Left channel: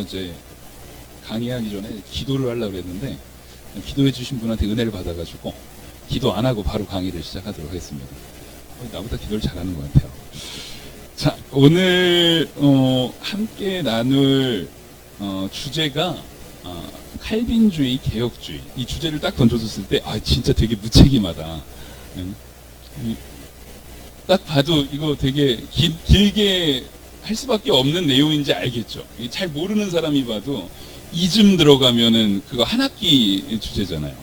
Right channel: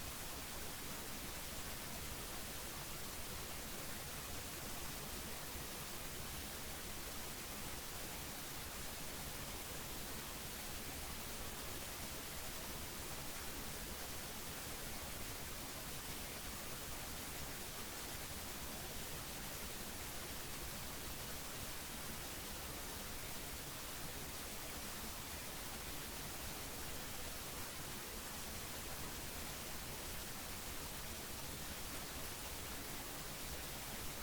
이제 강의하기 전에 기도를 하려고 했는데 기도해 주신 분한테 은혜를 받아가지고 기도 안 하고 바로 강의를 시작하도록 하겠습니다. 나보다 기도를 잘하는 것 같아요. 자, 오늘 함께 나눌 주제가 칼빈주의, 개혁주의. 이 주제를 딱 던져줬을 때 진짜 되게 무책임하다. 딱 봐도 이거 되게 길게 할 수밖에 없는 내용인지 알겠죠. 잘 모르는 사람이 봐도 이쯤 들어가면은 그거 한 학기 주제잖아요.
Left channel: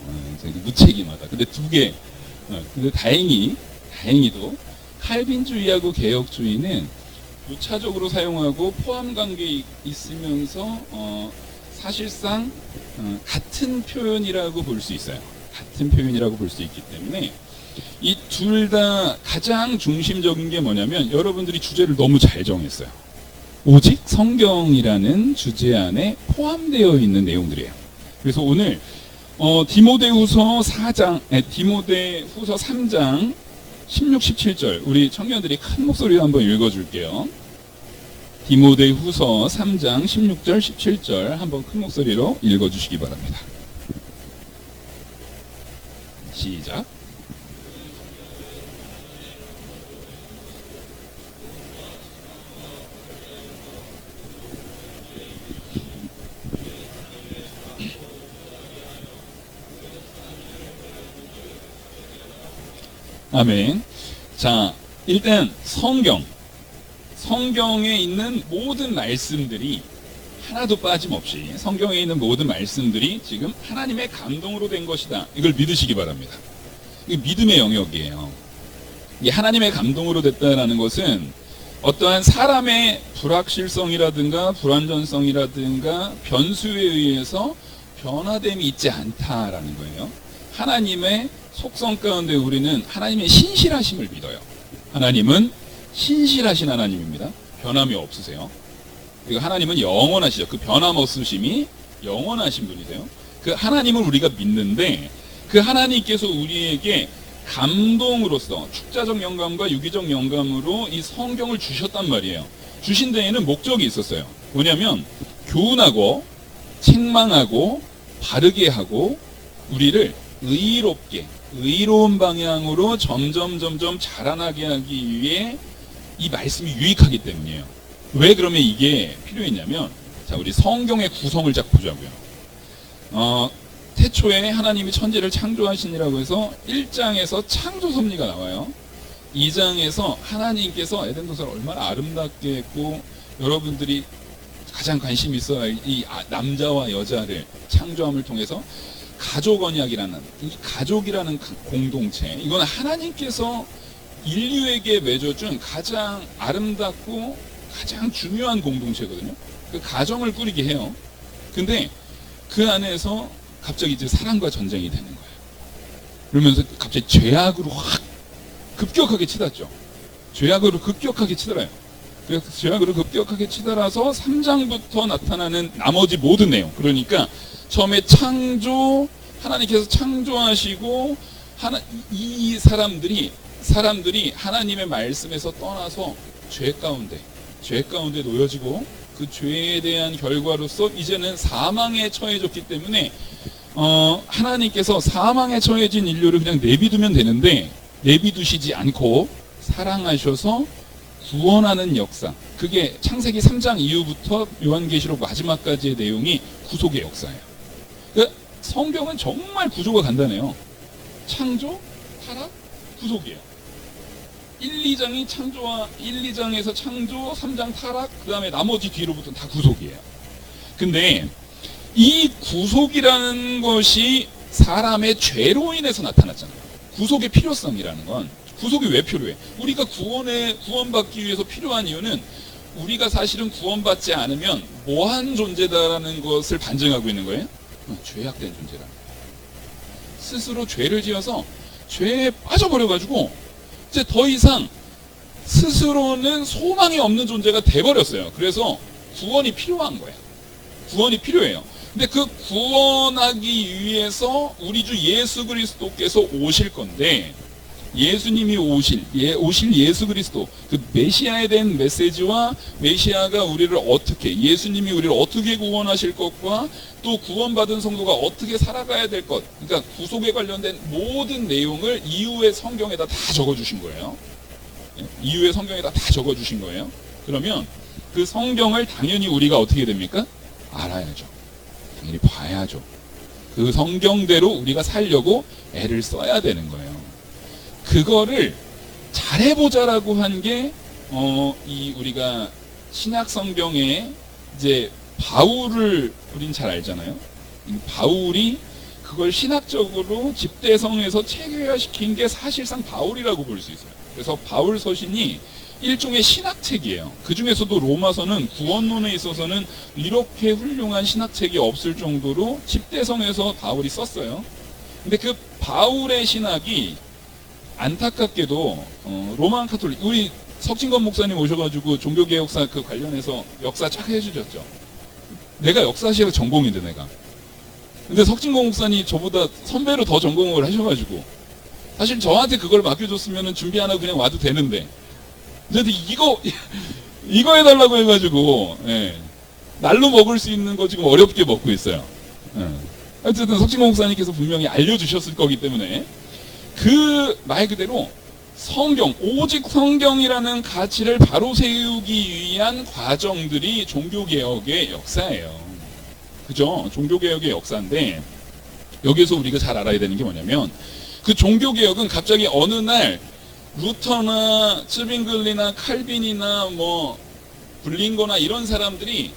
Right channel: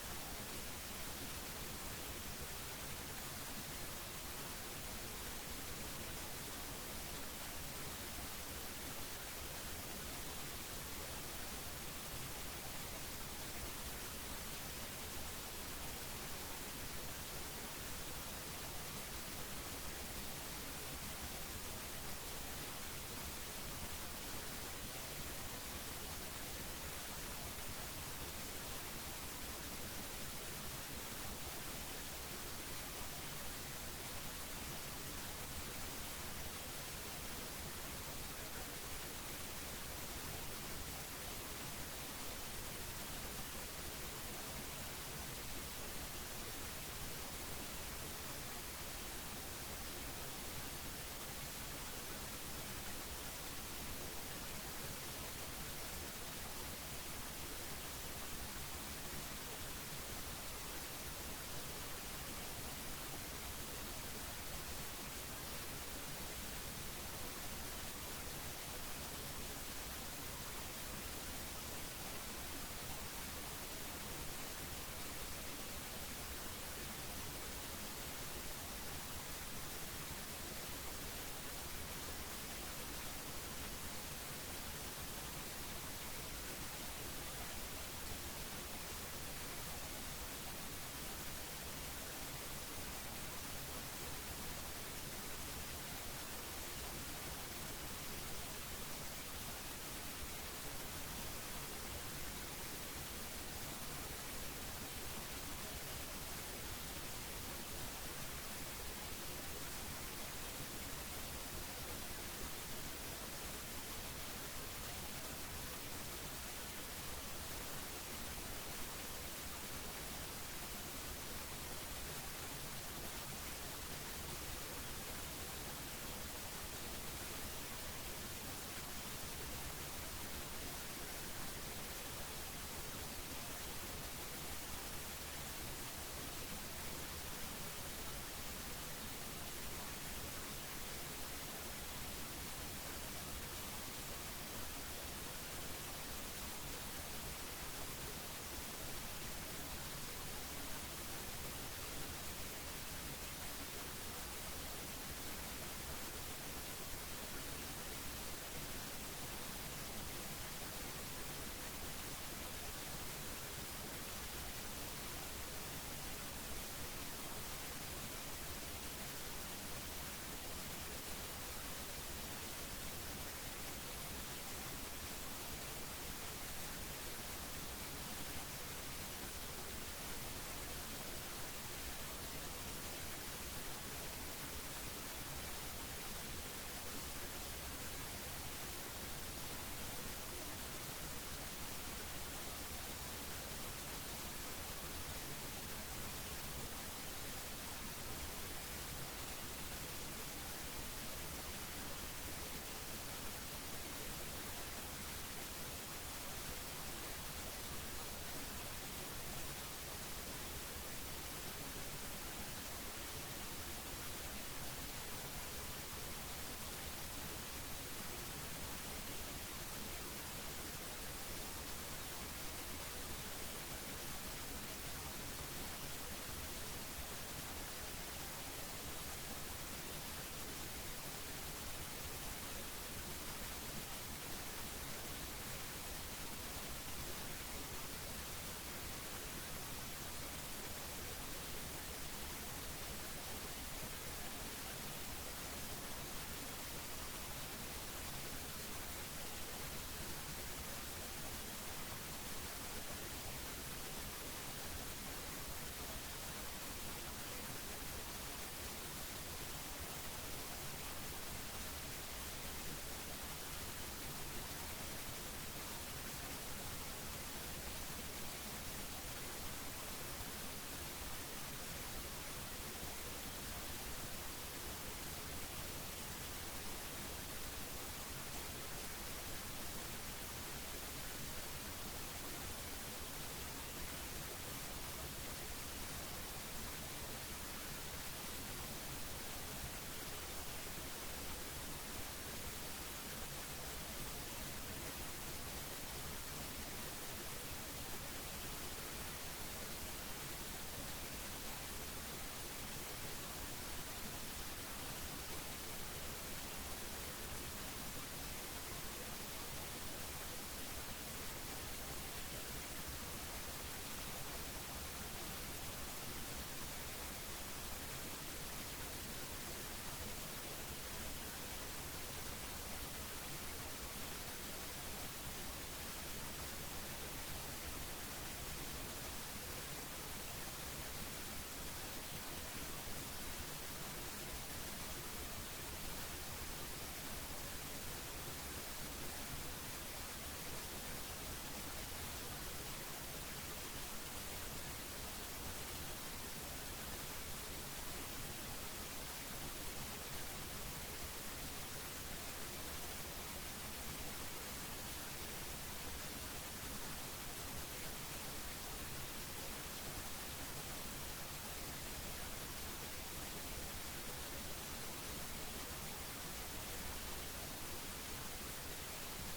되게 무책임하다. 근데 근데 다행히도 칼빈주의하고 개혁주의는 교차적으로 사용하고 포함관계에 있으면서 사실상 같은 표현이라고 볼 수 있어요. 같은 표현이라고 볼 수 있기 때문에 이 둘 다 가장 중심적인 게 뭐냐면 여러분들이 주제를 너무 잘 정했어요. 오직 성경이라는 주제 안에 포함되어 있는 내용들이에요. 그래서 오늘 디모데후서 3장 16, 17절 우리 청년들이 큰 목소리로 한번 읽어줄게요. 디모데후서 3장 16절 17절 한번 큰 목소리로 읽어주시기 바랍니다. 시작. 아멘. 자, 일단 성경에 있는 모든 말씀들이 하나도 빠짐없이 성경에 있는 모든 말씀들이 지금 하나님의 감동으로 된 것이다. 이걸 믿으시기 바랍니다. 이게 믿음의 영역이에요. 이 하나님의 감동으로 됐다라는 것은 어떠한 사람의 불확실성이라든가 불완전성이라든가 변수에 의해서 변화됨이 있지 않다라는 거예요. 하나님의 속성 가운데 우리는 하나님의 신실하심을 믿어요. 하나님은 신실하신 하나님입니다. 변함이 없으세요. 그리고 하나님은 영원하시죠. 그 변함없으심이 영원하신 분이세요. 그 하나님을 우리가 믿는데 그 하나님께서 우리에게 감동으로서 축자적 영감과 유기적 영감으로 이 성경을 주셨단 말이에요. 주신 데에는 목적이 있었어요. 뭐냐면 교훈하고 책망하고 바르게 하고 우리를 의로운 방향으로 점점 자라나게 하기 위해 이 말씀이 유익하기 때문이에요. 왜 그러면 이게 필요했냐면, 자, 우리 성경의 구성을 쫙 보자고요. 태초에 하나님이 천지를 창조하시니라고 해서 1장에서 창조 섭리가 나와요. 2장에서 하나님께서 에덴 동산을 얼마나 아름답게 했고 여러분들이 가장 관심 있어 할 이 남자와 여자를 창조함을 통해서 가족 언약이라는 이 가족이라는 공동체, 이건 하나님께서 인류에게 맺어준 가장 아름답고 가장 중요한 공동체거든요. 그 가정을 꾸리게 해요. 근데 그 안에서 갑자기 이제 사랑과 전쟁이 되는 거예요. 그러면서 갑자기 죄악으로 확 급격하게 치닫죠. 죄악으로 급격하게 치달아요. 그래서 죄악으로 급격하게 치달아서 3장부터 나타나는 나머지 모든 내용, 그러니까 처음에 하나님께서 창조하시고 이 사람들이 하나님의 말씀에서 떠나서 죄 가운데 놓여지고 그 죄에 대한 결과로서 이제는 사망에 처해졌기 때문에 하나님께서 사망에 처해진 인류를 그냥 내비두면 되는데 내비두시지 않고 사랑하셔서 구원하는 역사, 그게 창세기 3장 이후부터 요한계시록 마지막까지의 내용이 구속의 역사예요. 그러니까 성경은 정말 구조가 간단해요. 창조, 타락, 구속이에요. 1, 2장에서 창조, 3장 타락, 그 다음에 나머지 뒤로부터는 다 구속이에요. 근데 이 구속이라는 것이 사람의 죄로 인해서 나타났잖아요. 구속의 필요성이라는 건, 구속이 왜 필요해? 우리가 구원받기 위해서 필요한 이유는 우리가 사실은 구원받지 않으면 뭐한 존재다라는 것을 반증하고 있는 거예요. 죄악된 존재라. 스스로 죄를 지어서 죄에 빠져버려가지고 이제 더 이상 스스로는 소망이 없는 존재가 돼버렸어요. 그래서 구원이 필요한 거예요. 구원이 필요해요. 근데 그 구원하기 위해서 우리 주 예수 그리스도께서 오실 건데, 예수님이 오실 예수 그리스도, 그 메시아에 대한 메시지와 메시아가 우리를 어떻게, 예수님이 우리를 어떻게 구원하실 것과 또 구원받은 성도가 어떻게 살아가야 될 것, 그러니까 구속에 관련된 모든 내용을 이후의 성경에다 다 적어주신 거예요. 이후의 성경에다 다 적어주신 거예요. 그러면 그 성경을 당연히 우리가 어떻게 됩니까? 알아야죠. 당연히 봐야죠. 그 성경대로 우리가 살려고 애를 써야 되는 거예요. 그거를 잘해보자라고 한 게 이 우리가 신약 성경에 이제 바울을 우린 잘 알잖아요. 바울이 그걸 신학적으로 집대성에서 체계화시킨 게 사실상 바울이라고 볼 수 있어요. 그래서 바울 서신이 일종의 신학책이에요. 그 중에서도 로마서는 구원론에 있어서는 이렇게 훌륭한 신학책이 없을 정도로 집대성에서 바울이 썼어요. 근데 그 바울의 신학이 안타깝게도 로만 카톨릭, 우리 석진건 목사님 오셔가지고 종교개혁사 그 관련해서 역사 쫙 해주셨죠. 내가 역사실의 전공인데 내가. 근데 석진건 목사님 저보다 선배로 더 전공을 하셔가지고 사실 저한테 그걸 맡겨줬으면 준비 안 하고 그냥 와도 되는데, 근데 이거 해달라고 해가지고 날로 먹을 수 있는 거 지금 어렵게 먹고 있어요. 어쨌든 석진건 목사님께서 분명히 알려주셨을 거기 때문에 그 말 그대로 성경, 오직 성경이라는 가치를 바로 세우기 위한 과정들이 종교개혁의 역사예요. 그죠? 종교개혁의 역사인데 여기서 우리가 잘 알아야 되는 게 뭐냐면 그 종교개혁은 갑자기 어느 날 루터나 츠빙글리나 칼빈이나 뭐 블링거나 이런 사람들이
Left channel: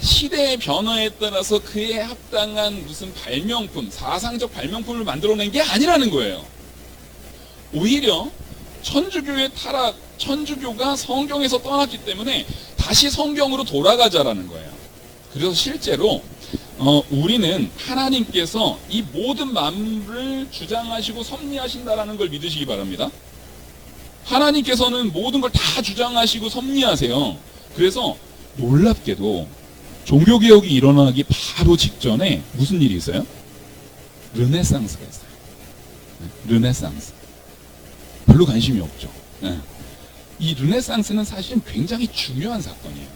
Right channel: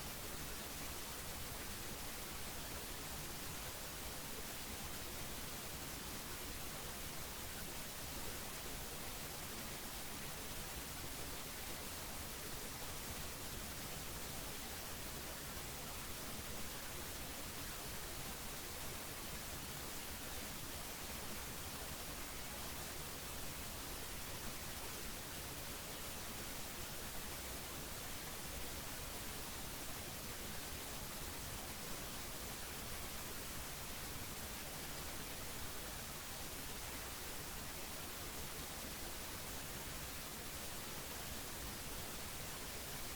시대의 변화에 따라서 그에 합당한 무슨 발명품, 사상적 발명품을 만들어낸 게 아니라는 거예요. 오히려 천주교의 타락, 천주교가 성경에서 떠났기 때문에 다시 성경으로 돌아가자라는 거예요. 그래서 실제로 우리는 하나님께서 이 모든 만물을 주장하시고 섭리하신다라는 걸 믿으시기 바랍니다. 하나님께서는 모든 걸 다 주장하시고 섭리하세요. 그래서 놀랍게도 종교개혁이 일어나기 바로 직전에 무슨 일이 있어요? 르네상스가 있어요. 르네상스. 별로 관심이 없죠. 이 르네상스는 사실은 굉장히 중요한 사건이에요.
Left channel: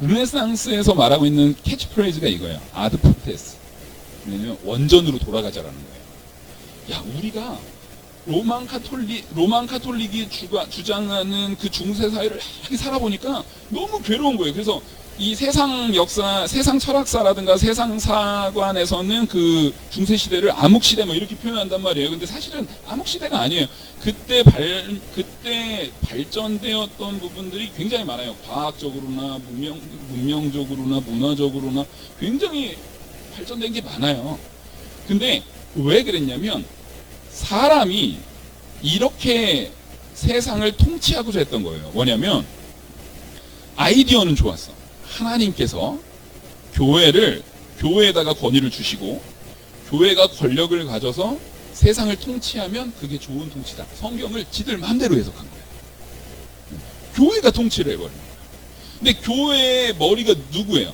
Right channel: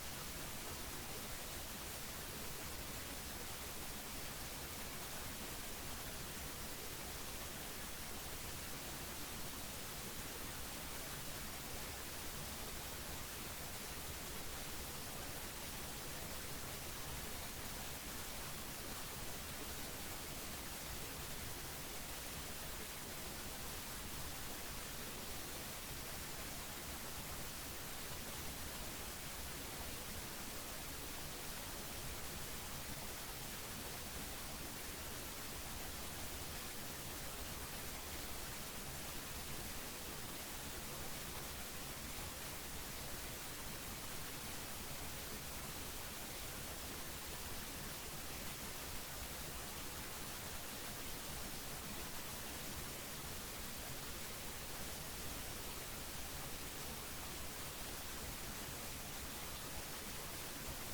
르네상스에서 말하고 있는 캐치프레이즈가 이거예요. 아드 푸테스. 왜냐면 원전으로 돌아가자라는 거예요. 야, 우리가 로만 카톨릭이 주장하는 그 중세 사회를 이렇게 살아보니까 너무 괴로운 거예요. 그래서 이 세상 역사, 세상 철학사라든가 세상 사관에서는 그 중세 시대를 암흑 시대 뭐 이렇게 표현한단 말이에요. 근데 사실은 암흑 시대가 아니에요. 그때 발전되었던 부분들이 굉장히 많아요. 과학적으로나 문명적으로나 문화적으로나 굉장히 발전된 게 많아요. 근데 왜 그랬냐면 사람이 이렇게 세상을 통치하고자 했던 거예요. 뭐냐면 아이디어는 좋았어. 하나님께서 교회에다가 권위를 주시고 교회가 권력을 가져서 세상을 통치하면 그게 좋은 통치다. 성경을 지들 마음대로 해석한 거예요. 교회가 통치를 해버려요. 근데 교회의 머리가 누구예요?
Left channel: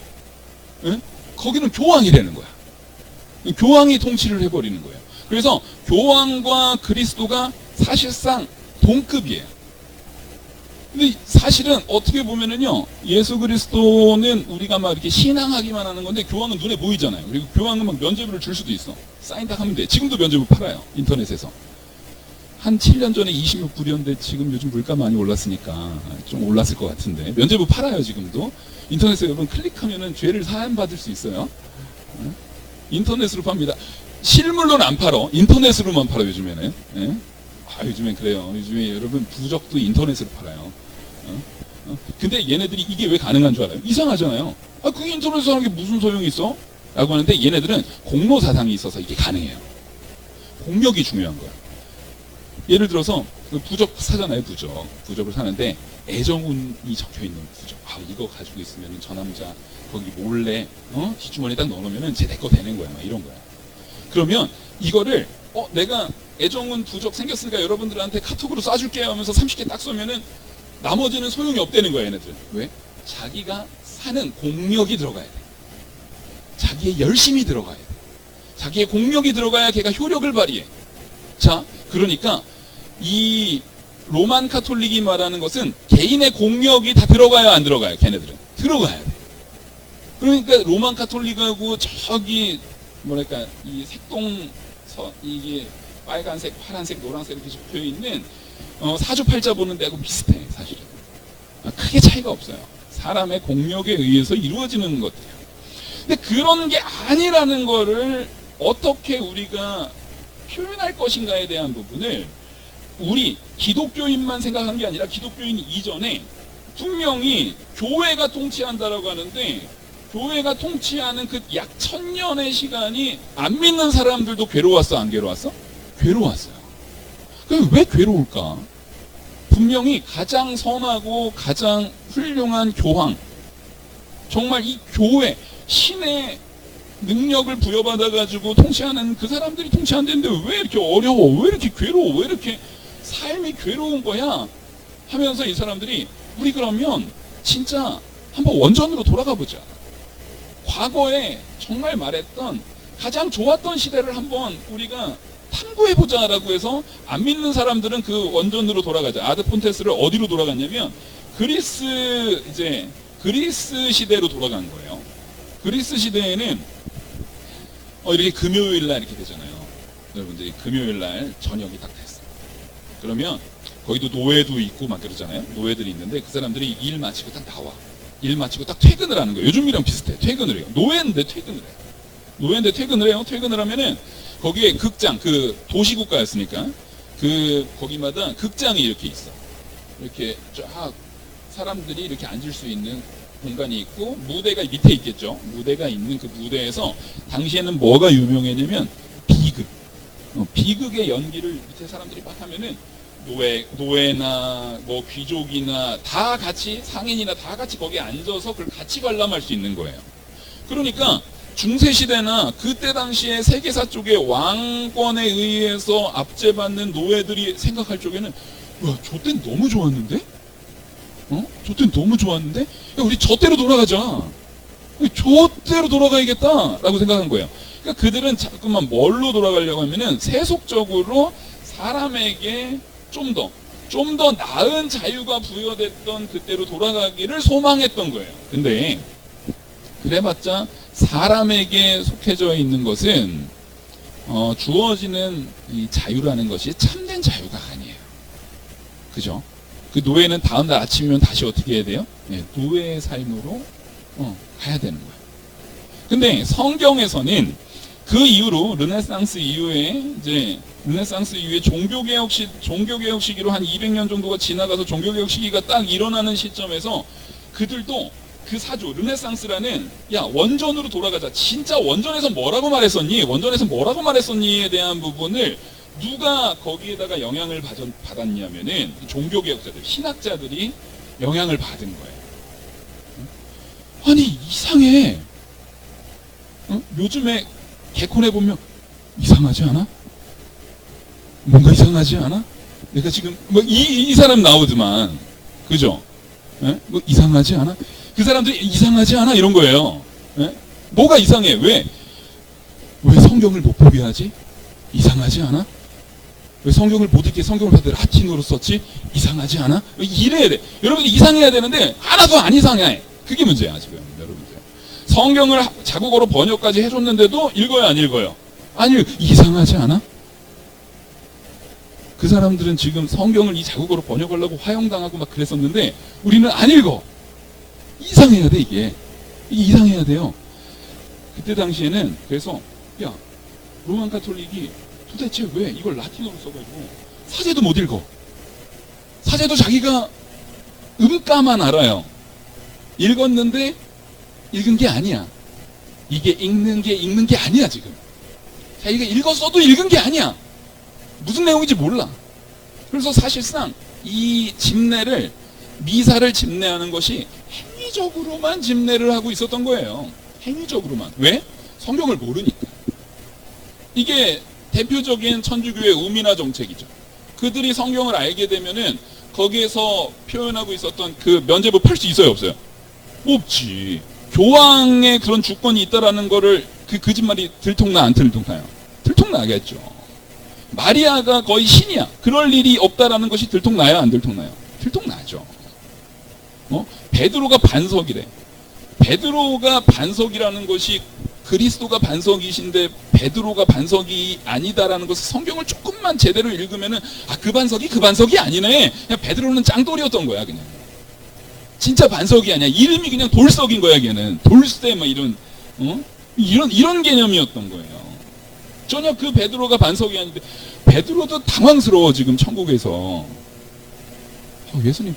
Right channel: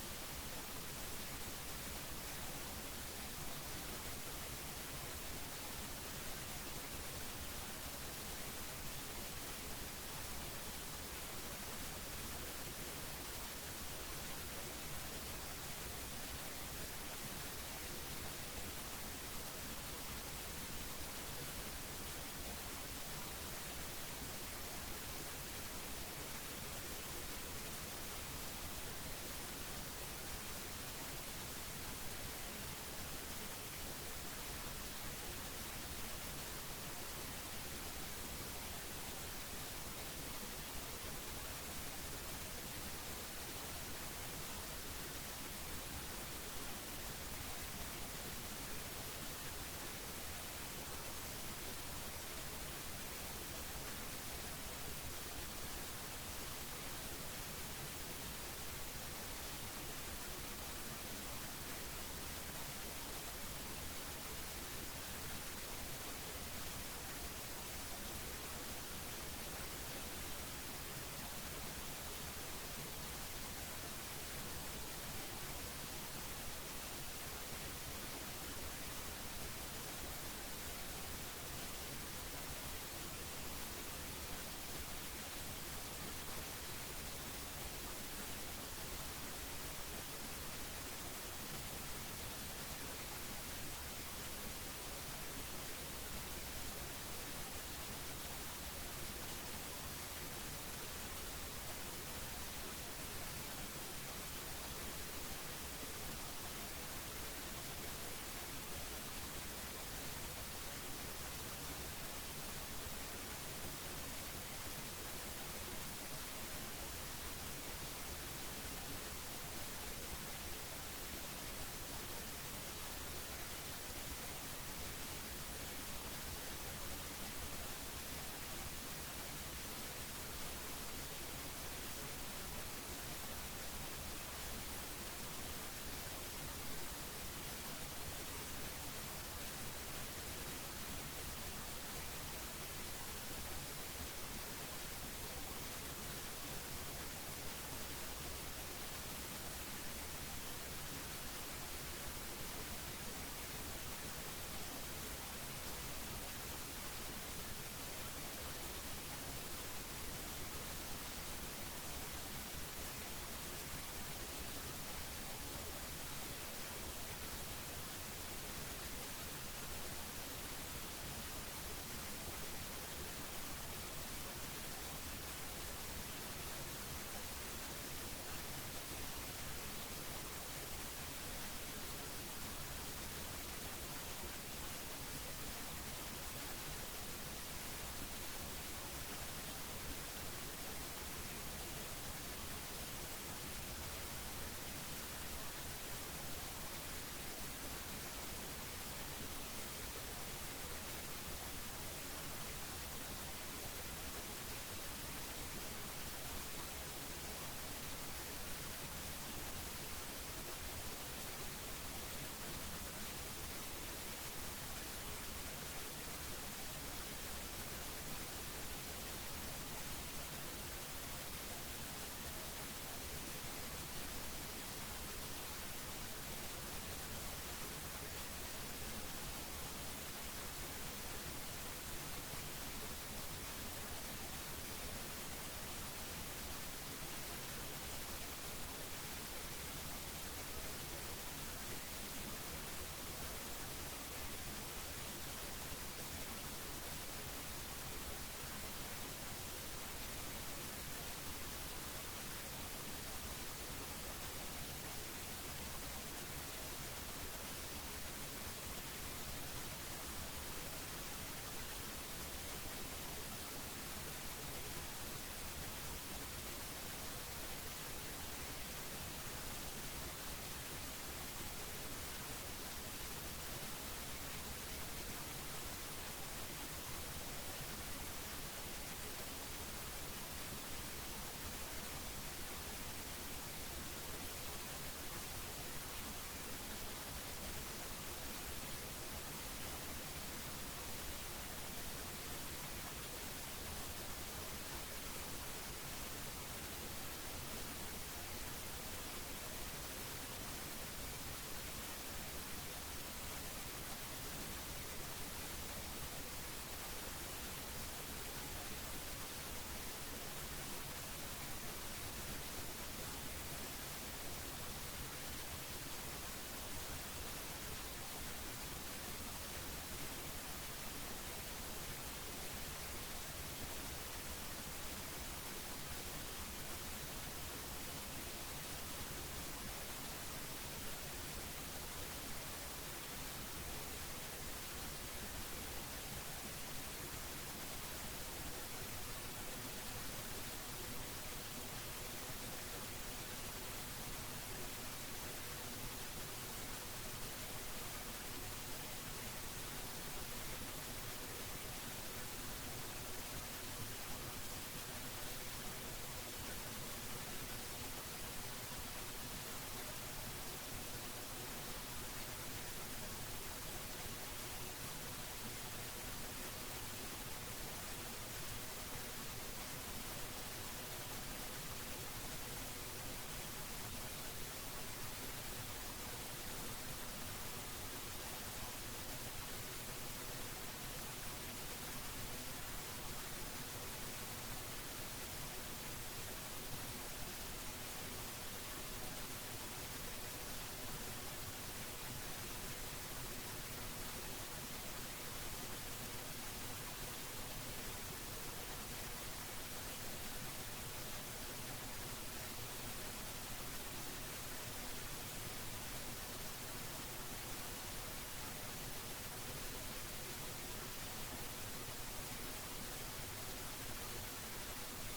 거기는 교황이라는 거야. 교황이 통치를 해버리는 거예요. 그래서 교황과 그리스도가 사실상 동급이에요. 근데 사실은 어떻게 보면은요, 예수 그리스도는 우리가 막 이렇게 신앙하기만 하는 건데 교황은 눈에 보이잖아요. 그리고 교황은 막 면죄부를 줄 수도 있어. 사인 딱 하면 돼. 지금도 면죄부 팔아요. 인터넷에서. 한 7년 전에 26불이었는데 지금 요즘 물가 많이 올랐으니까 좀 올랐을 것 같은데 면죄부 팔아요. 지금도. 인터넷에 여러분 클릭하면은 죄를 사함받을 수 있어요. 인터넷으로 팝니다. 실물로는 안 팔어. 인터넷으로만 팔아 요즘에는. 요즘엔 그래요. 요즘에 여러분 부적도 인터넷으로 팔아요. 근데 얘네들이 이게 왜 가능한 줄 알아요? 이상하잖아요. 그게 인터넷에서 하는 게 무슨 소용이 있어? 라고 하는데 얘네들은 공로 사상이 있어서 이게 가능해요. 공력이 중요한 거야. 예를 들어서 부적 사잖아요. 부적을 사는데 애정운이 적혀있는 부적. 이거 가지고 있으면 저 남자 거기 몰래 뒷주머니에 딱 넣어놓으면 쟤 내 거 되는 거야. 막 이런 거야. 그러면 이거를 내가 애정운 부적 생겼으니까 여러분들한테 카톡으로 쏴줄게요 하면서 30개 딱 쏘면은 나머지는 소용이 없다는 거야. 얘네들. 왜? 자기가 사는 공력이 들어가야 돼. 자기의 열심이 들어가야 돼. 자기의 공력이 들어가야 걔가 효력을 발휘해. 자, 그러니까 이 로만 카톨릭이 말하는 것은 개인의 공력이 다 들어가요, 안 들어가요? 걔네들은 들어가야 돼. 그러니까 로만 카톨릭하고 저기 뭐랄까 이 이게 빨간색, 파란색, 노란색 이렇게 적혀 있는 사주팔자 보는 데하고 비슷해 사실은. 크게 차이가 없어요. 사람의 공력에 의해서 이루어지는 것들이에요. 근데 그런 게 아니라는 거를 어떻게 우리가 표현할 것인가에 대한 부분을 우리 기독교인만 생각한 게 아니라 기독교인 이전에 분명히 교회가 통치한다라고 하는데, 교회가 통치하는 그 약 1000년의 시간이 안 믿는 사람들도 괴로웠어, 안 괴로웠어? 괴로웠어요. 그럼 왜 괴로울까? 분명히 가장 선하고 가장 훌륭한 교황, 정말 이 교회, 신의 능력을 부여받아가지고 통치하는 그 사람들이 통치한다는데 왜 이렇게 어려워? 왜 이렇게 괴로워? 왜 이렇게 삶이 괴로운 거야? 하면서 이 사람들이 우리 그러면 진짜 한번 원전으로 돌아가 보자. 과거에 정말 말했던 가장 좋았던 시대를 한번 우리가 탐구해보자라고 해서 안 믿는 사람들은 그 원전으로 돌아가자. 아드폰테스를 어디로 돌아갔냐면 그리스 시대로 돌아간 거예요. 그리스 시대에는 이렇게 금요일날 이렇게 되잖아요. 여러분들이 금요일날 저녁이 딱 됐어. 그러면 거기도 노예도 있고 막 그러잖아요. 노예들이 있는데 그 사람들이 일 마치고 딱 나와. 일 마치고 딱 퇴근을 하는 거예요. 요즘이랑 비슷해. 퇴근을 해요. 노예인데 퇴근을 해요. 노예인데 퇴근을 해요. 퇴근을 하면은 거기에 극장, 그 도시국가였으니까 거기마다 극장이 이렇게 있어. 이렇게 쫙 사람들이 이렇게 앉을 수 있는 공간이 있고, 무대가 밑에 있겠죠. 무대가 있는 그 무대에서 당시에는 뭐가 유명했냐면 비극. 비극의 연기를 밑에 사람들이 막 하면은 노예나 뭐 귀족이나 다 같이, 상인이나 다 같이 거기에 앉아서 그걸 같이 관람할 수 있는 거예요. 그러니까 중세시대나 그때 당시에 세계사 쪽의 왕권에 의해서 압제받는 노예들이 생각할 적에는 와, 저 때는 너무 좋았는데? 저 때는 너무 좋았는데? 야, 우리 저 때로 돌아가자. 저 때로 돌아가야겠다 라고 생각한 거예요. 그러니까 그들은 자꾸만 뭘로 돌아가려고 하면은 세속적으로 사람에게 좀 더 나은 자유가 부여됐던 그때로 돌아가기를 소망했던 거예요. 근데 그래봤자 사람에게 속해져 있는 것은 주어지는 이 자유라는 것이 참된 자유가 아니에요. 그죠? 그 노예는 다음날 아침이면 다시 어떻게 해야 돼요? 네, 노예의 삶으로 가야 되는 거예요. 근데 성경에서는 그 이후로 르네상스 이후에 종교개혁 시기로 한 200년 정도가 지나가서 종교개혁 시기가 딱 일어나는 시점에서 그들도 그 사조 르네상스라는 원전으로 돌아가자. 진짜 원전에서 뭐라고 말했었니? 에 대한 부분을 누가 거기에다가 영향을 받았냐면은 종교개혁자들, 신학자들이 영향을 받은 거예요. 아니 이상해. 요즘에 개콘에 보면 이상하지 않아? 뭔가 이상하지 않아? 내가 지금 이 사람 나오지만 그죠? 뭐 이상하지 않아? 그 사람들이 이상하지 않아? 이런 거예요. 뭐가 이상해? 왜 성경을 못 보게 하지? 이상하지 않아? 왜 성경을 못 읽게 성경을 다들 라틴어로 썼지? 이상하지 않아? 이래야 돼. 여러분들 이상해야 되는데 하나도 안 이상해. 그게 문제야 지금 여러분들. 성경을 자국어로 번역까지 해줬는데도 읽어요, 안 읽어요? 아니, 이상하지 않아? 그 사람들은 지금 성경을 이 자국어로 번역하려고 화형당하고 막 그랬었는데 우리는 안 읽어. 이상해야 돼 이게 이상해야 돼요. 그때 당시에는 그래서 로만 카톨릭이 도대체 왜 이걸 라틴어로 써가지고 사제도 못 읽어. 사제도 자기가 음가만 알아요. 읽었는데 읽은 게 아니야. 이게 읽는 게 아니야 지금. 자기가 읽었어도 읽은 게 아니야. 무슨 내용인지 몰라. 그래서 사실상 이 집례를, 미사를 집례하는 것이 행위적으로만 집례를 하고 있었던 거예요. 행위적으로만. 왜? 성경을 모르니까. 이게 대표적인 천주교의 의미나 정책이죠. 그들이 성경을 알게 되면은 거기에서 표현하고 있었던 그 면죄부 팔 수 있어요, 없어요? 없지. 교황의 그런 주권이 있다라는 거를 그 거짓말이 들통나 안 들통나요? 들통나겠죠. 마리아가 거의 신이야. 그럴 일이 없다라는 것이 들통나요, 안 들통나요? 들통나죠. 베드로가 반석이래. 베드로가 반석이라는 것이 그리스도가 반석이신데 베드로가 반석이 아니다라는 것을 성경을 조금만 제대로 읽으면은 그 반석이 아니네. 그냥 베드로는 짱돌이었던 거야 그냥. 진짜 반석이 아니야. 이름이 그냥 돌석인 거야 걔는. 돌쇠 막 이런 개념이었던 거예요. 전혀 그 베드로가 반석이 아닌데 베드로도 당황스러워 지금 천국에서. 예수님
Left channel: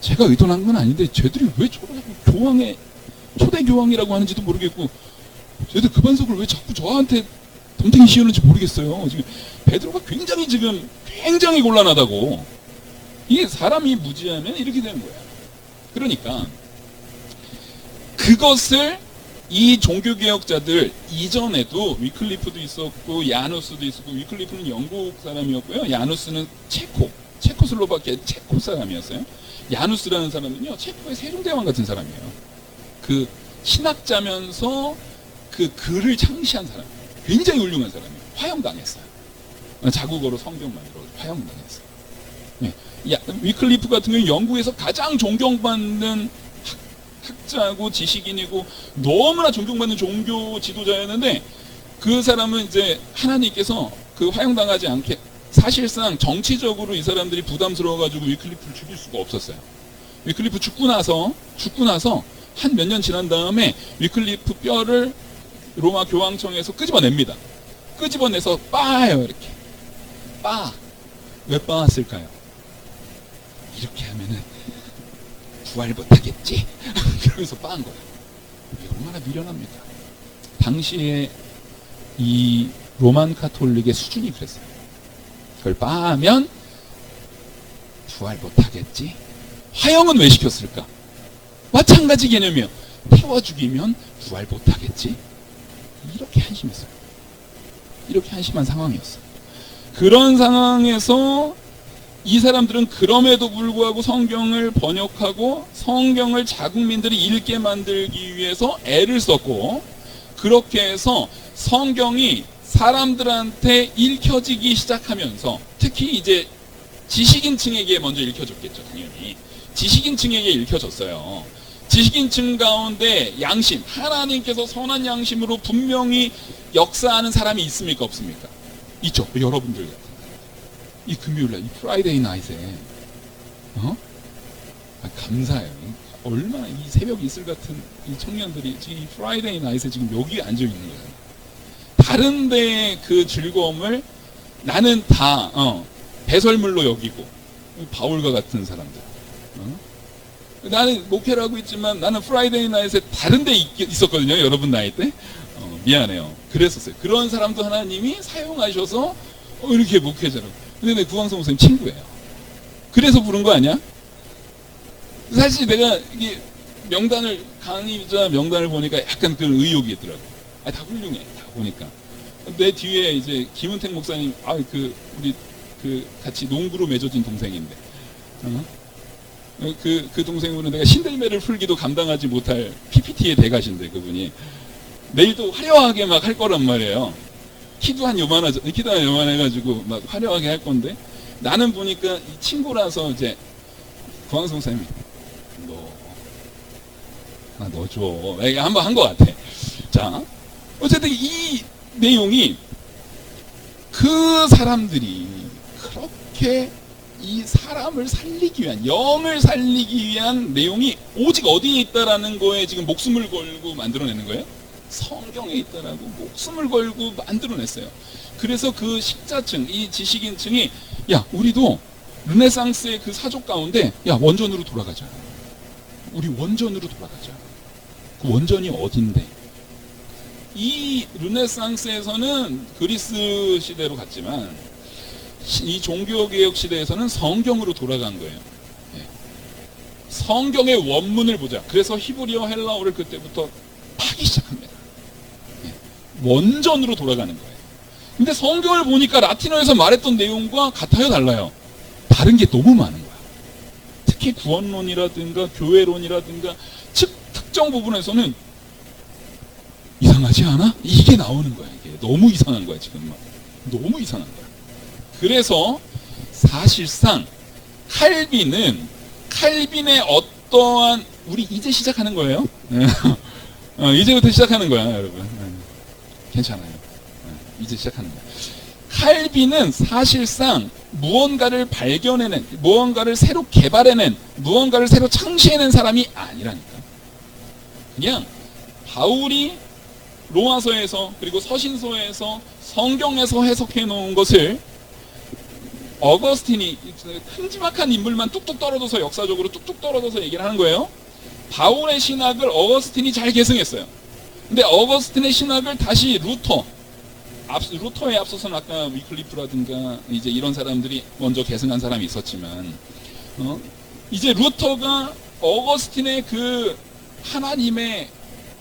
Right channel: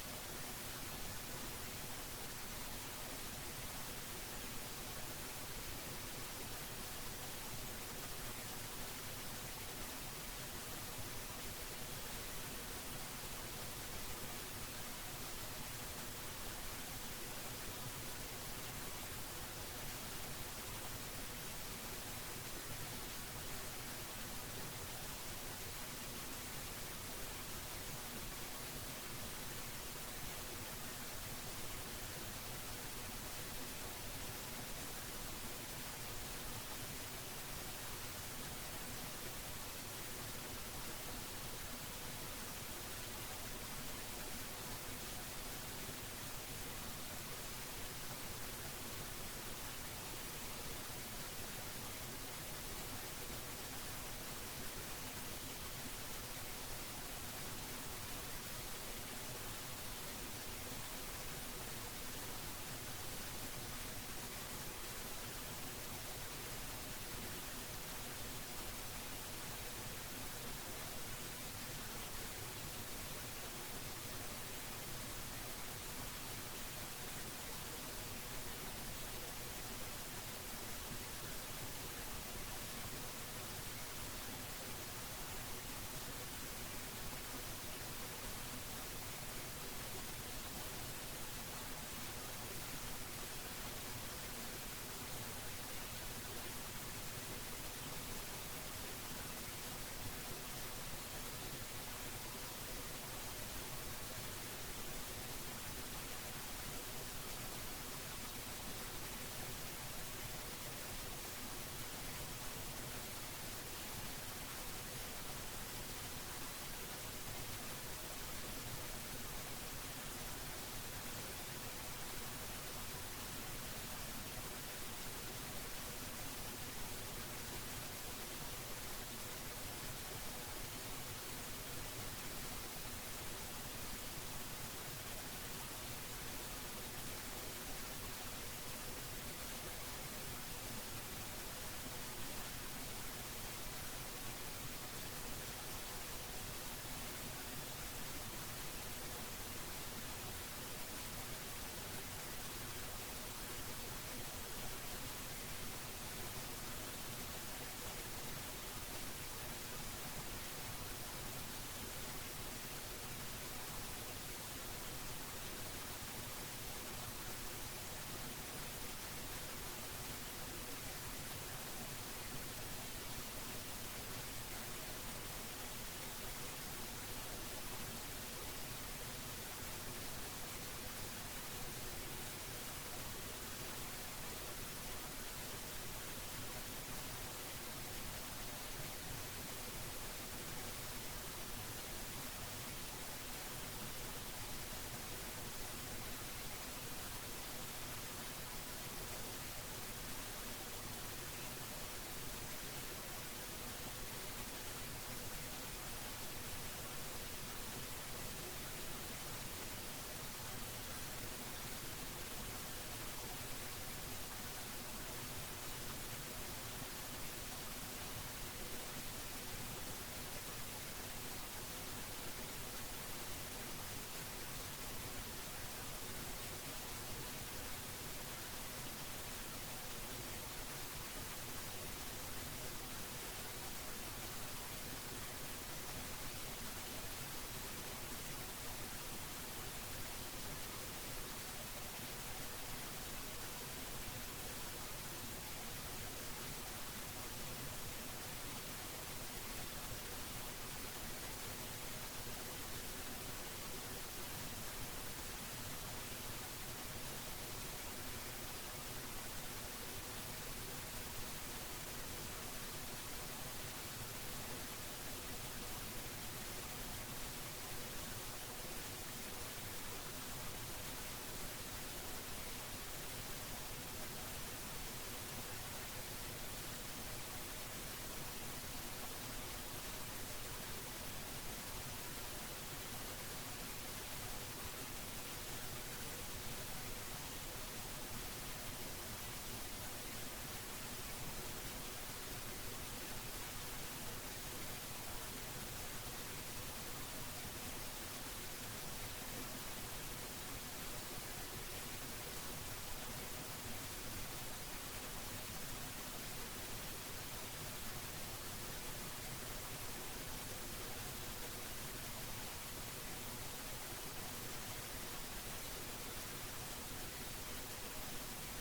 제가 의도한 건 아닌데 쟤들이 왜 교황의 초대 교황이라고 하는지도 모르겠고 쟤들 그 반석을 왜 자꾸 저한테 덤탱이 씌우는지 모르겠어요. 지금 베드로가 굉장히 곤란하다고. 이게 사람이 무지하면 이렇게 되는 거야. 그러니까 그것을 이 종교개혁자들 이전에도 위클리프도 있었고 야누스도 있었고, 위클리프는 영국 사람이었고요. 야누스는 체코슬로바키아 체코 사람이었어요. 야누스라는 사람은요 체코의 세종대왕 같은 사람이에요. 그 신학자면서 그 글을 창시한 사람이에요. 굉장히 훌륭한 사람이에요. 화형당했어요. 자국어로 성경 만들어 화형당했어요. 네. 위클리프 같은 경우는 영국에서 가장 존경받는 학자고 지식인이고 너무나 존경받는 종교 지도자였는데, 그 사람은 이제 하나님께서 그 화형당하지 않게 사실상 정치적으로 이 사람들이 부담스러워가지고 위클리프를 죽일 수가 없었어요. 위클리프 죽고 나서 한 몇 년 지난 다음에 위클리프 뼈를 로마 교황청에서 끄집어냅니다. 끄집어내서 빻아요. 이렇게 왜 빻았을까요? 이렇게 하면은 부활 못하겠지? 그러면서 빻은 거예요. 얼마나 미련합니까? 당시에 이 로만 카톨릭의 수준이 그랬어요. 그걸 빻으면 부활 못하겠지? 화형은 왜 시켰을까? 마찬가지 개념이에요. 태워 죽이면 부활 못하겠지? 이렇게 한심했어요. 이렇게 한심한 상황이었어요. 그런 상황에서 이 사람들은 그럼에도 불구하고 성경을 번역하고 성경을 자국민들이 읽게 만들기 위해서 애를 썼고, 그렇게 해서 성경이 사람들한테 읽혀지기 시작하면서, 특히 이제 지식인층에게 먼저 읽혀졌겠죠. 당연히 지식인층에게 읽혀졌어요. 지식인층 가운데 양심, 하나님께서 선한 양심으로 분명히 역사하는 사람이 있습니까 없습니까? 있죠. 여러분들 이 금요일날 이 프라이데이 나잇에 감사해요. 얼마나 이 새벽 이슬 같은 이 청년들이 지금 이 프라이데이 나잇에 지금 여기 앉아 있는 거예요. 다른 데의 그 즐거움을 나는 다 배설물로 여기고, 바울과 같은 사람들. 나는 목회를 하고 있지만 나는 프라이데이 나잇에 다른 데 있었거든요. 여러분 나이 때. 미안해요. 그랬었어요. 그런 사람도 하나님이 사용하셔서 이렇게 목회자로. 근데 내 구광성 목사님 친구예요. 그래서 부른 거 아니야? 사실 내가 이게 강의자 명단을 보니까 약간 그런 의욕이 있더라고. 다 훌륭해. 다 보니까. 내 뒤에 이제 김은택 목사님, 우리 같이 농구로 맺어진 동생인데, 그 동생분은 내가 신들매를 풀기도 감당하지 못할 PPT의 대가신데, 그분이 내일도 화려하게 막 할 거란 말이에요. 키도 한 요만해가지고 막 화려하게 할 건데, 나는 보니까 이 친구라서 이제 구광성 목사님이 너 줘. 한번 한 것 같아. 자, 어쨌든 이 내용이 그 사람들이 그렇게 이 사람을 살리기 위한, 영을 살리기 위한 내용이 오직 어디에 있다라는 거에 지금 목숨을 걸고 만들어내는 거예요. 성경에 있다라고 목숨을 걸고 만들어냈어요. 그래서 그 식자층, 이 지식인층이 우리도 르네상스의 그 사족 가운데 원전으로 돌아가자. 우리 원전으로 돌아가자. 그 원전이 어딘데? 이 르네상스에서는 그리스 시대로 갔지만 이 종교개혁 시대에서는 성경으로 돌아간 거예요. 성경의 원문을 보자. 그래서 히브리어 헬라어를 그때부터 파기 시작합니다. 원전으로 돌아가는 거예요. 근데 성경을 보니까 라틴어에서 말했던 내용과 같아요, 달라요? 다른 게 너무 많은 거야. 특히 구원론이라든가 교회론이라든가 특정 부분에서는 이상하지 않아? 이게 나오는 거야. 이게 너무 이상한 거야. 지금 너무 이상한 거야. 그래서 사실상 칼빈의 어떠한 우리 이제 시작하는 거예요. 이제부터 시작하는 거야, 여러분. 괜찮아요. 이제 시작하는 거야. 칼빈은 사실상 무언가를 발견해낸, 무언가를 새로 개발해낸, 무언가를 새로 창시해낸 사람이 아니라니까. 그냥 바울이 로마서에서 그리고 서신서에서 성경에서 해석해 놓은 것을 어거스틴이 큼지막한 인물만 뚝뚝 떨어져서 역사적으로 뚝뚝 떨어져서 얘기를 하는 거예요. 바울의 신학을 어거스틴이 잘 계승했어요. 근데 어거스틴의 신학을 다시 루터에 앞서서는 아까 위클리프라든가 이제 이런 사람들이 먼저 계승한 사람이 있었지만, 이제 루터가 어거스틴의 그 하나님의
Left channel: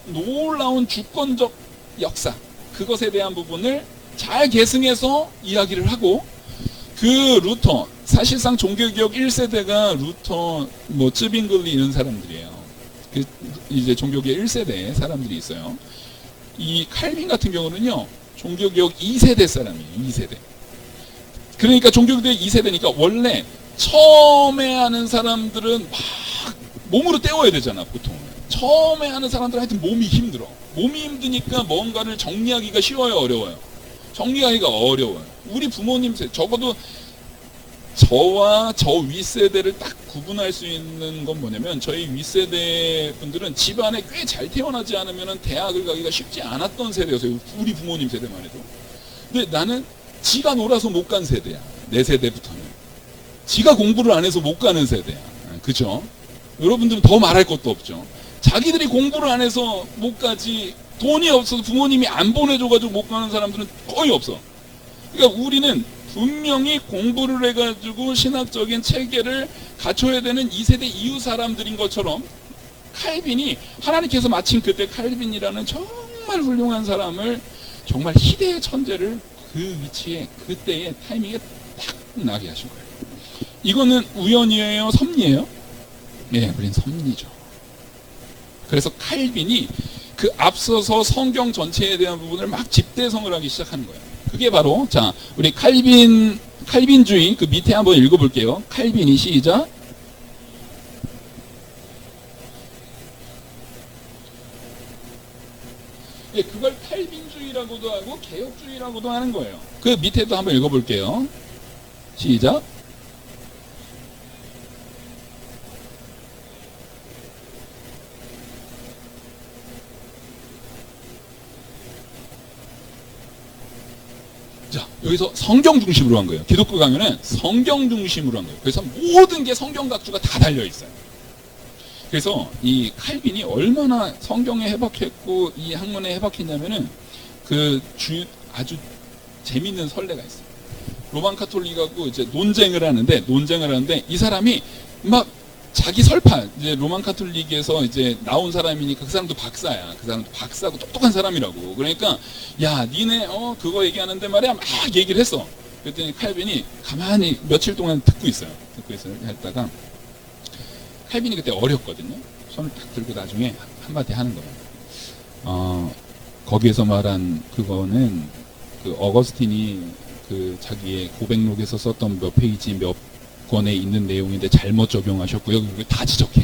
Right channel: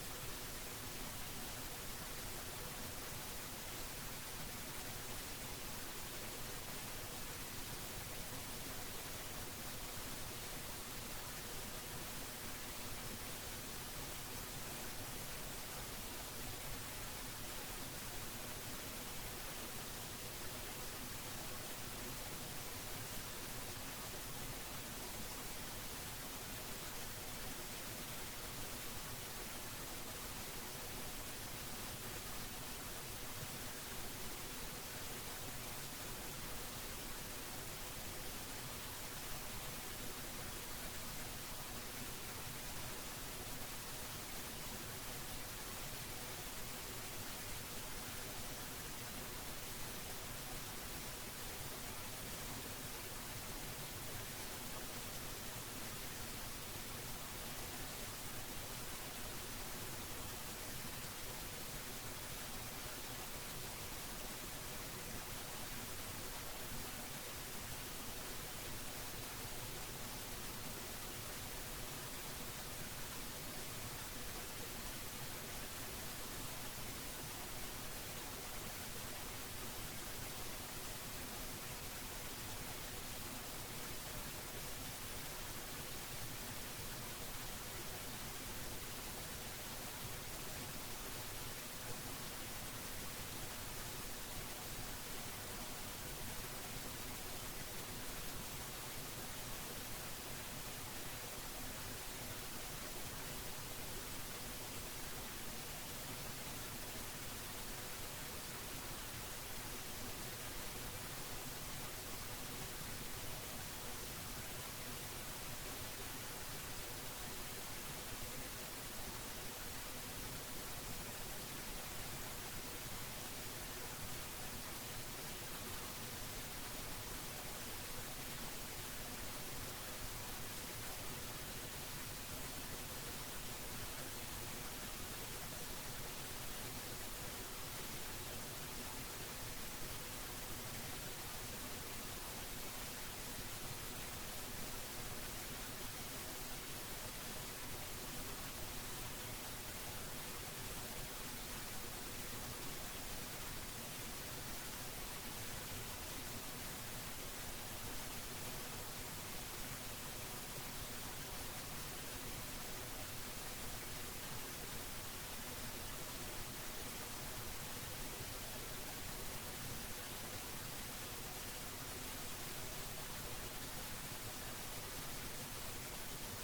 놀라운 주권적 역사, 그것에 대한 부분을 잘 계승해서 이야기를 하고, 그 루터, 사실상 종교개혁 1세대가 루터, 쯔빙글리 이런 사람들이에요. 그 이제 종교개혁 1세대 사람들이 있어요. 이 칼빈 같은 경우는요, 종교개혁 2세대 사람이에요. 2세대. 그러니까 종교개혁 2세대니까 원래 처음에 하는 사람들은 막 몸으로 때워야 되잖아, 보통. 처음에 하는 사람들은 하여튼 몸이 힘들어. 몸이 힘드니까 뭔가를 정리하기가 쉬워요, 어려워요? 정리하기가 어려워요. 우리 부모님 세대, 적어도 저와 저 윗세대를 딱 구분할 수 있는 건 뭐냐면, 저희 윗세대 분들은 집안에 꽤 잘 태어나지 않으면 대학을 가기가 쉽지 않았던 세대였어요. 우리 부모님 세대만 해도. 근데 나는 지가 놀아서 못 간 세대야. 내 세대부터는. 지가 공부를 안 해서 못 가는 세대야. 그죠? 여러분들은 더 말할 것도 없죠. 자기들이 공부를 안 해서 못 가지, 돈이 없어서 부모님이 안 보내줘가지고 못 가는 사람들은 거의 없어. 그러니까 우리는 분명히 공부를 해가지고 신학적인 체계를 갖춰야 되는 2세대 이후 사람들인 것처럼, 칼빈이 하나님께서 마침 그때 칼빈이라는 정말 훌륭한 사람을, 정말 희대의 천재를 그 위치에 그때의 타이밍에 딱 나게 하신 거예요. 이거는 우연이에요, 섭리예요? 예, 우린 섭리죠. 그래서 칼빈이 그 앞서서 성경 전체에 대한 부분을 막 집대성을 하기 시작하는 거예요. 그게 바로, 자, 우리 칼빈주의 그 밑에 한번 읽어볼게요. 칼빈이 시작. 예, 그걸 칼빈주의라고도 하고 개혁주의라고도 하는 거예요. 그 밑에도 한번 읽어볼게요. 시작. 자, 여기서 성경 중심으로 한 거예요. 기독교 강연은 성경 중심으로 한 거예요. 그래서 모든 게 성경 각주가 다 달려 있어요. 그래서 이 칼빈이 얼마나 성경에 해박했고 이 학문에 해박했냐면은, 아주 재밌는 설례가 있어요. 로만 카톨릭하고 이제 논쟁을 하는데 이 사람이 막 자기 설파, 이제 로만 카톨릭에서 이제 나온 사람이니까 그 사람도 박사야. 그 사람도 박사고 똑똑한 사람이라고. 그러니까, 야, 니네 그거 얘기하는데 말이야, 막 얘기를 했어. 그랬더니 칼빈이 가만히 며칠 동안 듣고 있어요. 했다가 칼빈이 그때 어렸거든요. 손을 딱 들고 나중에 한마디 하는 거예요. 거기에서 말한 그거는 그 어거스틴이 그 자기의 고백록에서 썼던 몇 페이지 몇 권에 있는 내용인데 잘못 적용하셨고요. 다 지적해.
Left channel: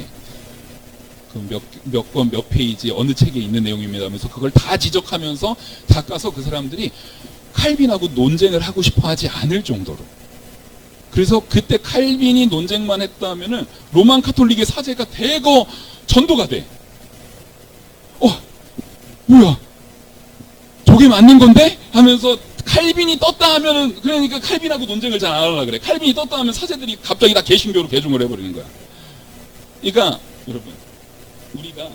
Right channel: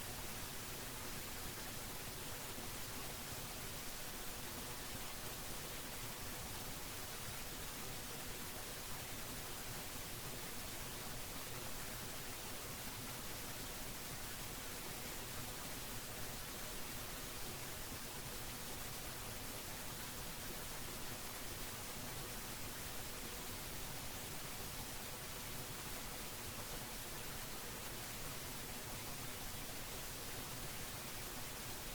그 몇 권 몇 페이지 어느 책에 있는 내용입니다 하면서 그걸 다 지적하면서 닦아서 그 사람들이 칼빈하고 논쟁을 하고 싶어 하지 않을 정도로. 그래서 그때 칼빈이 논쟁만 했다면은 로만 카톨릭의 사제가 대거 전도가 돼. 뭐야? 저게 맞는 건데? 하면서 칼빈이 떴다 하면은, 그러니까 칼빈하고 논쟁을 잘 안 하려고 그래. 칼빈이 떴다 하면 사제들이 갑자기 다 개신교로 개종을 해버리는 거야. 그러니까 여러분, 우리가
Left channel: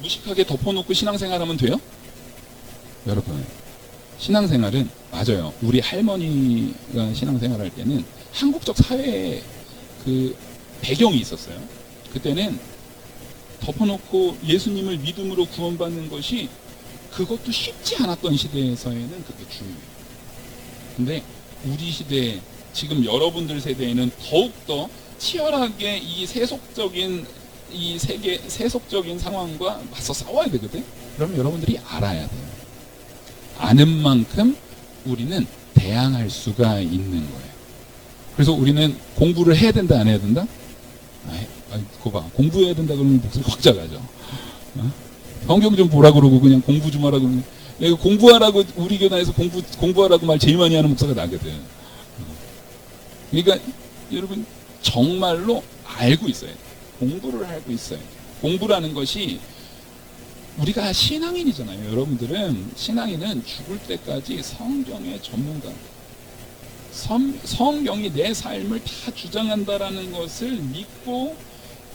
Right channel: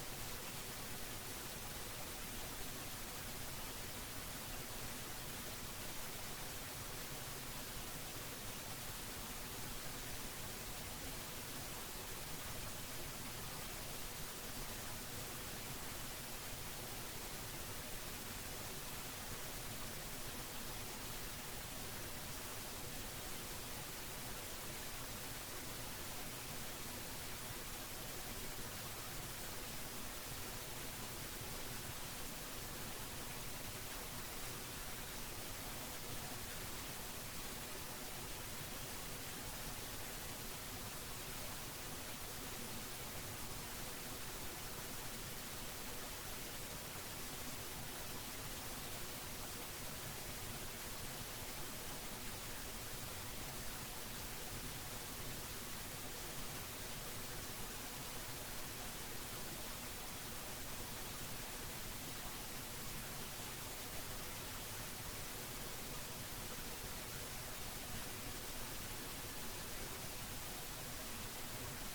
무식하게 덮어놓고 신앙생활하면 돼요? 여러분, 신앙생활은 맞아요. 우리 할머니가 신앙생활할 때는 한국적 사회의 그 배경이 있었어요. 그때는 덮어놓고 예수님을 믿음으로 구원받는 것이 그것도 쉽지 않았던 시대에서에는 그게 중요해요. 근데 우리 시대, 지금 여러분들 세대에는 더욱더 치열하게 이 세속적인 상황과 맞서 싸워야 되거든. 그러면 여러분들이 알아야 돼요. 아는 만큼 우리는 대항할 수가 있는 거예요. 그래서 우리는 공부를 해야 된다, 안 해야 된다? 그거 봐. 공부해야 된다 그러면 목소리 확 작아져. 성경 좀 보라 그러고 그냥 공부 좀 하라고 그러면, 내가 공부하라고, 우리 교단에서 공부하라고 말 제일 많이 하는 목사가 나거든. 그러니까 여러분 정말로 알고 있어요. 공부를 알고 있어요. 공부라는 것이, 우리가 신앙인이잖아요. 여러분들은 신앙인은 죽을 때까지 성경의 전문가, 성경이 내 삶을 다 주장한다라는 것을 믿고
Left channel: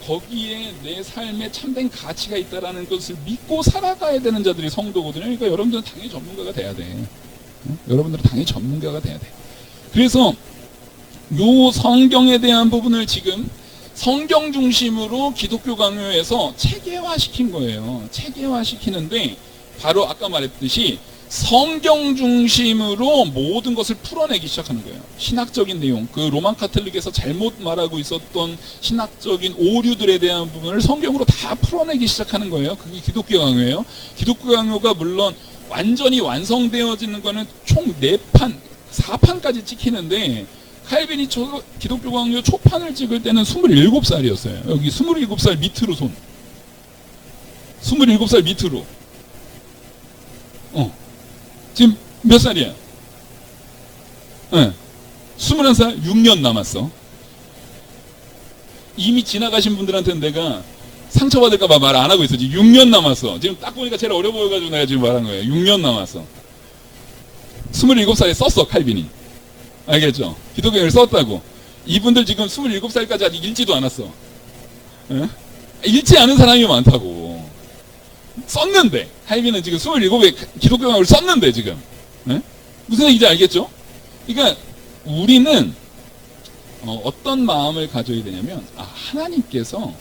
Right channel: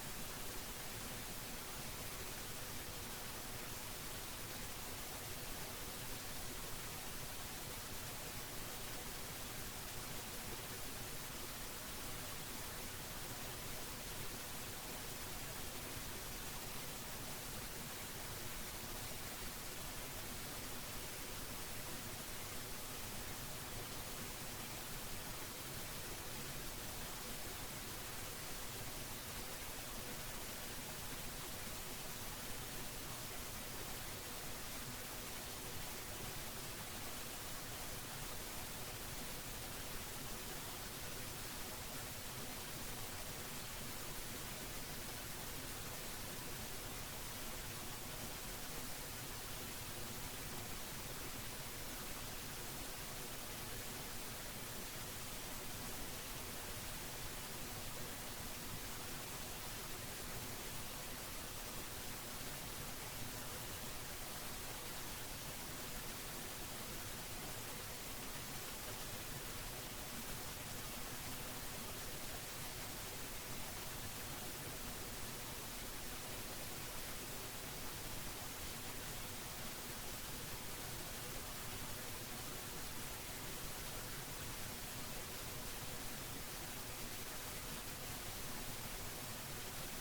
거기에 내 삶에 참된 가치가 있다라는 것을 믿고 살아가야 되는 자들이 성도거든요. 그러니까 여러분들은 당연히 전문가가 돼야 돼. 여러분들은 당연히 전문가가 돼야 돼. 그래서 요 성경에 대한 부분을 지금 성경 중심으로 기독교 강요에서 체계화시킨 거예요. 체계화시키는데 바로 아까 말했듯이 성경 중심으로 모든 것을 풀어내기 시작하는 거예요. 신학적인 내용, 그 로만 카톨릭에서 잘못 말하고 있었던 신학적인 오류들에 대한 부분을 성경으로 다 풀어내기 시작하는 거예요. 그게 기독교 강요예요. 기독교 강요가 물론 완전히 완성되어지는 거는 총 4판, 4판까지 찍히는데, 칼빈이 기독교 강요 초판을 찍을 때는 27살이었어요. 여기 27살 밑으로 손. 27살 밑으로. 지금 몇 살이야? 21살? 6년 남았어. 이미 지나가신 분들한테는 내가 상처받을까봐 말 안 하고 있어. 지금 6년 남았어. 지금 딱 보니까 제일 어려 보여가지고 내가 지금 말한 거예요. 6년 남았어. 27살에 썼어, 칼빈이. 알겠죠? 기독교를 썼다고. 이분들 지금 27살까지 아직 읽지도 않았어. 읽지 않은 사람이 많다고. 썼는데, 칼빈은 지금 27에 기독교를 썼는데 지금. 무슨 얘기인지 알겠죠? 그러니까 우리는 어떤 마음을 가져야 되냐면, 하나님께서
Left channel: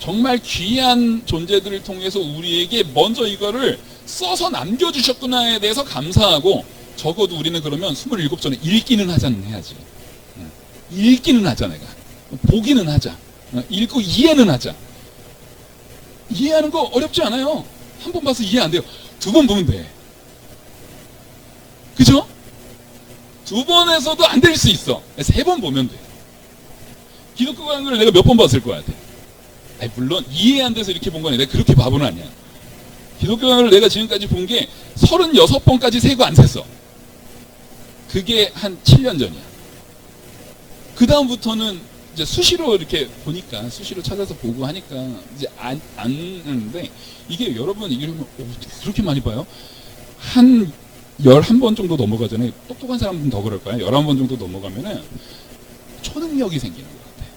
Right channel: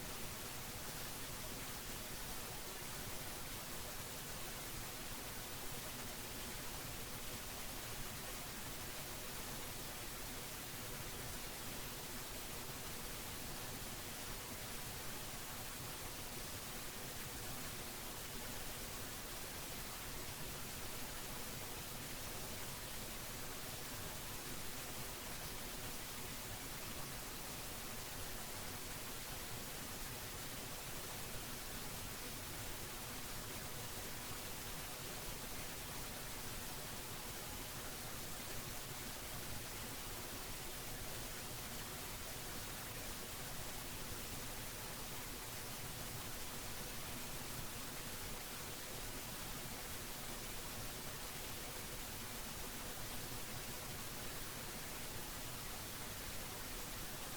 정말 귀한 존재들을 통해서 우리에게 먼저 이거를 써서 남겨주셨구나에 대해서 감사하고, 적어도 우리는 그러면 27 전에 읽기는 하자는 해야지. 읽기는 하자. 내가 보기는 하자. 읽고 이해는 하자. 이해하는 거 어렵지 않아요. 한 번 봐서 이해 안 돼요. 2번 보면 돼. 그죠? 2번에서도 안 될 수 있어. 3번 보면 돼. 기독교 강의를 내가 몇 번 봤을 것 같아. 물론 이해 안 돼서 이렇게 본 건 내가 그렇게 바보는 아니야. 기독교 강의를 내가 지금까지 본 게 36번까지 세고 안 셌어. 그게 한 7년 전이야. 그 다음부터는 이제 수시로 이렇게 보니까, 수시로 찾아서 보고 하니까 이제 안 하는데, 이게 여러분 이러면 그렇게 많이 봐요? 한 11번 정도 넘어가잖아요. 똑똑한 사람들은 더 그럴 거야. 11번 정도 넘어가면은 초능력이 생기는 것 같아.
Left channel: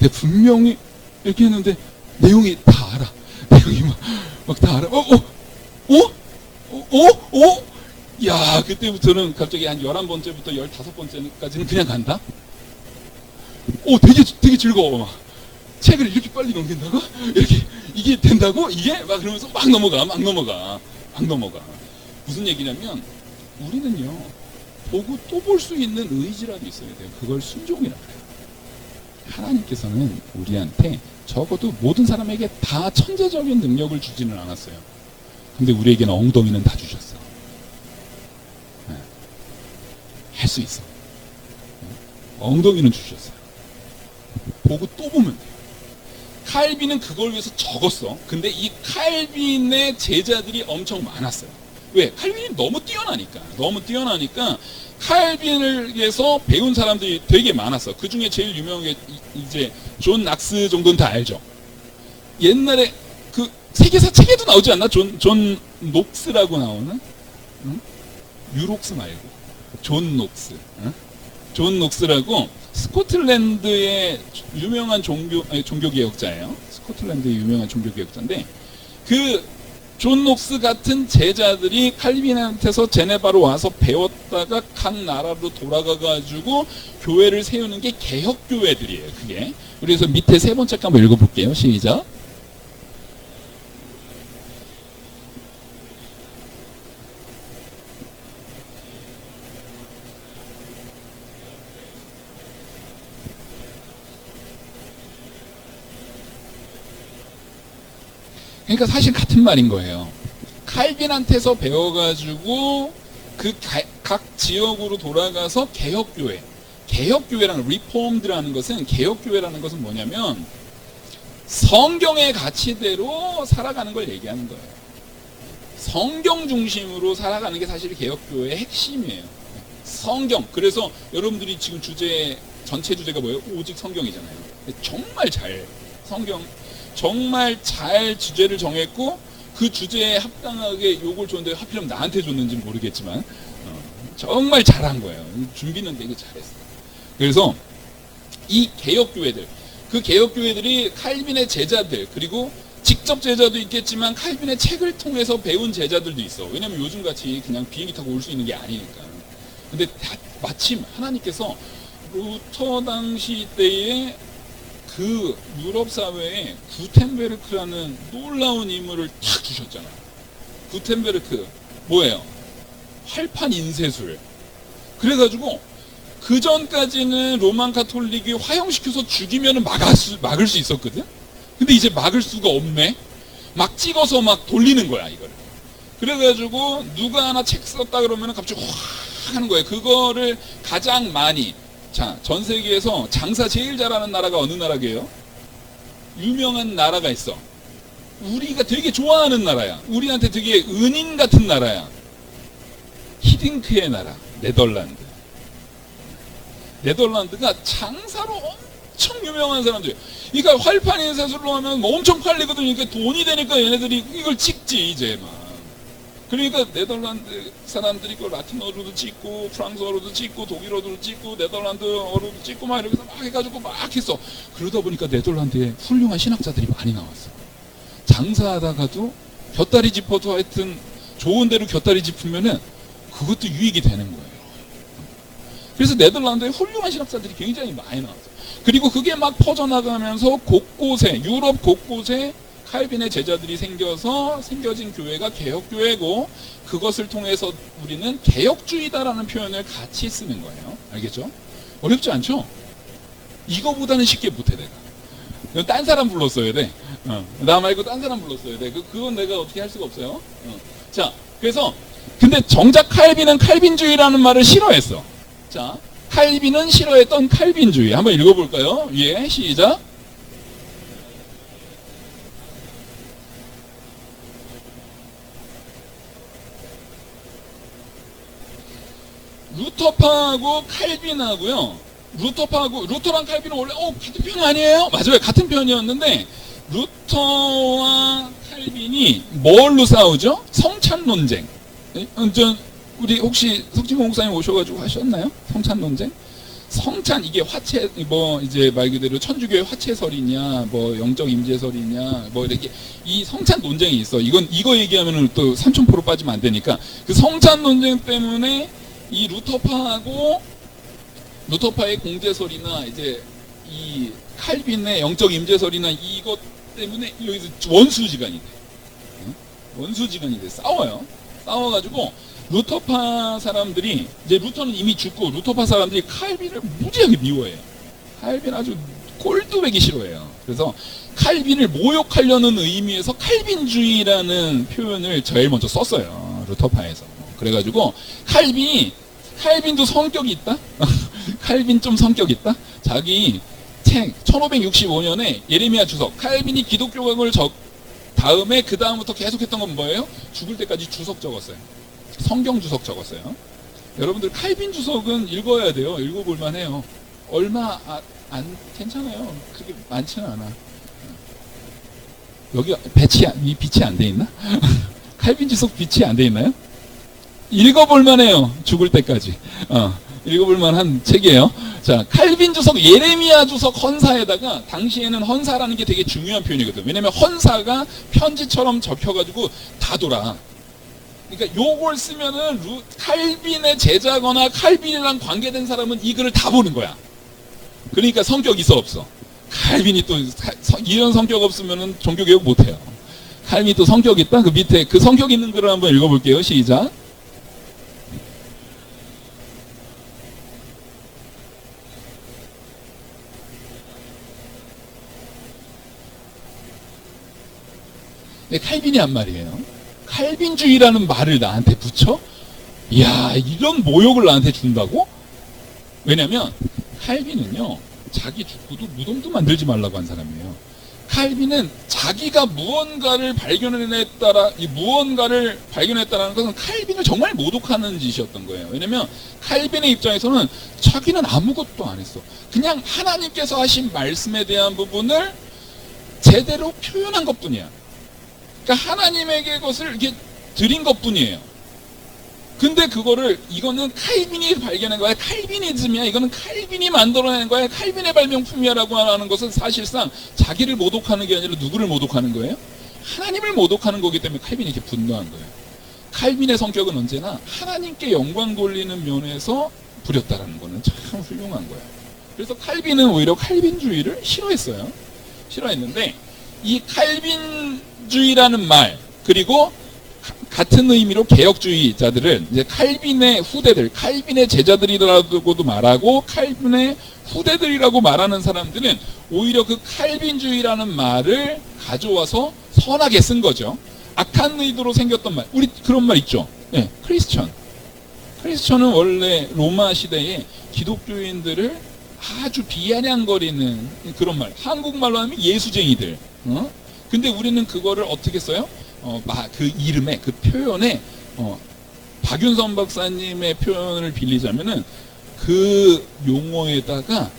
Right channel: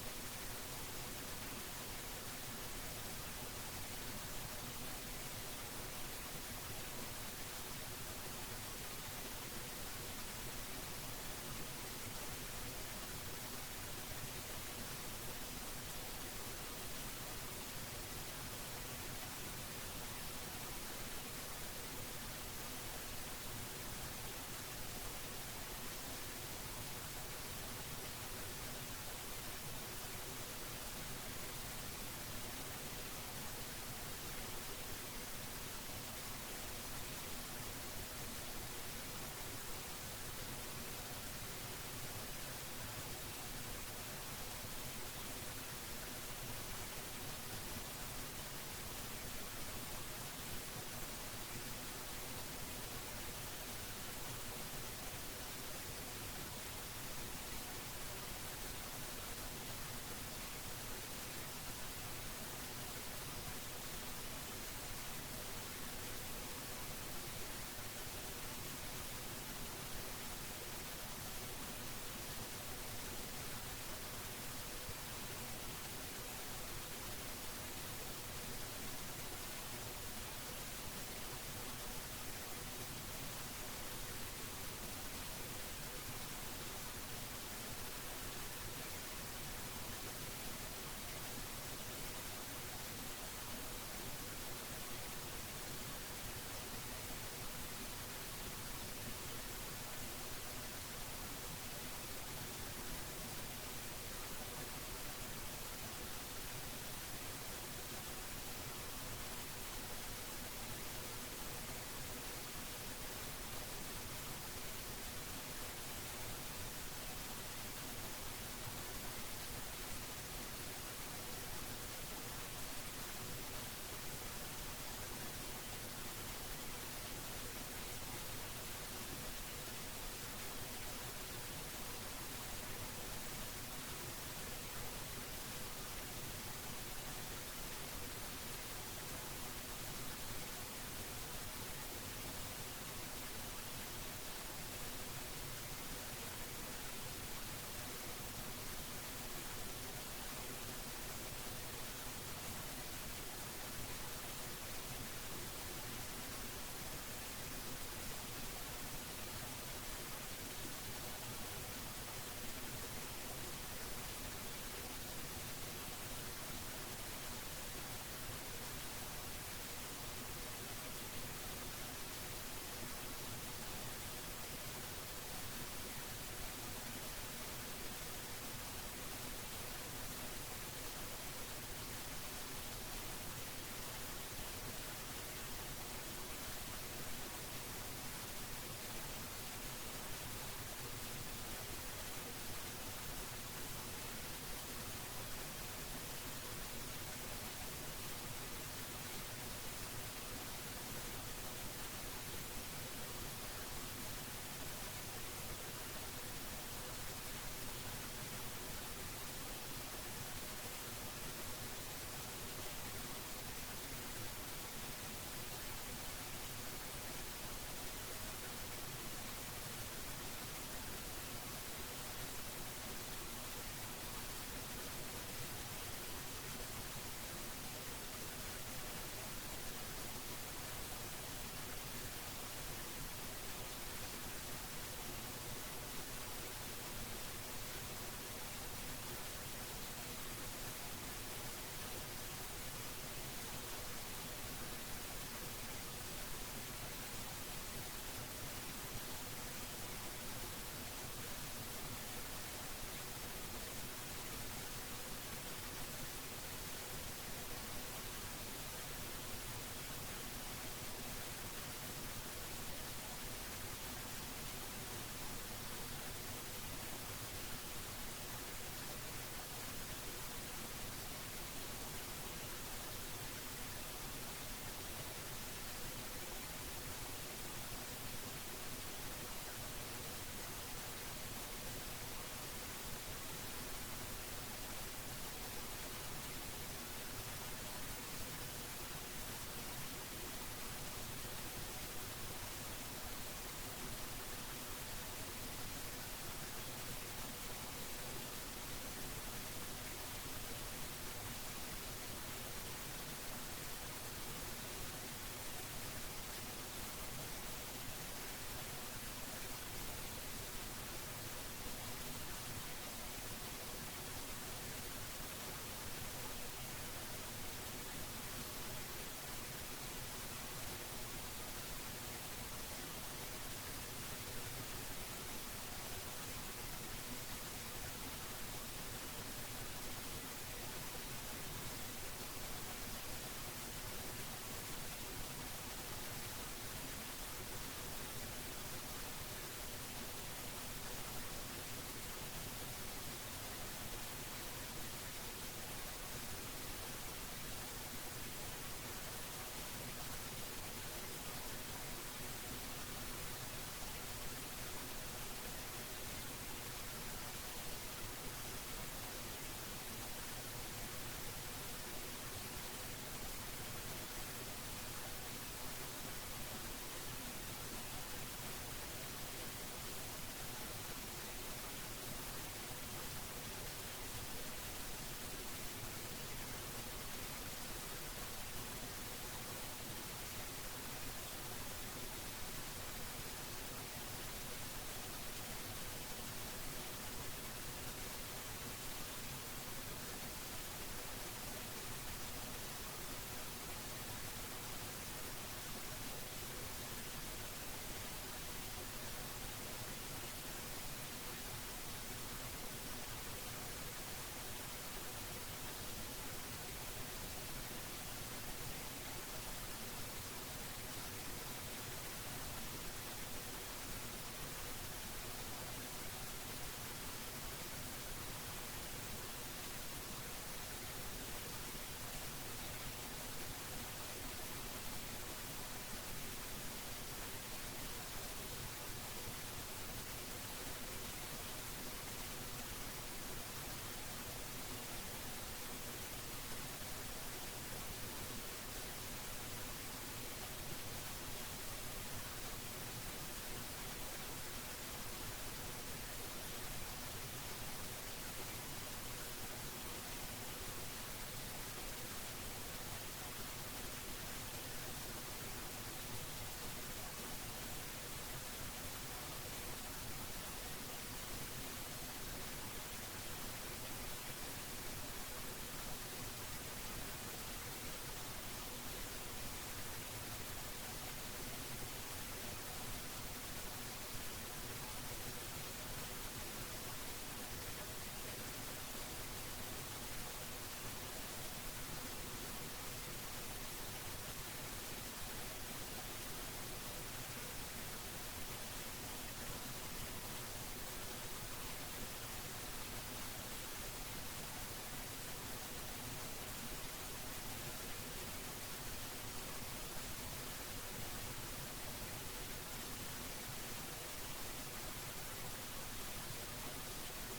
근데 분명히 이렇게 했는데 내용이 다 알아. 내용이 막 다 알아. 야, 그때부터는 갑자기 한 11번째부터 15번째까지는 그냥 간다? 되게 즐거워. 막. 책을 이렇게 빨리 넘긴다고? 이렇게, 이게 된다고? 이게? 막 그러면서 막 넘어가. 무슨 얘기냐면, 우리는요, 보고 또 볼 수 있는 의지라도 있어야 돼요. 그걸 순종이라고 해요. 하나님께서는 우리한테 적어도 모든 사람에게 다 천재적인 능력을 주지는 않았어요. 근데 우리에게는 엉덩이는 다 주셨어. 할 수 있어. 엉덩이는 주셨어요. 보고 또 보면 돼요. 칼빈은 그걸 위해서 적었어. 근데 이 칼빈의 제자들이 엄청 많았어요. 왜? 칼빈이 너무 뛰어나니까 칼빈을 위해서 배운 사람들이 되게 많았어. 그 중에 제일 유명한 게 이제 존 낙스 정도는 다 알죠. 옛날에 그 세계사 책에도 나오지 않나? 존 녹스라고 나오는? 유록스 말고 존 녹스. 존 녹스라고 스코틀랜드의 유명한 종교개혁자예요. 스코틀랜드의 유명한 종교개혁자인데, 그 존 녹스 같은 제자들이 칼빈한테서 제네바로 와서 배웠다가 각 나라로 돌아가가지고 교회를 세우는 게 개혁교회들이에요. 그게. 그래서 밑에 3번째 거 한번 읽어볼게요. 시작. 그러니까 사실 같은 말인 거예요. 칼빈한테서 배워가지고 그 각 지역으로 돌아가서 개혁교회, 개혁교회라는 리폼드라는 것은, 개혁교회라는 것은 뭐냐면 성경의 가치대로 살아가는 걸 얘기하는 거예요. 성경 중심으로 살아가는 게 사실 개혁교회의 핵심이에요. 성경. 그래서 여러분들이 지금 전체 주제가 뭐예요? 오직 성경이잖아요. 정말 잘 성경 정말 잘 주제를 정했고, 그 주제에 합당하게 요걸 줬는데 하필이면 나한테 줬는지는 모르겠지만 정말 잘한 거예요. 준비는 되게 잘했어요. 그래서 이 개혁교회들, 그 개혁교회들이 칼빈의 제자들, 그리고 직접 제자도 있겠지만 칼빈의 책을 통해서 배운 제자들도 있어. 왜냐면 요즘같이 그냥 비행기 타고 올 수 있는 게 아니니까. 근데 마침 하나님께서 루터 당시 때에 그 유럽 사회에 구텐베르크라는 놀라운 인물을 탁 주셨잖아요. 구텐베르크 뭐예요? 활판 인쇄술. 그래가지고 그 전까지는 로만 가톨릭이 화형시켜서 죽이면 막을 수 있었거든. 근데 이제 막을 수가 없네. 막 찍어서 막 돌리는 거야 이걸. 그래가지고 누가 하나 책 썼다 그러면 갑자기 확 하는 거예요. 그거를 가장 많이, 자, 전 세계에서 장사 제일 잘하는 나라가 어느 나라게요? 유명한 나라가 있어. 우리가 되게 좋아하는 나라야. 우리한테 되게 은인 같은 나라야. 히딩크의 나라, 네덜란드. 네덜란드가 장사로 엄청 유명한 사람들. 그러니까 활판 인쇄술로 하면 뭐 엄청 팔리거든. 그러니까 돈이 되니까 얘네들이 이걸 찍지 이제 막. 그러니까 네덜란드 사람들이 그 라틴어로도 찍고 프랑스어로도 찍고 독일어로도 찍고 네덜란드어로도 찍고 막 이러면서 막 해가지고 막 했어. 그러다 보니까 네덜란드에 훌륭한 신학자들이 많이 나왔어. 장사하다가도 곁다리 짚어도 하여튼 좋은 데로 곁다리 짚으면은 그것도 유익이 되는 거예요. 그래서 네덜란드에 훌륭한 신학자들이 굉장히 많이 나왔어. 그리고 그게 막 퍼져나가면서 곳곳에, 유럽 곳곳에 칼빈의 제자들이 생겨서 생겨진 교회가 개혁교회고, 그것을 통해서 우리는 개혁주의다라는 표현을 같이 쓰는 거예요. 알겠죠? 어렵지 않죠? 이거보다는 쉽게 못해 내가. 딴 사람 불렀어야 돼. 나 말고 딴 사람 불렀어야 돼. 그건 내가 어떻게 할 수가 없어요. 자, 그래서 근데 정작 칼빈은 칼빈주의라는 말을 싫어했어. 자, 칼빈은 싫어했던 칼빈주의 한번 읽어볼까요? 예, 시작. 루터파하고 칼빈하고요. 루터랑 칼빈은 원래 같은 편 아니에요? 맞아요, 같은 편이었는데 루터와 칼빈이 뭘로 싸우죠? 성찬 논쟁. 우리 혹시 석진공 목사님 오셔가지고 하셨나요? 성찬 논쟁? 성찬, 이게 화채, 뭐 이제 말 그대로 천주교의 화채설이냐, 뭐 영적 임재설이냐, 뭐 이렇게 이 성찬 논쟁이 있어. 이거 얘기하면은 또 3000% 빠지면 안 되니까. 그 성찬 논쟁 때문에 이 루터파의 공제설이나 이제 이 칼빈의 영적 임재설이나 이것 때문에 여기서 원수지간이 돼. 원수지간이 돼. 싸워가지고 루터파 사람들이, 이제 루터는 이미 죽고 루터파 사람들이 칼빈을 무지하게 미워해요. 칼빈 아주 꼴뚜배기 싫어해요. 그래서 칼빈을 모욕하려는 의미에서 칼빈주의라는 표현을 제일 먼저 썼어요. 루터파에서. 그래가지고 칼빈도 성격이 있다? 칼빈 좀 성격 있다? 자기 책 1565년에 예레미야 주석, 칼빈이 기독교학을 다음에 그 다음부터 계속했던 건 뭐예요? 죽을 때까지 주석 적었어요. 성경 주석 적었어요. 여러분들 칼빈 주석은 읽어야 돼요. 읽어볼만 해요. 얼마 안 괜찮아요. 그게 많지는 않아. 여기 빛이 안 돼 있나? 칼빈 주석 빛이 안 돼 있나요? 읽어볼만 해요. 죽을 때까지. 읽어볼만 한 책이에요. 자, 칼빈 주석, 예레미야 주석 헌사에다가, 당시에는 헌사라는 게 되게 중요한 표현이거든. 왜냐면 헌사가 편지처럼 접혀가지고 다 돌아. 그러니까 요걸 쓰면은 칼빈의 제자거나 칼빈이랑 관계된 사람은 이 글을 다 보는 거야. 그러니까 성격 있어 없어? 칼빈이 또 이런 성격 없으면은 종교개혁 못해요. 칼빈이 또 성격 있다? 그 밑에 그 성격 있는 글을 한번 읽어볼게요. 시작. 칼빈이 한 말이에요. 칼빈주의라는 말을 나한테 붙여? 이야, 이런 모욕을 나한테 준다고? 왜냐면 칼빈은요, 자기 죽고도 무덤도 만들지 말라고 한 사람이에요. 칼빈은 자기가 무언가를 발견했다라는 것은 칼빈을 정말 모독하는 짓이었던 거예요. 왜냐면 칼빈의 입장에서는 자기는 아무것도 안 했어. 그냥 하나님께서 하신 말씀에 대한 부분을 제대로 표현한 것뿐이야. 그러니까 하나님에게 그것을 이렇게 드린 것뿐이에요. 근데 그거를, 이거는 칼빈이 발견한 거야. 칼비니즘이야. 이거는 칼빈이 만들어낸 거야. 칼빈의 발명품이야라고 하는 것은 사실상 자기를 모독하는 게 아니라 누구를 모독하는 거예요? 하나님을 모독하는 거기 때문에 칼빈이 이렇게 분노한 거예요. 칼빈의 성격은 언제나 하나님께 영광 돌리는 면에서 부렸다라는 거는 참 훌륭한 거예요. 그래서 칼빈은 오히려 칼빈주의를 싫어했어요. 싫어했는데 이 칼빈주의라는 말, 그리고 같은 의미로 개혁주의자들은 이제 칼빈의 후대들, 칼빈의 제자들이라고도 말하고 칼빈의 후대들이라고 말하는 사람들은 오히려 그 칼빈주의라는 말을 가져와서 선하게 쓴 거죠. 악한 의도로 생겼던 말, 우리 그런 말 있죠. 네, 크리스천. 크리스천은 원래 로마 시대에 기독교인들을 아주 비아냥거리는 그런 말, 한국말로 하면 예수쟁이들. 근데 우리는 그거를 어떻게 써요? 그 이름에, 그 표현에, 박윤선 박사님의 표현을 빌리자면은 그 용어에다가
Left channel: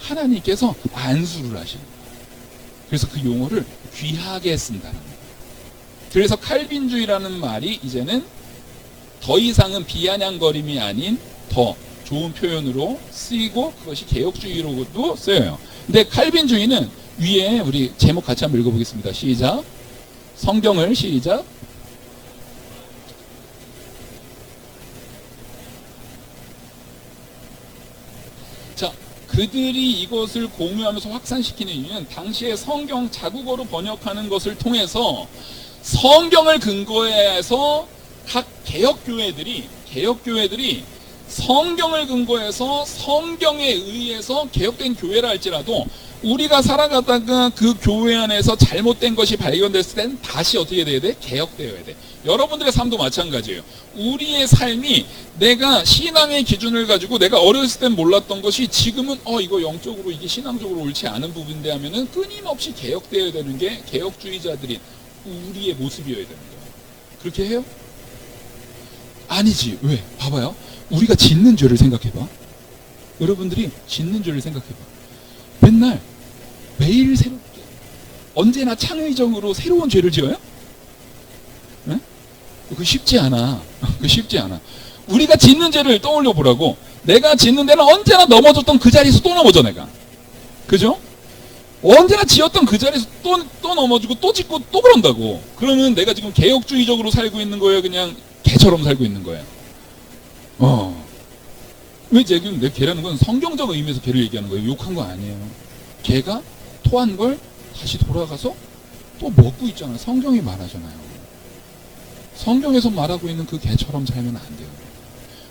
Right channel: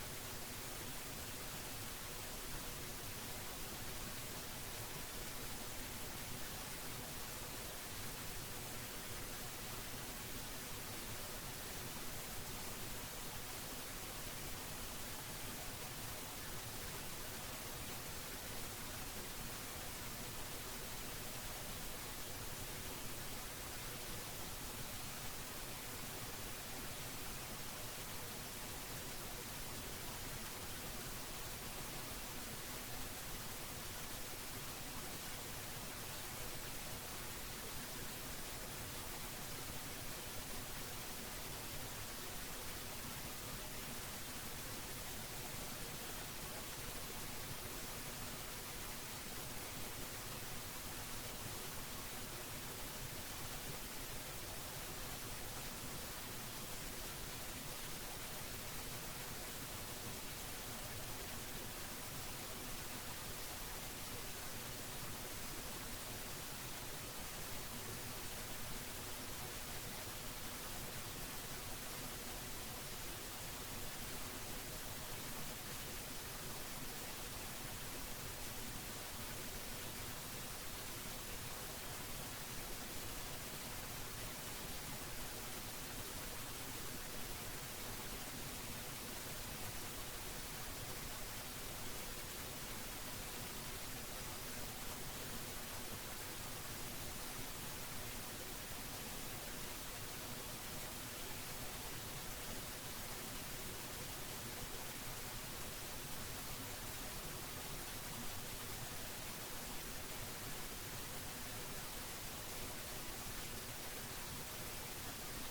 하나님께서 안수를 하시는 거예요. 그래서 그 용어를 귀하게 쓴다는 거예요. 그래서 칼빈주의라는 말이 이제는 더 이상은 비아냥거림이 아닌 더 좋은 표현으로 쓰이고, 그것이 개혁주의로도 쓰여요. 근데 칼빈주의는 위에 우리 제목 같이 한번 읽어보겠습니다. 시작. 성경을 시작. 자, 그들이 이것을 공유하면서 확산시키는 이유는 당시에 성경 자국어로 번역하는 것을 통해서 성경을 근거해서 각 개혁교회들이 성경을 근거해서 성경에 의해서 개혁된 교회라 할지라도 우리가 살아가다가 그 교회 안에서 잘못된 것이 발견됐을 때는 다시 어떻게 돼야 돼? 개혁되어야 돼. 여러분들의 삶도 마찬가지예요. 우리의 삶이 내가 신앙의 기준을 가지고 내가 어렸을 땐 몰랐던 것이 지금은 이거 영적으로 이게 신앙적으로 옳지 않은 부분인데 하면은 끊임없이 개혁되어야 되는 게 개혁주의자들인 우리의 모습이어야 됩니다. 그렇게 해요? 아니지. 왜? 봐봐요. 우리가 짓는 죄를 생각해봐. 여러분들이 짓는 죄를 생각해봐. 맨날 매일 새롭게 언제나 창의적으로 새로운 죄를 지어요? 네? 그거 쉽지 않아. 그거 쉽지 않아. 우리가 짓는 죄를 떠올려 보라고. 내가 짓는 데는 언제나 넘어졌던 그 자리에서 또 넘어져 내가. 그죠? 언제나 지었던 그 자리에서 또 넘어지고 또 짓고 또 그런다고. 그러면 내가 지금 개혁주의적으로 살고 있는 거예요? 그냥 개처럼 살고 있는 거예요? 왜 지금 내 개라는 건 성경적 의미에서 개를 얘기하는 거예요. 욕한 거 아니에요. 개가 토한 걸 다시 돌아가서 또 먹고 있잖아요. 성경이 말하잖아요. 성경에서 말하고 있는 그 개처럼 살면 안 돼요.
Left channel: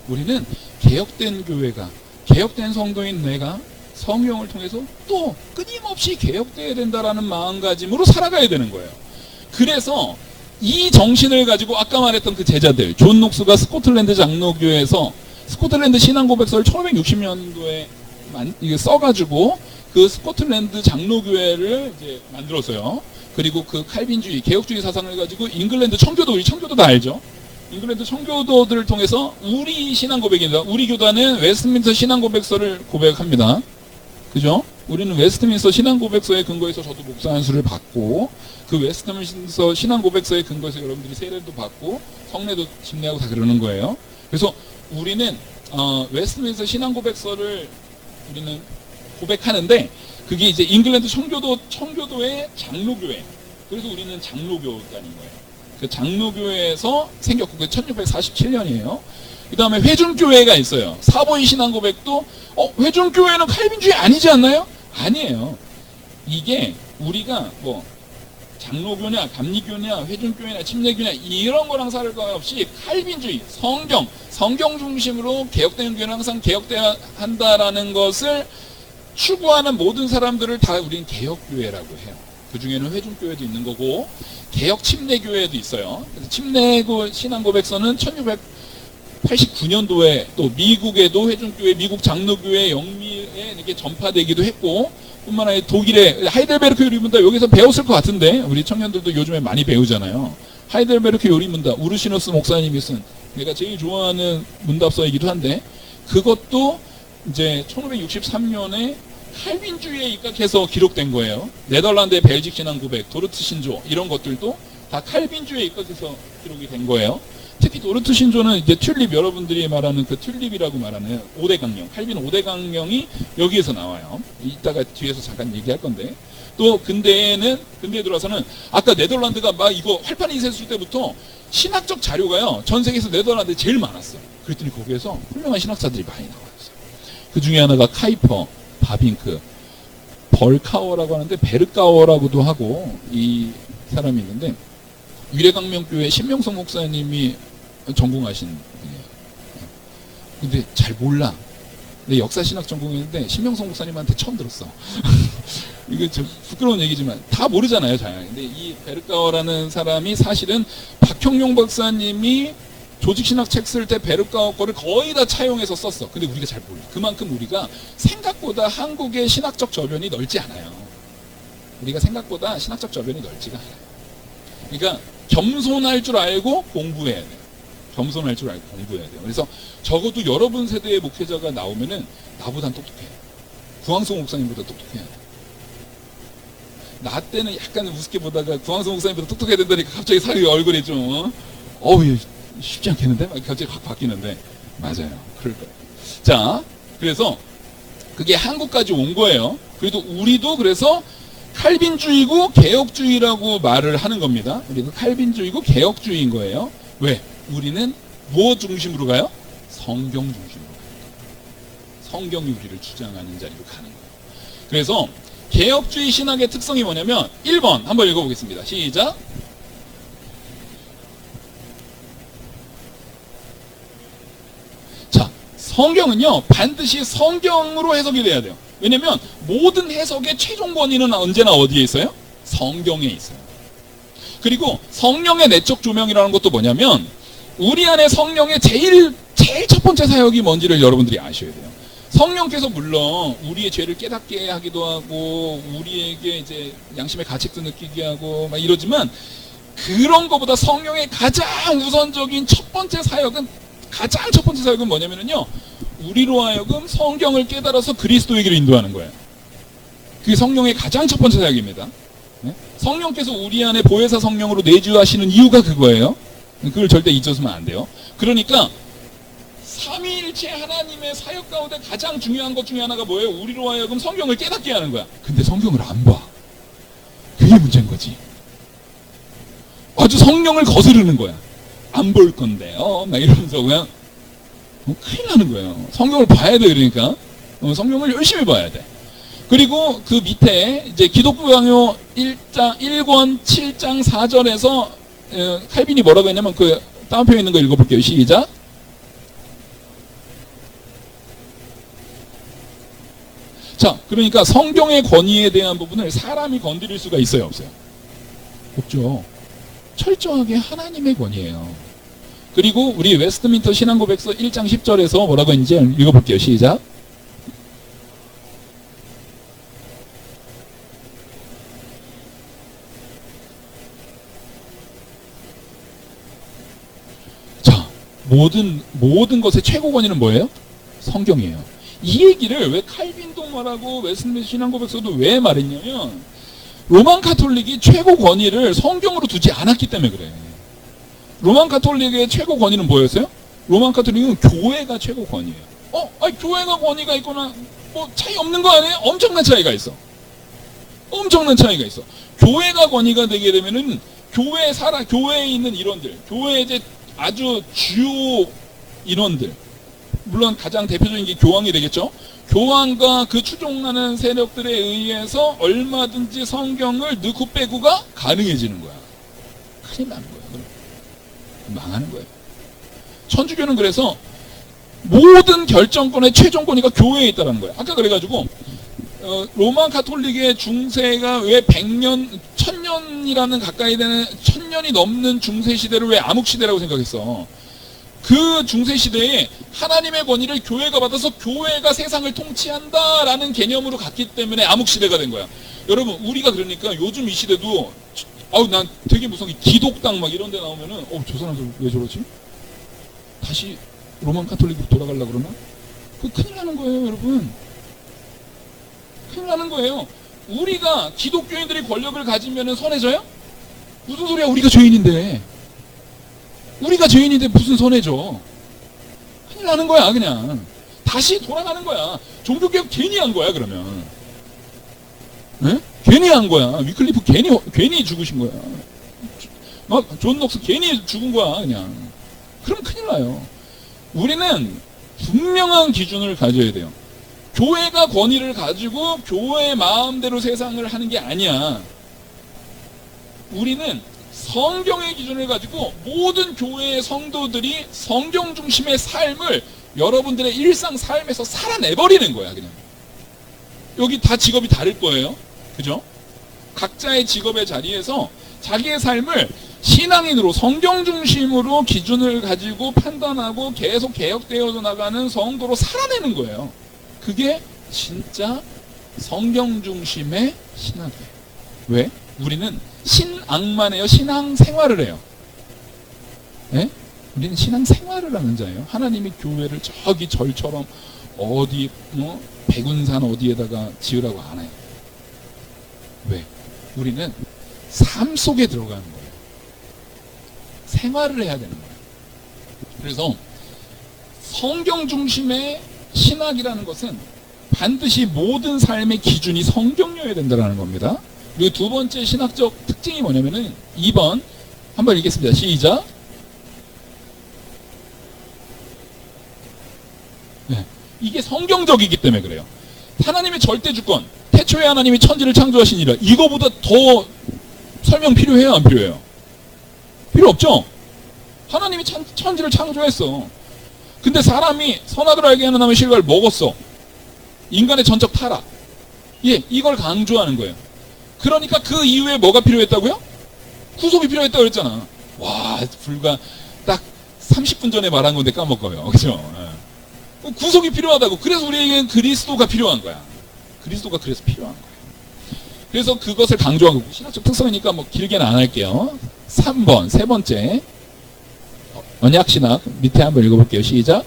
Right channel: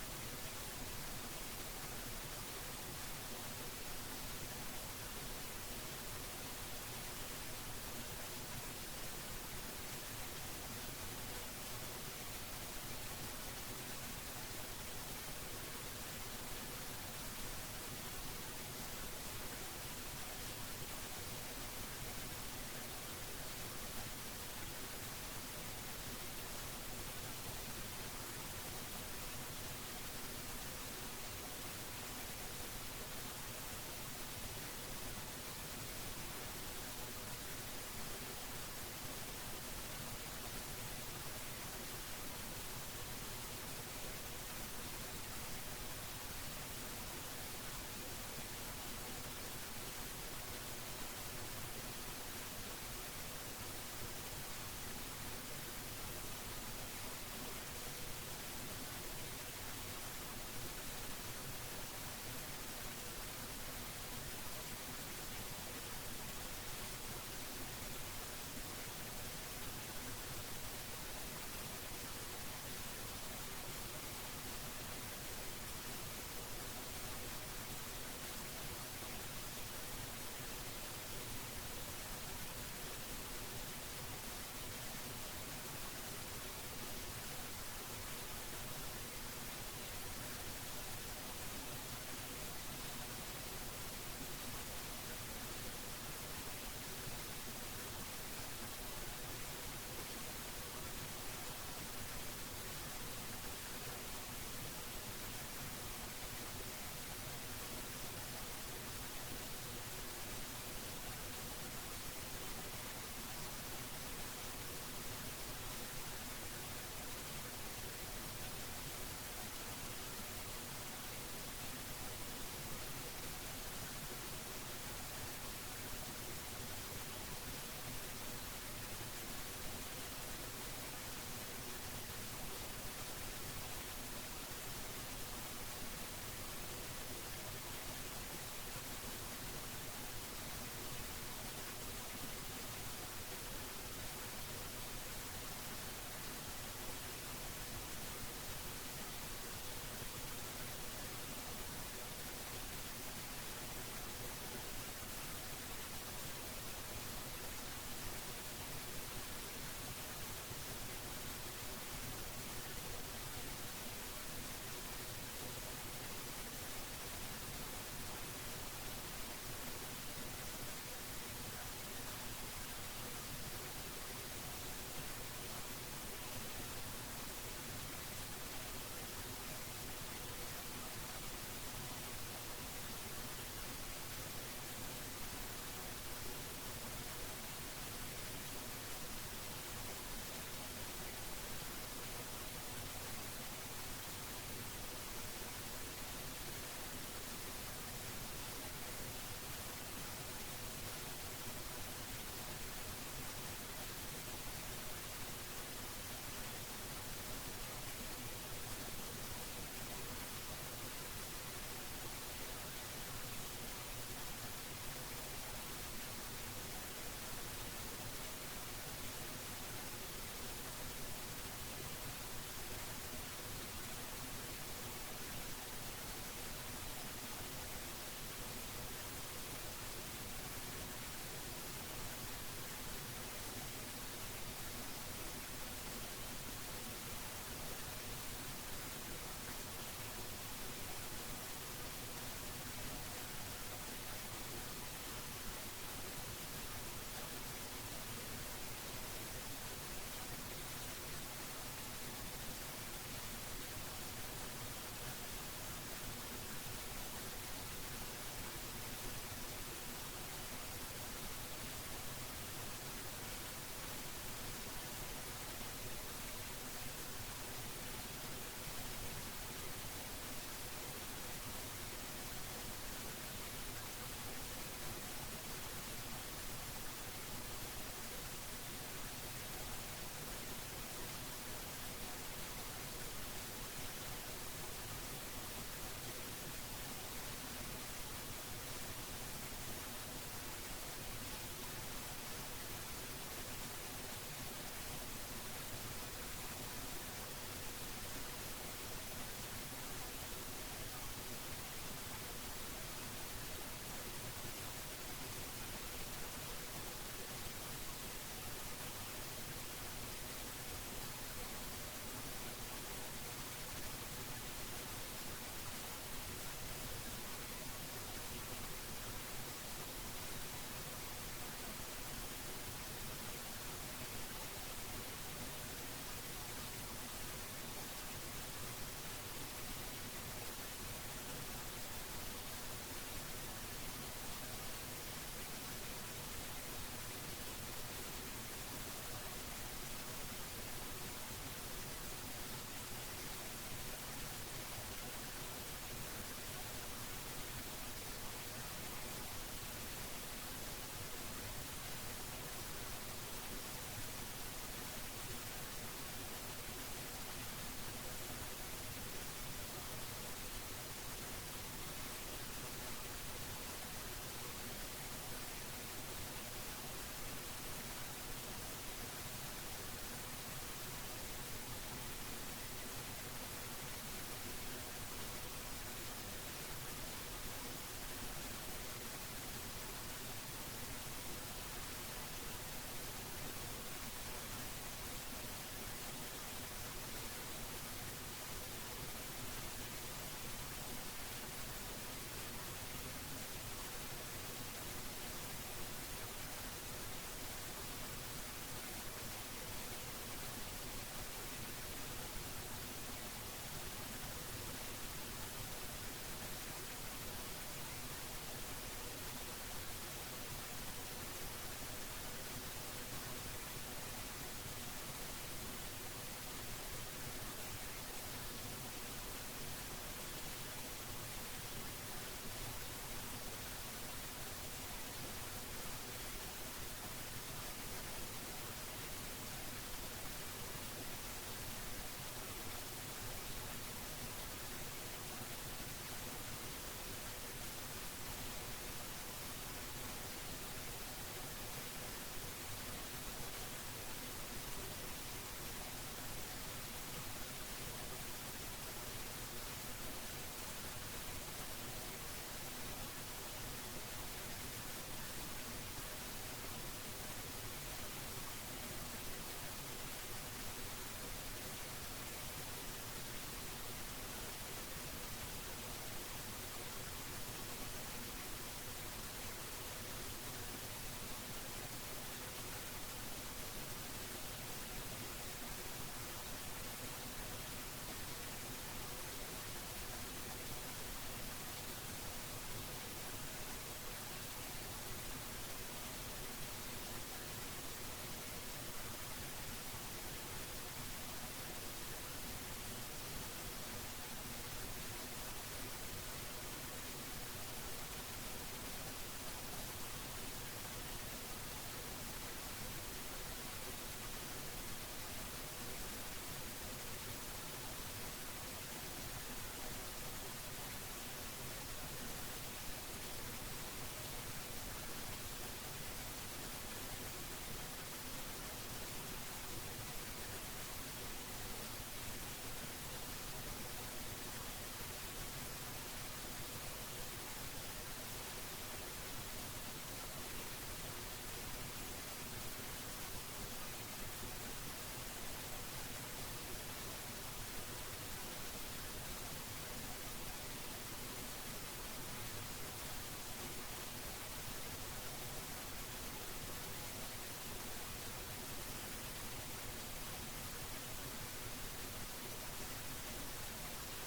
우리는 개혁된 교회가, 개혁된 성도인 내가 성경을 통해서 또 끊임없이 개혁되어야 된다라는 마음가짐으로 살아가야 되는 거예요. 그래서 이 정신을 가지고 아까 말했던 그 제자들, 존 녹스가 스코틀랜드 장로교회에서 스코틀랜드 신앙고백서를 1560년도에 써가지고 그 스코틀랜드 장로교회를 이제 만들었어요. 그리고 그 칼빈주의, 개혁주의 사상을 가지고 잉글랜드 청교도, 우리 청교도 다 알죠? 잉글랜드 청교도들을 통해서 우리 신앙고백입니다. 우리 교단은 웨스트민스터 신앙고백서를 고백합니다. 그죠? 우리는 웨스트민스터 신앙고백서에 근거해서 저도 목사 안수를 받고, 그 웨스트민스터 신앙고백서에 근거해서 여러분들이 세례도 받고 성례도 집례하고 다 그러는 거예요. 그래서 우리는 웨스트민스터 신앙고백서를 우리는 고백하는데, 그게 이제 잉글랜드 청교도의 장로교회. 그래서 우리는 장로교단인 거예요. 그 장로교회에서 생겼고, 그 1647년이에요. 그 다음에 회중교회가 있어요. 사보이 신앙고백도 회중교회는 칼빈주의 아니지 않나요? 아니에요. 이게 우리가 뭐 장로교냐, 감리교냐, 회중교회냐, 침례교냐 이런 거랑 상관없이 칼빈주의, 성경 중심으로 개혁되는 교회는 항상 개혁돼야 한다라는 것을 추구하는 모든 사람들을 다 우리는 개혁교회라고 해요. 그 중에는 회중교회도 있는 거고 개혁 침례교회도 있어요. 그래서 침례고 신앙고백서는 89년도에 또 미국에도 회중교회, 미국 장로교회 영미에 이렇게 전파되기도 했고, 뿐만 아니라 독일의 하이델베르크 요리문답, 여기서 배웠을 것 같은데 우리 청년들도 요즘에 많이 배우잖아요. 하이델베르크 요리문답, 우르시누스 목사님이 쓴, 내가 제일 좋아하는 문답서이기도 한데, 그것도 이제 1563년에 칼빈주의에 입각해서 기록된 거예요. 네덜란드의 벨직 신앙 고백, 도르트 신조, 이런 것들도 다 칼빈주의에 입각해서 기록이 된 거예요. 특히 도르트 신조는 이제 튤립, 여러분들이 말하는 그 튤립이라고 말하는 5대 강령, 칼빈 5대 강령이 여기에서 나와요. 이따가 뒤에서 잠깐 얘기할 건데, 또 근대에 들어와서는 아까 네덜란드가 막 이거 활판이 있었을 때부터 신학적 자료가요, 전 세계에서 네덜란드에 제일 많았어요. 그랬더니 거기에서 훌륭한 신학자들이 많이 나왔어요. 그 중에 하나가 카이퍼, 바빙크, 벌카워라고 하는데 베르카워라고도 하고, 이 사람이 있는데 위례강명교회 신명성 목사님이 전공하신 분이에요. 근데 잘 몰라. 근데 역사신학 전공했는데 신명성 목사님한테 처음 들었어. 이거 좀 부끄러운 얘기지만 다 모르잖아요, 잘. 근데 이 베르카워라는 사람이 사실은 박형용 박사님이 조직신학 책 쓸 때 베르카워 거를 거의 다 차용해서 썼어. 근데 우리가 잘 몰라. 그만큼 우리가 생각보다 한국의 신학적 저변이 넓지 않아요. 우리가 생각보다 신학적 저변이 넓지가 않아요. 그러니까 겸손할 줄 알고 공부해야 돼요. 겸손할 줄 알고 공부해야 돼요. 그래서 적어도 여러분 세대의 목회자가 나오면은 나보단 똑똑해요. 구황성 목사님보다 똑똑해요. 나 때는 약간 우습게 보다가 구황성 목사님보다 똑똑해야 된다니까 갑자기 사리 얼굴이 좀 쉽지 않겠는데? 막 갑자기 확 바뀌는데. 맞아요. 그럴 거예요. 자, 그래서 그게 한국까지 온 거예요. 그래도 우리도 그래서 칼빈주의고 개혁주의라고 말을 하는 겁니다. 우리는 칼빈주의고 개혁주의인 거예요. 왜? 우리는 뭐 중심으로 가요? 성경 중심으로 가요. 성경 유기를 주장하는 자리로 가는 거예요. 그래서 개혁주의 신학의 특성이 뭐냐면 1번 한번 읽어보겠습니다. 시작. 자, 성경은요 반드시 성경으로 해석이 돼야 돼요. 왜냐면 모든 해석의 최종 권위는 언제나 어디에 있어요? 성경에 있어요. 그리고 성령의 내적 조명이라는 것도 뭐냐면 우리 안에 성령의 제일 첫 번째 사역이 뭔지를 여러분들이 아셔야 돼요. 성령께서 물론 우리의 죄를 깨닫게 하기도 하고 우리에게 이제 양심의 가책도 느끼게 하고 막 이러지만 그런 것보다 성령의 가장 우선적인 첫 번째 사역은 뭐냐면요, 우리로 하여금 성경을 깨달아서 그리스도에게로 인도하는 거예요. 그게 성령의 가장 첫 번째 사역입니다. 성령께서 우리 안에 보혜사 성령으로 내주하시는 이유가 그거예요. 그걸 절대 잊어서는 안 돼요. 그러니까 삼위일체 하나님의 사역 가운데 가장 중요한 것 중에 하나가 뭐예요? 우리로 하여금 성경을 깨닫게 하는 거야. 근데 성경을 안 봐. 그게 문제인 거지. 아주 성령을 거스르는 거야. 안 볼 건데요. 막 이러면서 그냥 큰일 나는 거예요. 성경을 봐야 돼. 그러니까 성경을 열심히 봐야 돼. 그리고 그 밑에 이제 기독부 강요 1권 7장 4절에서 칼빈이 뭐라고 했냐면 그 다운표에 있는 거 읽어볼게요. 시작. 자, 그러니까 성경의 권위에 대한 부분을 사람이 건드릴 수가 있어요, 없어요? 없죠. 철저하게 하나님의 권위예요. 그리고 우리 웨스트민터 신앙고백서 1장 10절에서 뭐라고 했는지 읽어볼게요. 시작. 자, 모든 것의 최고 권위는 뭐예요? 성경이에요. 이 얘기를 왜 칼빈도 말하고 웨스트민터 신앙고백서도 왜 말했냐면 로만 카톨릭이 최고 권위를 성경으로 두지 않았기 때문에 그래요. 로만 카톨릭의 최고 권위는 뭐였어요? 로만 카톨릭은 교회가 최고 권위예요. 교회가 권위가 있거나 뭐 차이 없는 거 아니에요? 엄청난 차이가 있어. 엄청난 차이가 있어. 교회가 권위가 되게 되면은 교회에 있는 인원들, 교회의 이제 아주 주요 인원들, 물론 가장 대표적인 게 교황이 되겠죠. 교황과 그 추종하는 세력들에 의해서 얼마든지 성경을 넣고 빼고가 가능해지는 거야. 큰일 나는 거야. 망하는 거예요. 천주교는 그래서 모든 결정권의 최종 권위가 교회에 있다는 거예요. 아까 그래가지고 로마 가톨릭의 중세가 왜 100년, 1000년이라는 가까이 되는 1000년이 넘는 중세 시대를 왜 암흑 시대라고 생각했어? 그 중세 시대에 하나님의 권위를 교회가 받아서 교회가 세상을 통치한다라는 개념으로 갔기 때문에 암흑 시대가 된 거야. 여러분, 우리가 그러니까 요즘 이 시대도 난 되게 무서운 게 기독당 막 이런 데 나오면은 저 사람들 왜 저러지? 다시 로만 카톨릭으로 돌아가려고 그러나? 그거 큰일 나는 거예요, 여러분. 큰일 나는 거예요. 우리가 기독교인들이 권력을 가지면은 선해져요? 무슨 소리야? 우리가 죄인인데. 우리가 죄인인데 무슨 선해져? 큰일 나는 거야, 그냥. 다시 돌아가는 거야. 종교개혁 괜히 한 거야, 그러면. 네? 괜히 한 거야. 위클리프 괜히 죽으신 거야. 존 녹스 괜히 죽은 거야, 그냥. 그럼 큰일 나요. 우리는 분명한 기준을 가져야 돼요. 교회가 권위를 가지고 교회의 마음대로 세상을 하는 게 아니야. 우리는 성경의 기준을 가지고 모든 교회의 성도들이 성경 중심의 삶을 여러분들의 일상 삶에서 살아내버리는 거야, 그냥. 여기 다 직업이 다를 거예요. 그죠? 각자의 직업의 자리에서 자기의 삶을 신앙인으로 성경 중심으로 기준을 가지고 판단하고 계속 개혁되어 나가는 성도로 살아내는 거예요. 그게 진짜 성경 중심의 신학이에요. 왜? 우리는 신앙만 해요. 신앙 생활을 해요. 네? 우리는 신앙 생활을 하는 자예요. 하나님이 교회를 저기 절처럼 어디 백운산 어디에다가 지으라고 안 해요. 왜? 우리는 삶 속에 들어가는 거예요. 생활을 해야 되는 거예요. 그래서 성경 중심의 신학이라는 것은 반드시 모든 삶의 기준이 성경이어야 된다는 겁니다. 그리고 두 번째 신학적 특징이 뭐냐면은 2번 한번 읽겠습니다. 시작. 네. 이게 성경적이기 때문에 그래요. 하나님의 절대 주권, 태초에 하나님이 천지를 창조하시니라. 이거보다 더 설명 필요해요, 안 필요해요? 필요 없죠? 하나님이 천지를 창조했어. 근데 사람이 선악을 알게 하는 나무의 실과를 먹었어. 인간의 전적 타락. 이걸 강조하는 거예요. 그러니까 그 이후에 뭐가 필요했다고요? 구속이 필요했다고 그랬잖아. 와, 불과 딱 30분 전에 말한 건데 까먹어요. 그죠? 구속이 필요하다고. 그래서 우리에게는 그리스도가 필요한 거야. 그리스도가 그래서 필요한 거야. 그래서 그것을 강조하고, 신학적 특성이니까 뭐 길게는 안 할게요. 3번, 세 번째. 언약신학 밑에 한번 읽어볼게요. 시작.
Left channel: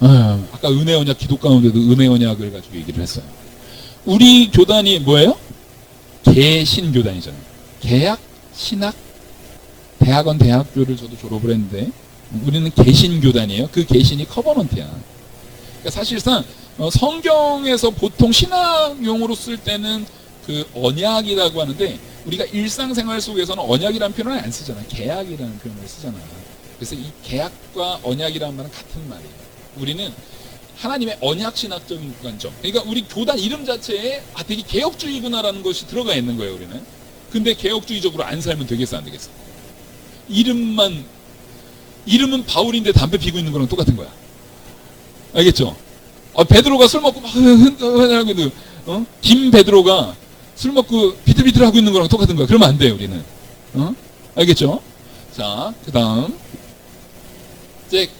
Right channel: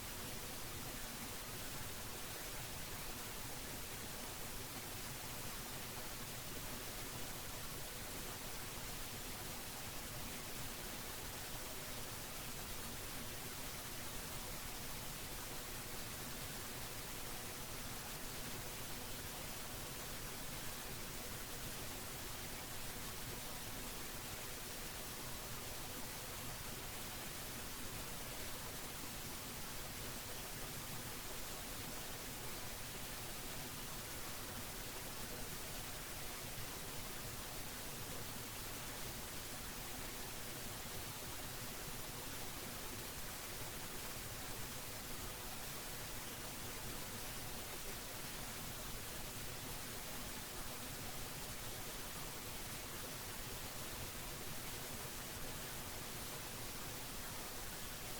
아까 은혜 언약 기독 가운데도 은혜 언약을 가지고 얘기를 했어요. 우리 교단이 뭐예요? 개신교단이잖아요. 개학, 신학, 대학원, 대학교를 저도 졸업을 했는데 우리는 개신교단이에요. 그 개신이 커버넌트야. 그러니까 사실상 성경에서 보통 신학용으로 쓸 때는 그 언약이라고 하는데 우리가 일상생활 속에서는 언약이라는 표현을 안 쓰잖아. 계약이라는 표현을 쓰잖아. 그래서 이 계약과 언약이라는 말은 같은 말이에요. 우리는 하나님의 언약신학적인 관점. 그러니까 우리 교단 이름 자체에 되게 개혁주의구나라는 것이 들어가 있는 거예요, 우리는. 근데 개혁주의적으로 안 살면 되겠어, 안 되겠어? 이름은 바울인데 담배 피고 있는 거랑 똑같은 거야. 알겠죠? 베드로가 술 먹고 막 김 베드로가 술 먹고 비틀비틀 하고 있는 거랑 똑같은 거야. 그러면 안 돼요, 우리는. 알겠죠? 자, 그 다음. 이제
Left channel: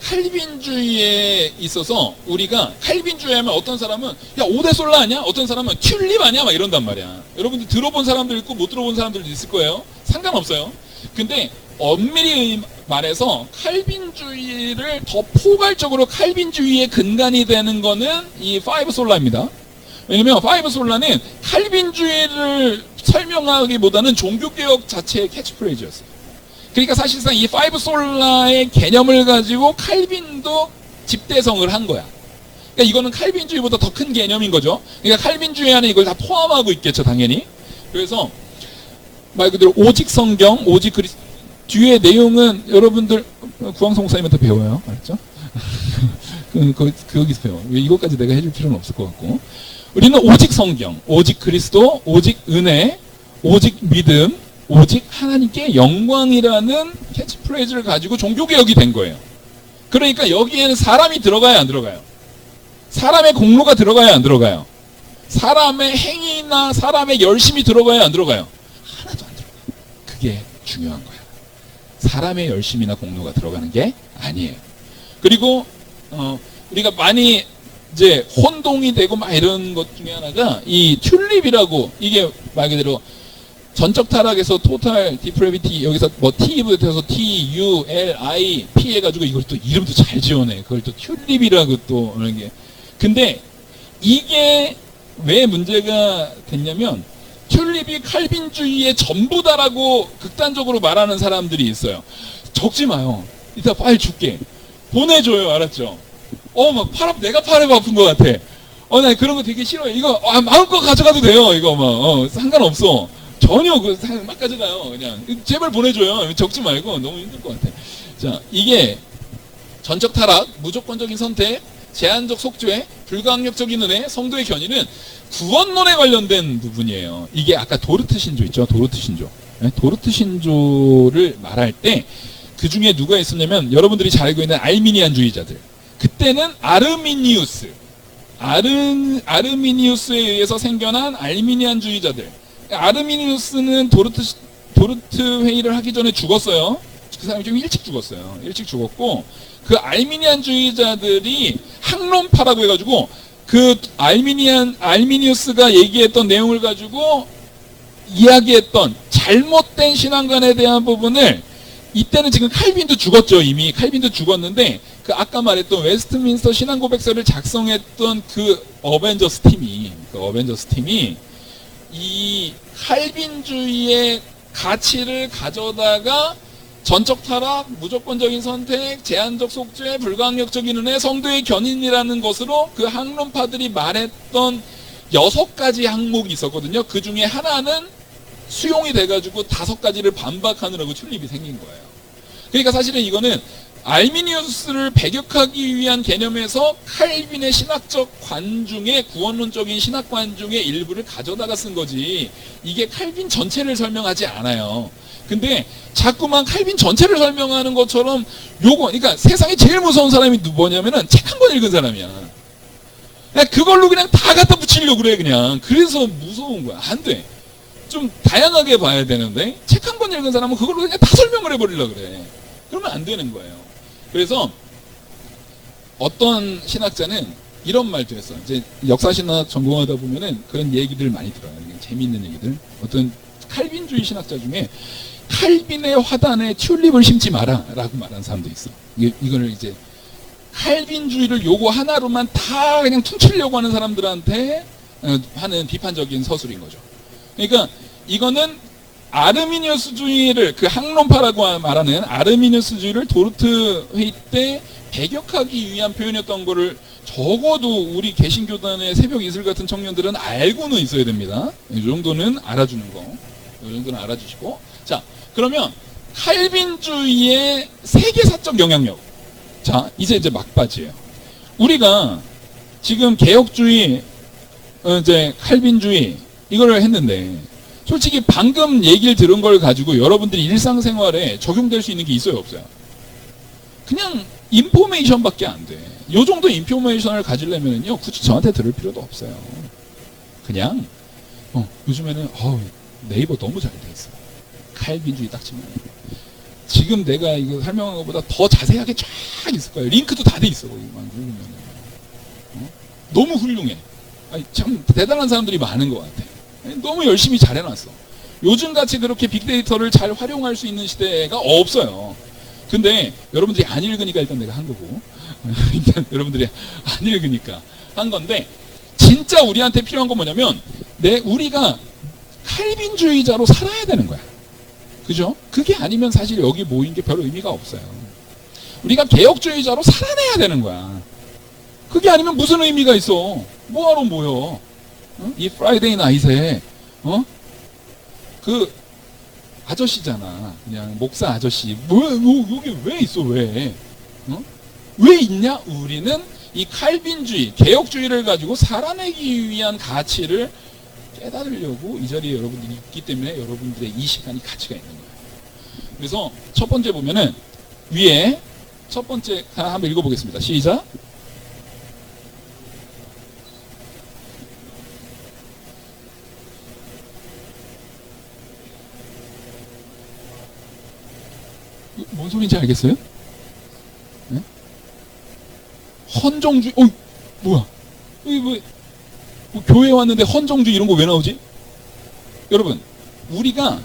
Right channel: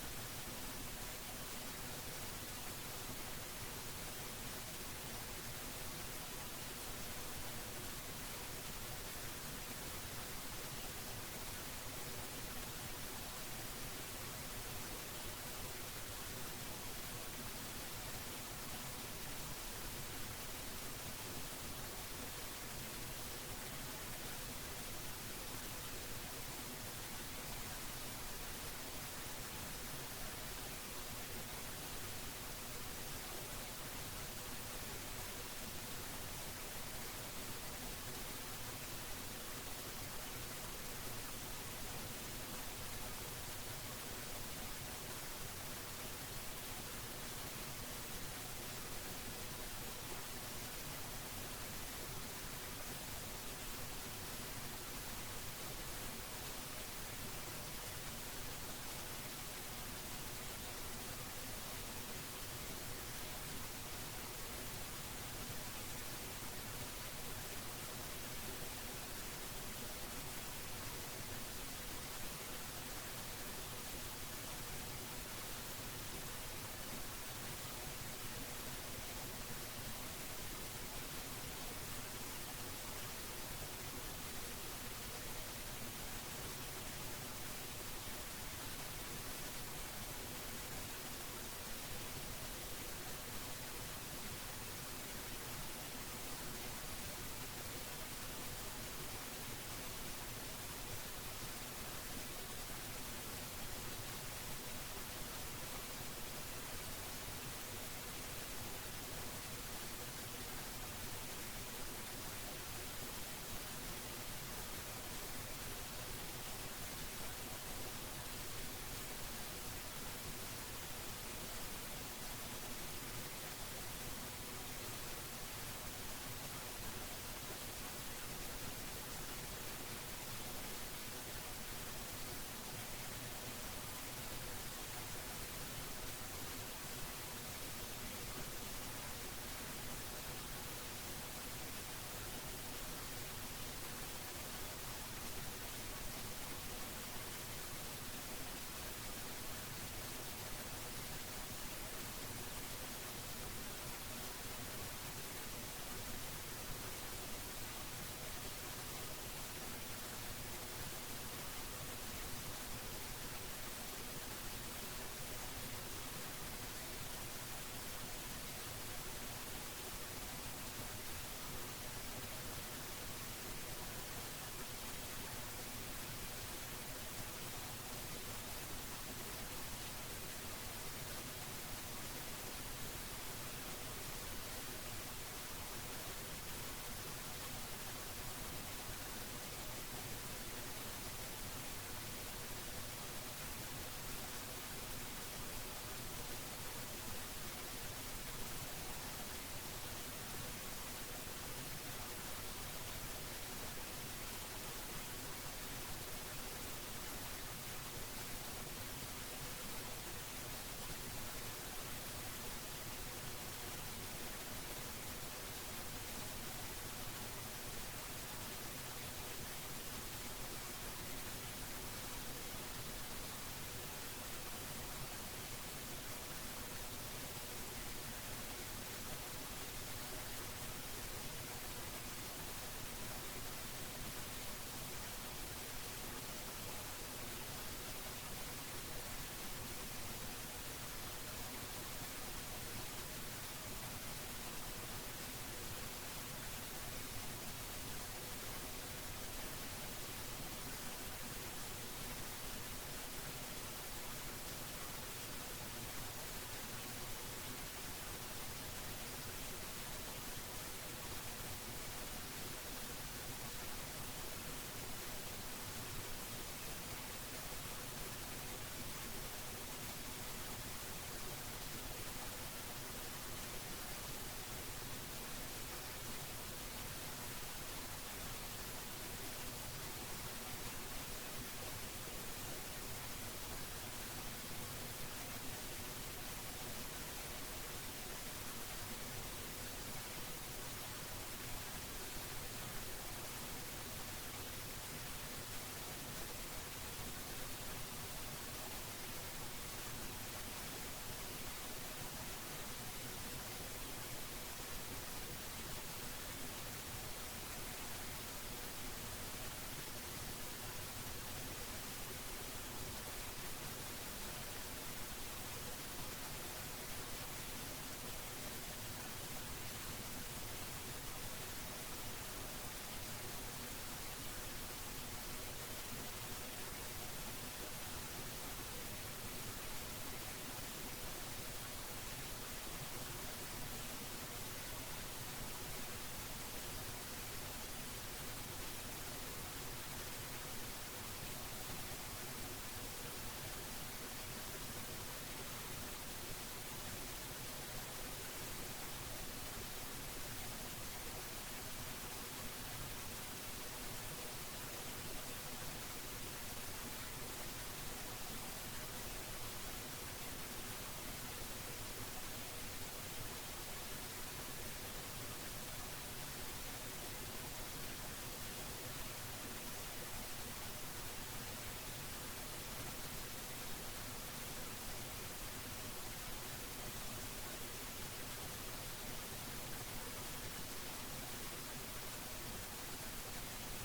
칼빈주의에 있어서 우리가 칼빈주의 하면 어떤 사람은 야, 오데솔라 아니야? 어떤 사람은 튤립 아니야? 막 이런단 말이야. 여러분들 들어본 사람들 있고 못 들어본 사람들도 있을 거예요. 상관없어요. 근데 엄밀히 말해서 칼빈주의를 더 포괄적으로 칼빈주의의 근간이 되는 거는 이 파이브 솔라입니다. 왜냐면 파이브 솔라는 칼빈주의를 설명하기보다는 종교개혁 자체의 캐치프레이즈였어요. 그러니까 사실상 이 파이브 솔라의 개념을 가지고 칼빈도 집대성을 한 거야. 그러니까 이거는 칼빈주의보다 더 큰 개념인 거죠. 그러니까 칼빈주의 안에 이걸 다 포함하고 있겠죠, 당연히. 그래서 말 그대로 오직 성경, 오직 그리스도. 뒤에 내용은 여러분들 구황성 목사님한테 배워요. 알았죠? 거기서 배워. 이것까지 내가 해줄 필요는 없을 것 같고. 우리는 오직 성경, 오직 그리스도, 오직 은혜, 오직 믿음, 오직 하나님께 영광이라는 캐치프레이즈를 가지고 종교개혁이 된 거예요. 그러니까 여기에는 사람이 들어가야 안 들어가요? 사람의 공로가 들어가야 안 들어가요? 사람의 행위나 사람의 열심이 들어가야 안 들어가요? 하나도 안 들어가요. 그게 중요한 거예요. 사람의 열심이나 공로가 들어가는 게 아니에요. 그리고 우리가 많이 이제 혼동이 되고 막 이런 것 중에 하나가 이 튤립이라고, 이게 말 그대로 전적 타락에서 토탈 디프레비티, 여기서 뭐 T부터 해서 T, U, L, I, P 해가지고 이걸 또 이름도 잘 지어내. 그걸 또 튤립이라고 또 그런 게. 근데 이게 왜 문제가 됐냐면, 튤립이 칼빈주의의 전부다라고 극단적으로 말하는 사람들이 있어요. 적지 마요. 이따 파일 줄게. 보내줘요. 알았죠? 막 내가 팔에 아픈 것 같아. 나 그런 거 되게 싫어요. 이거 마음껏 가져가도 돼요. 이거 상관없어. 전혀 막 가져가요. 그냥 제발 보내줘요. 적지 말고. 너무 힘들 것 같아. 자, 이게 전적 타락, 무조건적인 선택, 제한적 속죄, 불가항력적인 은혜, 성도의 견인은 구원론에 관련된 부분이에요. 이게 아까 도르트 신조 있죠? 도르트 신조. 네? 도르트 신조를 말할 때 그 중에 누가 있었냐면, 여러분들이 잘 알고 있는 알미니안주의자들. 그때는 아르미니우스에 의해서 생겨난 알미니안주의자들. 아르미니우스는 도르트 회의를 하기 전에 죽었어요. 그 사람이 좀 일찍 죽었어요. 일찍 죽었고, 그 알미니안주의자들이 학론파라고 해가지고, 그 알미니우스가 얘기했던 내용을 가지고 이야기했던 잘못된 신앙관에 대한 부분을, 이때는 지금 칼빈도 죽었죠. 이미 칼빈도 죽었는데, 그 아까 말했던 웨스트민스터 신앙고백서를 작성했던 그 어벤져스 팀이 이 칼빈주의의 가치를 가져다가 전적 타락, 무조건적인 선택, 제한적 속죄, 불가항력적인 은혜, 성도의 견인이라는 것으로 그 학론파들이 말했던 6가지 항목이 있었거든요. 그 중에 하나는 수용이 돼가지고 5가지를 반박하느라고 튤립이 생긴 거예요. 그러니까 사실은 이거는 알미니우스를 배격하기 위한 개념에서 칼빈의 신학적 관중의, 구원론적인 신학관 중의 일부를 가져다가 쓴 거지, 이게 칼빈 전체를 설명하지 않아요. 근데 자꾸만 칼빈 전체를 설명하는 것처럼 그러니까 세상에 제일 무서운 사람이 뭐냐면은 책 한 권 읽은 사람이야. 그냥 그걸로 그냥 다 갖다 붙이려고 그래, 그냥. 그래서 무서운 거야. 안 돼. 좀 다양하게 봐야 되는데, 책 한 권 읽은 사람은 그걸로 그냥 다 설명을 해버리려고 그래. 그러면 안 되는 거예요. 그래서 어떤 신학자는 이런 말도 했어. 이제 역사신학 전공하다 보면은 그런 얘기들 많이 들어요. 재미있는 얘기들. 어떤 칼빈주의 신학자 중에 칼빈의 화단에 튤립을 심지 마라 라고 말하는 사람도 있어. 이거를 이제 칼빈주의를 요거 하나로만 다 그냥 퉁치려고 하는 사람들한테 하는 비판적인 서술인 거죠. 그러니까 이거는 아르미니우스주의를, 그 학론파라고 말하는 아르미니우스주의를 도르트 회의 때 배격하기 위한 표현이었던 거를 적어도 우리 개신교단의 새벽 이슬 같은 청년들은 알고는 있어야 됩니다. 이 정도는 알아주는 거. 이 정도는 알아주시고. 자, 그러면 칼빈주의의 세계사적 영향력. 자, 이제 막바지예요. 우리가 지금 개혁주의, 이제 칼빈주의 이거를 했는데, 솔직히 방금 얘기를 들은 걸 가지고 여러분들이 일상생활에 적용될 수 있는 게 있어요, 없어요? 그냥 인포메이션밖에 안 돼. 요 정도 인포메이션을 가지려면요, 굳이 저한테 들을 필요도 없어요. 그냥 요즘에는 네이버 너무 잘 돼 있어. 칼빈주의 딱 치면 지금 내가 이거 설명한 것보다 더 자세하게 쫙 있을 거예요. 링크도 다 돼 있어. 너무 훌륭해. 참 대단한 사람들이 많은 것 같아. 너무 열심히 잘 해놨어. 요즘같이 그렇게 빅데이터를 잘 활용할 수 있는 시대가 없어요. 근데 여러분들이 안 읽으니까 일단 내가 한 거고, 일단 여러분들이 안 읽으니까 한 건데, 진짜 우리한테 필요한 건 뭐냐면, 우리가 칼빈주의자로 살아야 되는 거야. 그죠? 그게 아니면 사실 여기 모인 게 별 의미가 없어요. 우리가 개혁주의자로 살아내야 되는 거야. 그게 아니면 무슨 의미가 있어? 뭐하러 모여? 이 프라이데이 나잇에 그 아저씨잖아. 그냥 목사 아저씨. 여기 왜 있어? 왜 있냐? 우리는 이 칼빈주의, 개혁주의를 가지고 살아내기 위한 가치를 깨달으려고 이 자리에 여러분들이 있기 때문에 여러분들의 이 시간이 가치가 있는 거예요. 그래서 첫 번째 보면은 위에 첫 번째 한번 읽어보겠습니다. 시작. 뭔 소리인지 알겠어요? 네? 헌정주의, 뭐야? 여기 뭐 교회 왔는데 헌정주의 이런 거 왜 나오지? 여러분, 우리가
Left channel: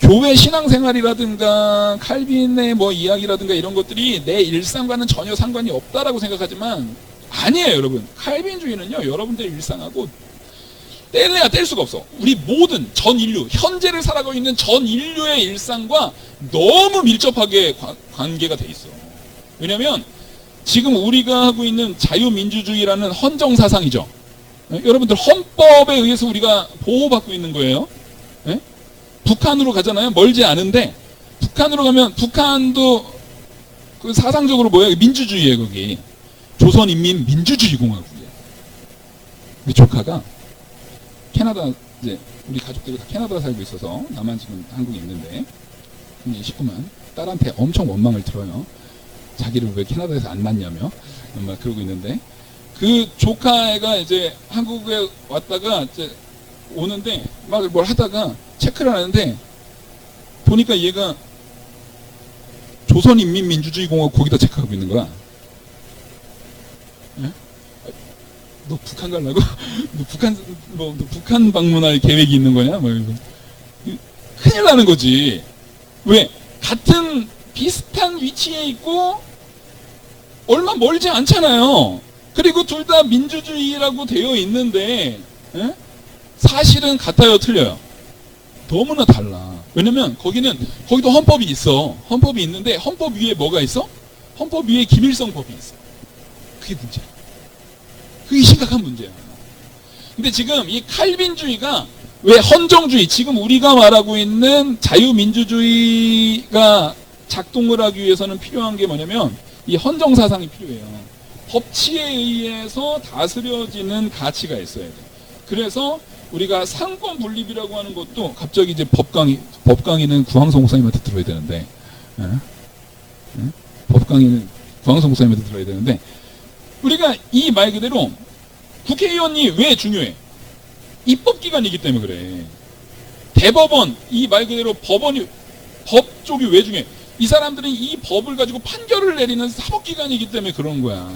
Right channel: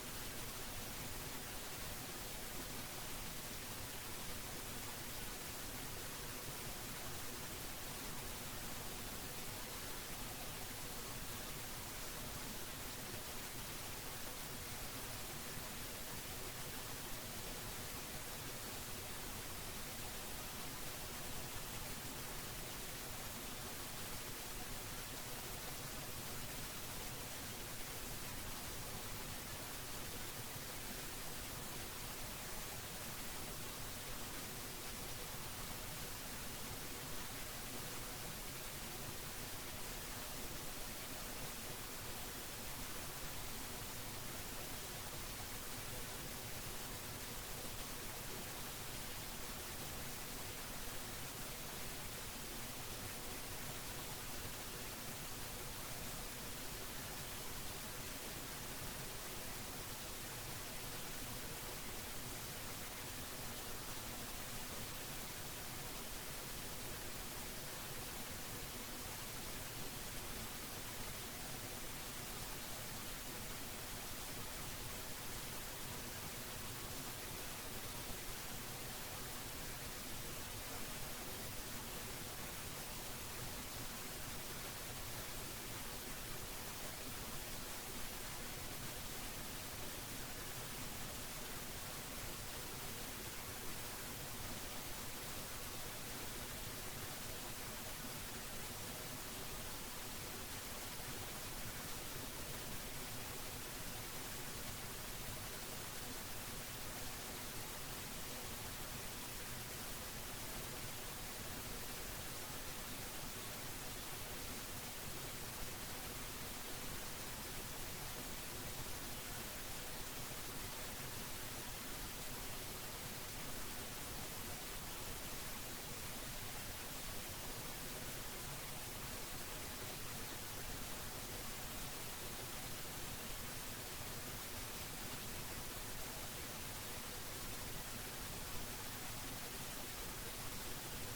교회 신앙생활이라든가 칼빈의 뭐 이야기라든가 이런 것들이 내 일상과는 전혀 상관이 없다라고 생각하지만 아니에요, 여러분. 칼빈주의는요, 여러분들의 일상하고 뗄래야 뗄 수가 없어. 우리 모든 전 인류, 현재를 살아가고 있는 전 인류의 일상과 너무 밀접하게 관계가 돼 있어. 왜냐면 지금 우리가 하고 있는 자유민주주의라는 헌정사상이죠. 여러분들 헌법에 의해서 우리가 보호받고 있는 거예요. 네? 북한으로 가잖아요. 멀지 않은데 북한으로 가면 북한도 그 사상적으로 뭐야? 민주주의예요. 거기 조선인민민주주의공화국이야. 우리 조카가 캐나다, 이제 우리 가족들이 다 캐나다 살고 있어서 나만 지금 한국에 있는데 식구만 딸한테 엄청 원망을 들어요. 자기를 왜 캐나다에서 안 낳냐며 막 그러고 있는데, 그 조카애가 이제 한국에 왔다가 이제 오는데 막 뭘 하다가 체크를 하는데 보니까 얘가 조선인민민주주의공화국 거기다 체크하고 있는 거야. 네? 너 북한 가려고? 너 북한 방문할 계획이 있는 거냐? 뭐 큰일 나는 거지. 왜? 같은 비슷한 위치에 있고 얼마 멀지 않잖아요. 그리고 둘 다 민주주의라고 되어 있는데 에? 사실은 같아요, 틀려요? 너무나 달라. 왜냐면 거기도 헌법이 있어. 헌법이 있는데 헌법 위에 뭐가 있어? 헌법 위에 김일성 법이 있어. 그게 문제야. 그게 심각한 문제야. 근데 지금 이 칼빈주의가 왜 헌정주의, 지금 우리가 말하고 있는 자유민주주의가 작동을 하기 위해서는 필요한 게 뭐냐면 이 헌정사상이 필요해요. 법치에 의해서 다스려지는 가치가 있어야 돼. 그래서 우리가 상권 분립이라고 하는 것도 갑자기 이제 법 강의는 구황성 목사님한테 들어야 되는데, 법 강의는 구황성 목사님한테 들어야 되는데, 우리가 이 말 그대로 국회의원이 왜 중요해? 입법기관이기 때문에 그래. 대법원, 이 말 그대로 법원이, 법 쪽이 왜 중요해? 이 사람들은 이 법을 가지고 판결을 내리는 사법기관이기 때문에 그런 거야.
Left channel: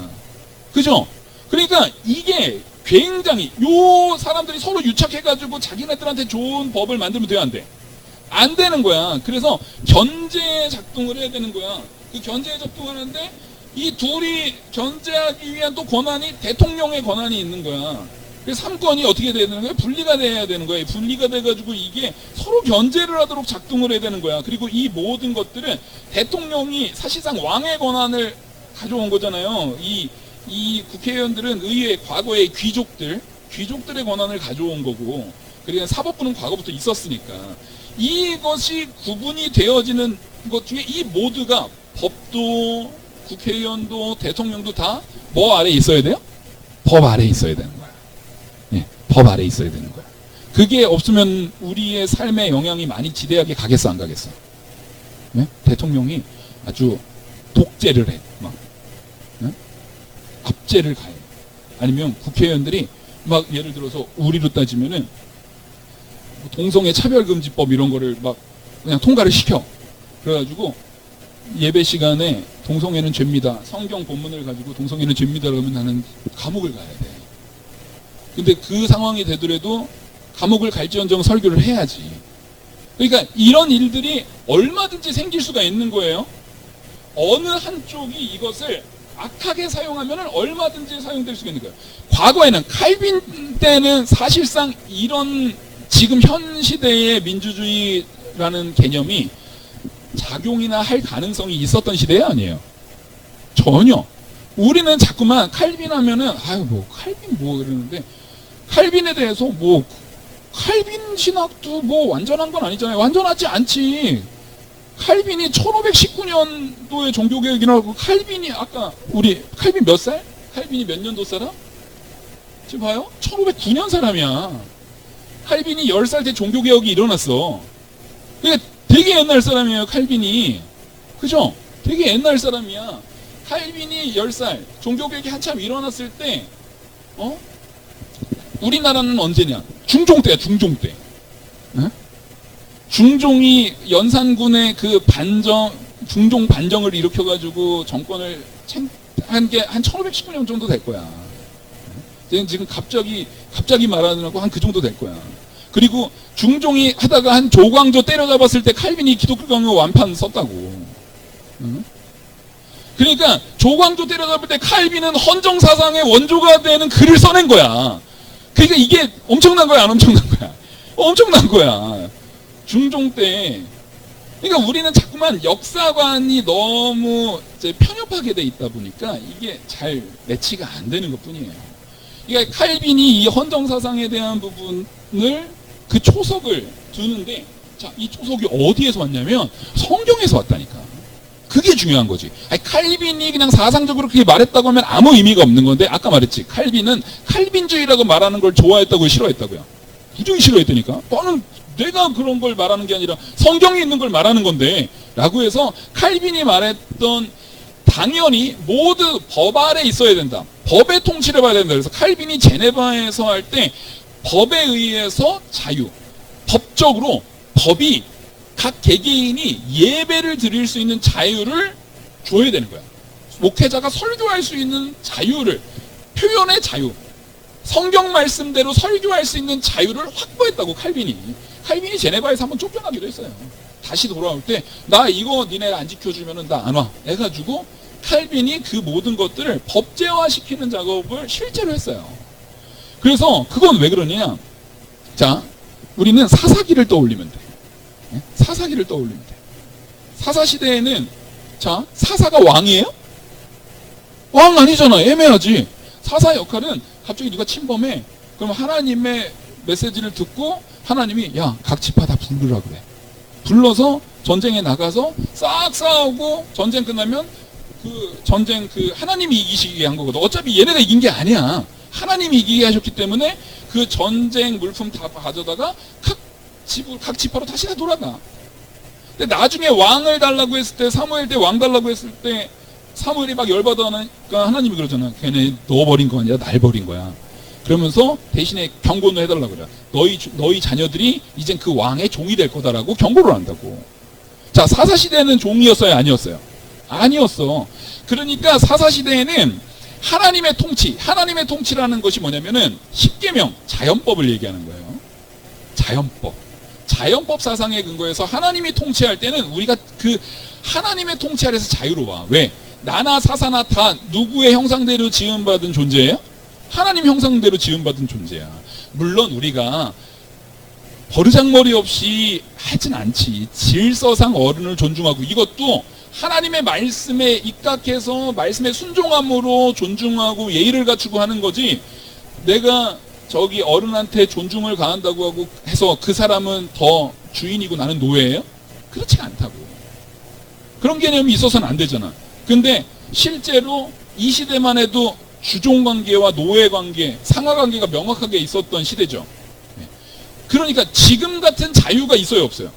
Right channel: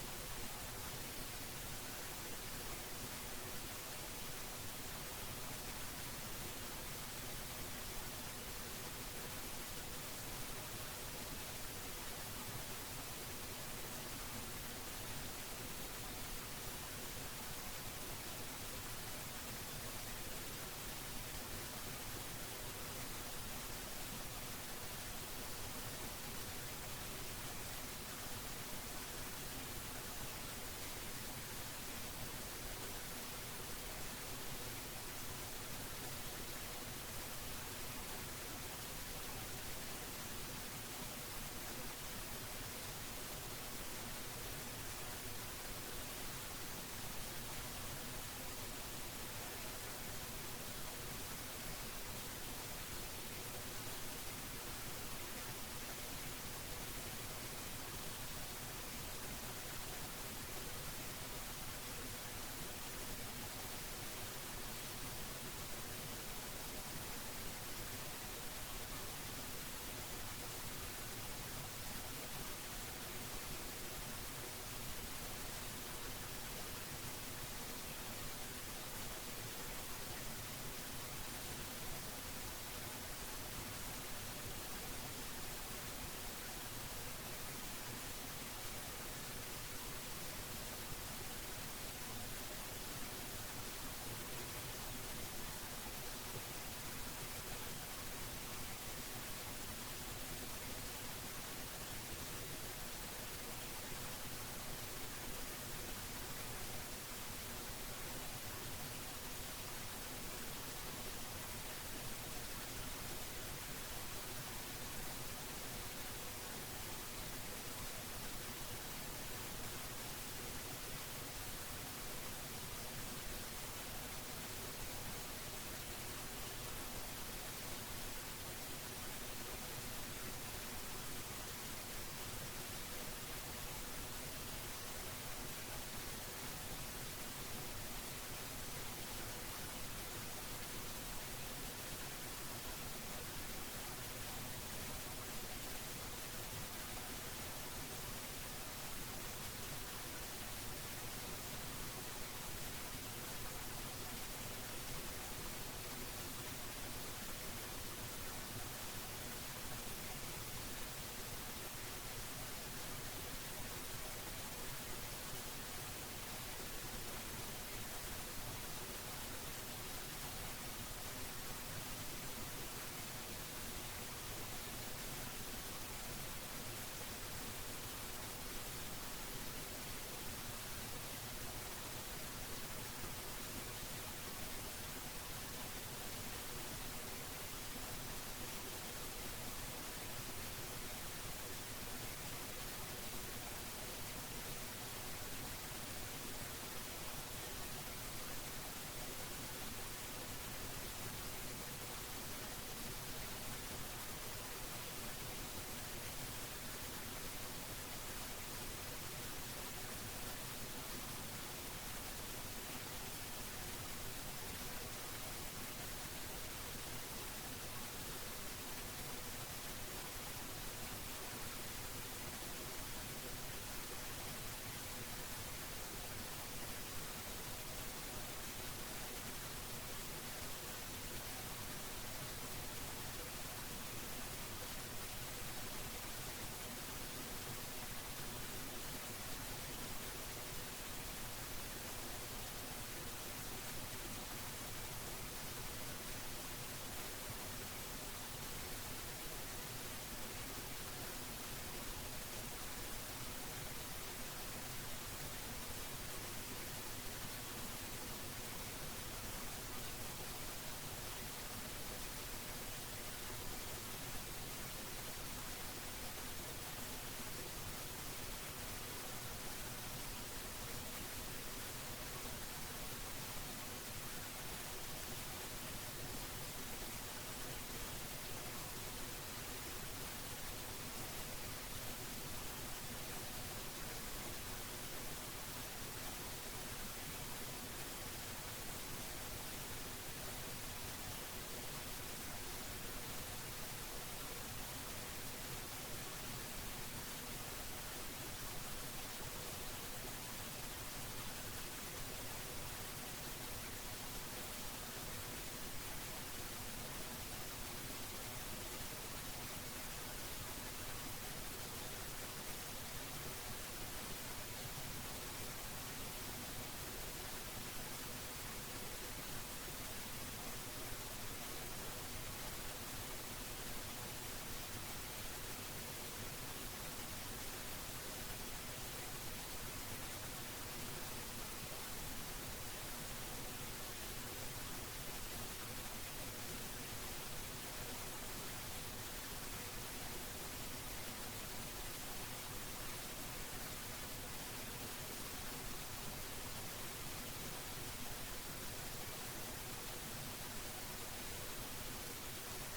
그죠? 그러니까 이게 굉장히 요 사람들이 서로 유착해가지고 자기네들한테 좋은 법을 만들면 돼요, 안 돼? 안 되는 거야. 그래서 견제 작동을 해야 되는 거야. 그 견제 작동하는데 이 둘이 견제하기 위한 또 권한이 대통령의 권한이 있는 거야. 그래서 3권이 어떻게 돼야 되는 거야? 분리가 돼야 되는 거야. 분리가 돼가지고 이게 서로 견제를 하도록 작동을 해야 되는 거야. 그리고 이 모든 것들은 대통령이 사실상 왕의 권한을 가져온 거잖아요. 이 국회의원들은 의회 과거의 귀족들의 권한을 가져온 거고, 그러니까 사법부는 과거부터 있었으니까 이것이 구분이 되어지는 것 중에 이 모두가 법도 국회의원도 대통령도 다 뭐 아래에 있어야 돼요? 법 아래에 있어야 되는 거야. 예, 법 아래에 있어야 되는 거야. 그게 없으면 우리의 삶에 영향이 많이 지대하게 가겠어, 안 가겠어? 예? 대통령이 아주 독재를 해. 막. 예? 압제를 가해. 아니면 국회의원들이 막 예를 들어서 우리로 따지면은 동성애 차별금지법 이런 거를 막 그냥 통과를 시켜. 그래가지고 예배 시간에 동성애는 죄입니다. 성경 본문을 가지고 동성애는 죄입니다. 그러면 나는 감옥을 가야 돼. 근데 그 상황이 되더라도 감옥을 갈지언정 설교를 해야지. 그러니까 이런 일들이 얼마든지 생길 수가 있는 거예요. 어느 한쪽이 이것을 악하게 사용하면 얼마든지 사용될 수가 있는 거예요. 과거에는 칼빈 때는 사실상 이런 지금 현 시대의 민주주의라는 개념이 작용이나 할 가능성이 있었던 시대 아니에요. 전혀. 우리는 자꾸만 칼빈 하면은 아유 뭐 칼빈 뭐 그러는데, 칼빈에 대해서 뭐 칼빈 신학도 뭐 완전한 건 아니잖아요. 완전하지 않지. 칼빈이 1519년도에 종교개혁이라고, 칼빈이 아까 우리 칼빈 몇 살? 칼빈이 몇 년도 사람? 지금 봐요. 1509년 사람이야. 칼빈이 10살 때 종교개혁이 일어났어. 그러니까 되게 옛날 사람이에요, 칼빈이. 그죠? 되게 옛날 사람이야. 칼빈이 10살, 종교개혁이 한참 일어났을 때, 우리나라는 언제냐? 중종 때야, 중종 때. 에? 중종이 연산군의 그 중종 반정을 일으켜가지고 정권을 한 게 한 1519년 정도 될 거야. 지금 갑자기 말하느라고 한 그 정도 될 거야. 그리고 중종이 하다가 한 조광조 때려잡았을 때 칼빈이 기독교경의 완판 썼다고. 응? 그러니까 조광조 때려잡을 때 칼빈은 헌정사상의 원조가 되는 글을 써낸 거야. 그러니까 이게 엄청난 거야, 안 엄청난 거야? 엄청난 거야. 중종 때. 그러니까 우리는 자꾸만 역사관이 너무 이제 편협하게 돼 있다 보니까 이게 잘 매치가 안 되는 것 뿐이에요. 그러니까 칼빈이 이 헌정사상에 대한 부분을 그 초석을 두는데, 자, 이 초석이 어디에서 왔냐면 성경에서 왔다니까. 그게 중요한 거지. 아니, 칼빈이 그냥 사상적으로 그렇게 말했다고 하면 아무 의미가 없는 건데, 아까 말했지. 칼빈은 칼빈주의라고 말하는 걸 좋아했다고 싫어했다고요. 부정이 싫어했다니까. 너는 내가 그런 걸 말하는 게 아니라 성경에 있는 걸 말하는 건데, 라고 해서 칼빈이 말했던 당연히 모두 법 아래 있어야 된다. 법의 통치를 받아야 된다. 그래서 칼빈이 제네바에서 할 때 법에 의해서 자유, 법적으로 법이 각 개개인이 예배를 드릴 수 있는 자유를 줘야 되는 거야. 목회자가 설교할 수 있는 자유를, 표현의 자유, 성경 말씀대로 설교할 수 있는 자유를 확보했다고. 칼빈이 제네바에서 한번 쫓겨나기도 했어요. 다시 돌아올 때 나 이거 니네 안 지켜주면은 나 안 와 해가지고 칼빈이 그 모든 것들을 법제화시키는 작업을 실제로 했어요. 그래서 그건 왜 그러냐? 자, 우리는 사사기를 떠올리면 돼. 사사기를 떠올리면 돼. 사사시대에는, 자, 사사가 왕이에요? 왕 아니잖아. 애매하지. 사사 역할은 갑자기 누가 침범해. 그럼 하나님의 메시지를 듣고 하나님이 야, 각 지파 다 부르라 그래. 불러서 전쟁에 나가서 싹 싸우고 전쟁 끝나면 그 전쟁 하나님이 이기시게 한 거거든. 어차피 얘네가 이긴 게 아니야. 하나님이 이기게 하셨기 때문에 그 전쟁 물품 다 가져다가 각 지파로 다시 다 돌아가. 근데 나중에 왕을 달라고 했을 때, 사무엘 때 왕 달라고 했을 때 사무엘이 막 열받으니까 하나님이 그러잖아. 걔네 너 버린 거 아니라 날 버린 거야. 그러면서 대신에 경고는 해달라고 그래. 너희 자녀들이 이젠 그 왕의 종이 될 거다라고 경고를 한다고. 자, 사사시대는 종이었어요, 아니었어요? 아니었어. 그러니까 사사시대에는 하나님의 통치라는 것이 뭐냐면은 십계명, 자연법을 얘기하는 거예요. 자연법 사상에 근거해서 하나님이 통치할 때는 우리가 그 하나님의 통치 아래서 자유로워. 왜? 나나 사사나 다 누구의 형상대로 지음받은 존재예요? 하나님 형상대로 지음받은 존재야. 물론 우리가 버르장머리 없이 하진 않지. 질서상 어른을 존중하고, 이것도 하나님의 말씀에 입각해서 말씀에 순종함으로 존중하고 예의를 갖추고 하는 거지, 내가 저기 어른한테 존중을 가한다고 하고 해서 그 사람은 더 주인이고 나는 노예예요? 그렇지가 않다고. 그런 개념이 있어서는 안 되잖아. 근데 실제로 이 시대만 해도 주종관계와 노예관계, 상하관계가 명확하게 있었던 시대죠. 그러니까 지금 같은 자유가 있어요, 없어요?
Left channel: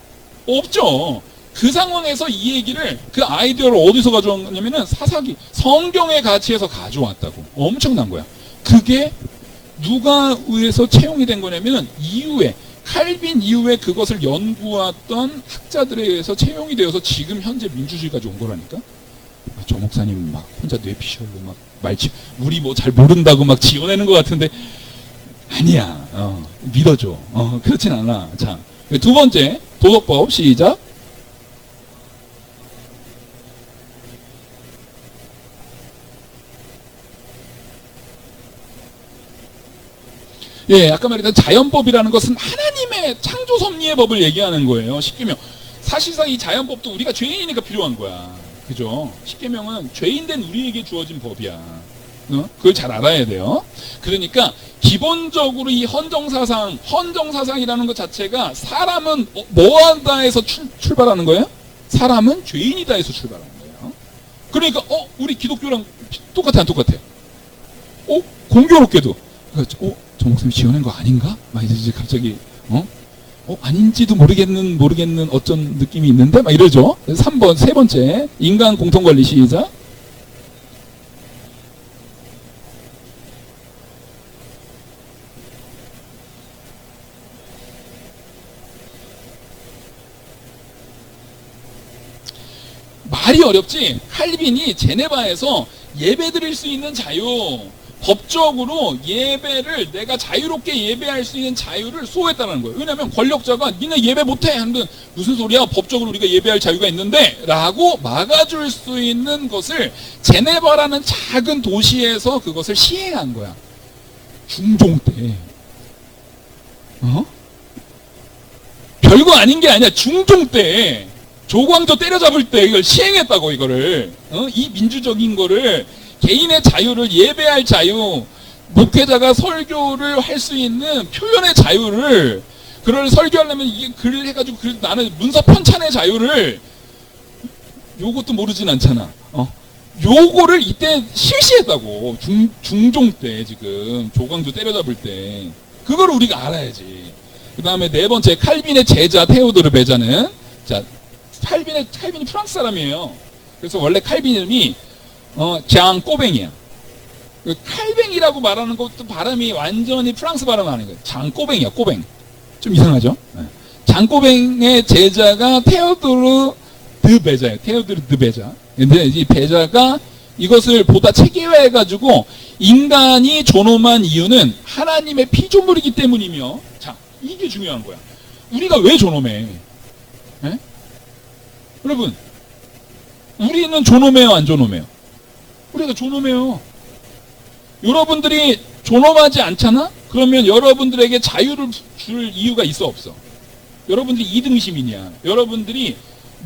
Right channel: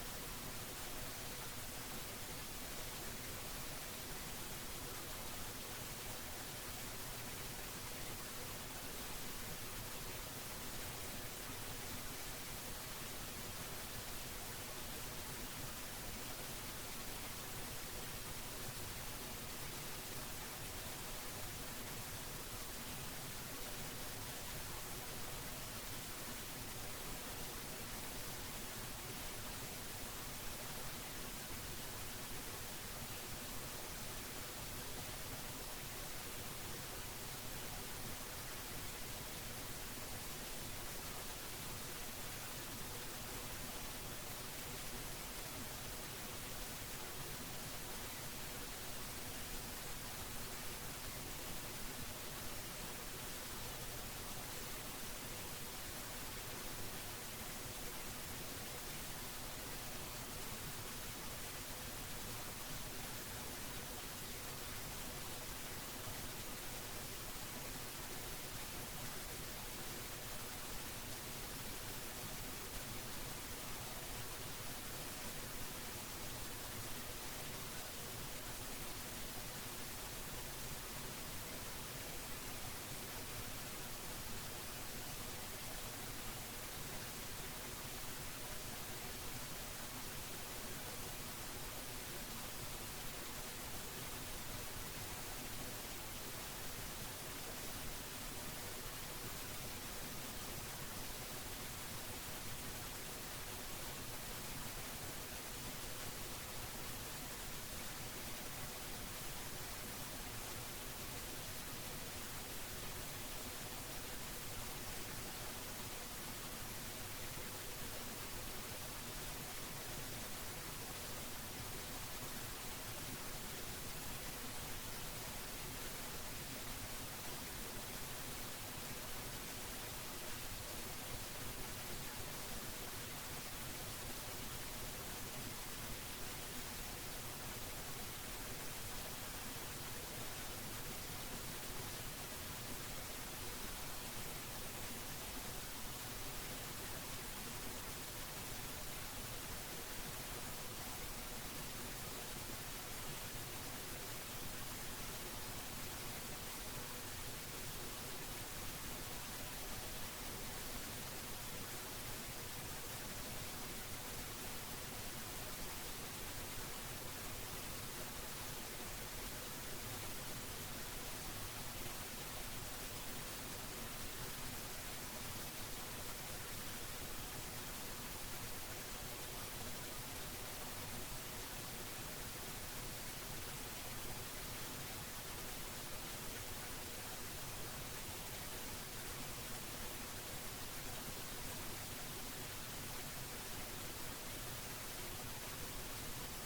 없죠. 그 상황에서 이 얘기를, 그 아이디어를 어디서 가져왔냐면은 사사기, 성경의 가치에서 가져왔다고. 엄청난 거야. 그게 누가 의해서 채용이 된 거냐면은 이후에, 칼빈 이후에 그것을 연구했던 학자들에 의해서 채용이 되어서 지금 현재 민주주의까지 온 거라니까. 조 목사님 막 혼자 뇌피셜로 막 우리 뭐 잘 모른다고 막 지어내는 것 같은데 아니야. 믿어줘. 그렇진 않아. 자, 두 번째 도덕법 시작. 예, 아까 말했던 자연법이라는 것은 하나님의 창조 섭리의 법을 얘기하는 거예요. 십계명. 사실상 이 자연법도 우리가 죄인이니까 필요한 거야. 그죠? 십계명은 죄인된 우리에게 주어진 법이야. 그걸 잘 알아야 돼요. 그러니까 기본적으로 이 헌정사상이라는 것 자체가 사람은 뭐하다에서 출발하는 거예요? 사람은 죄인이다에서 출발하는 거예요. 그러니까 우리 기독교랑 똑같아, 안 똑같아? 공교롭게도 저 목사님 지어낸 거 아닌가? 막 이제 갑자기 아닌지도 모르겠는 어떤 느낌이 있는데 막 이러죠. 3번 세 번째 인간 공통권리 시작. 말이 어렵지. 칼빈이 제네바에서 예배 드릴 수 있는 자유, 법적으로 예배를 내가 자유롭게 예배할 수 있는 자유를 수호했다는 거예요. 왜냐하면 권력자가 니네 예배 못해 하는데 무슨 소리야, 법적으로 우리가 예배할 자유가 있는데 라고 막아줄 수 있는 것을 제네바라는 작은 도시에서 그것을 시행한 거야. 중종 때. 별거 아닌 게 아니야. 중종 때 조광조 때려잡을 때 이걸 시행했다고. 이거를 이 민주적인 거를, 개인의 자유를, 예배할 자유, 목회자가 설교를 할 수 있는 표현의 자유를, 그걸 설교하려면 이게 글을 해가지고 나는 문서 편찬의 자유를, 요것도 모르진 않잖아. 요거를 이때 실시했다고. 중종 때, 지금 조광조 때려잡을 때. 그걸 우리가 알아야지. 그 다음에 네 번째, 칼빈의 제자 테오도르 베자는, 자, 칼빈이 프랑스 사람이에요. 그래서 원래 칼빈 이름이 장 꼬뱅이야. 칼뱅이라고 말하는 것도 발음이 완전히 프랑스 발음 아닌 거예요. 장 꼬뱅이야, 꼬뱅. 좀 이상하죠? 장 꼬뱅의 제자가 테오도르 드 베자예요. 테오도르 드 베자. 근데 이 베자가 이것을 보다 체계화해가지고 인간이 존엄한 이유는 하나님의 피조물이기 때문이며, 자, 이게 중요한 거야. 우리가 왜 존엄해? 에? 여러분, 우리는 존엄해요, 안 존엄해요? 우리가 존엄해요. 여러분들이 존엄하지 않잖아? 그러면 여러분들에게 자유를 줄 이유가 있어, 없어? 여러분들이 2등 시민이야. 여러분들이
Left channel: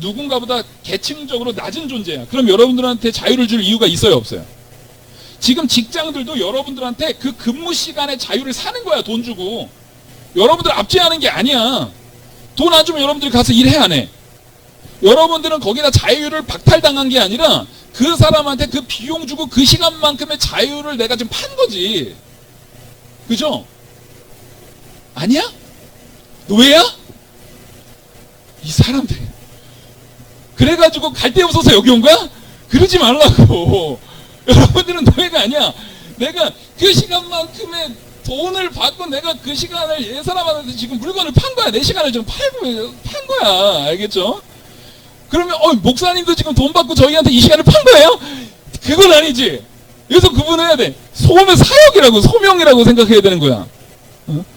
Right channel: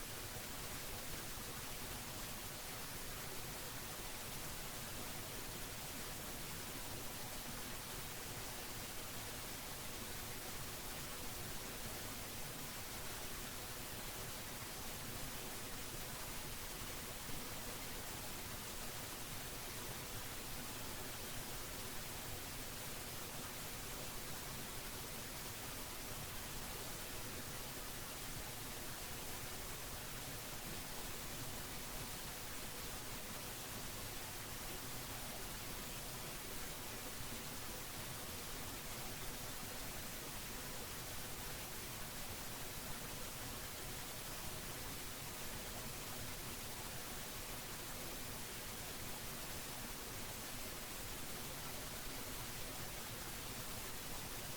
누군가보다 계층적으로 낮은 존재야. 그럼 여러분들한테 자유를 줄 이유가 있어요, 없어요? 지금 직장들도 여러분들한테 그 근무 시간에 자유를 사는 거야, 돈 주고. 여러분들 압제하는 게 아니야. 돈 안 주면 여러분들이 가서 일해, 안 해? 여러분들은 거기다 자유를 박탈당한 게 아니라 그 사람한테 그 비용 주고 그 시간만큼의 자유를 내가 지금 판 거지. 그죠? 아니야? 노예야? 이 사람들. 그래가지고 갈 데 없어서 여기 온 거야? 그러지 말라고. 여러분들은 노예가 아니야. 내가 그 시간만큼의 돈을 받고 내가 그 시간을 이 사람한테 지금 물건을 판 거야. 내 시간을 지금 판 거야. 알겠죠? 그러면 목사님도 지금 돈 받고 저희한테 이 시간을 판 거예요? 그건 아니지. 그래서 구분해야 돼. 소음의 사역이라고, 소명이라고 생각해야 되는 거야.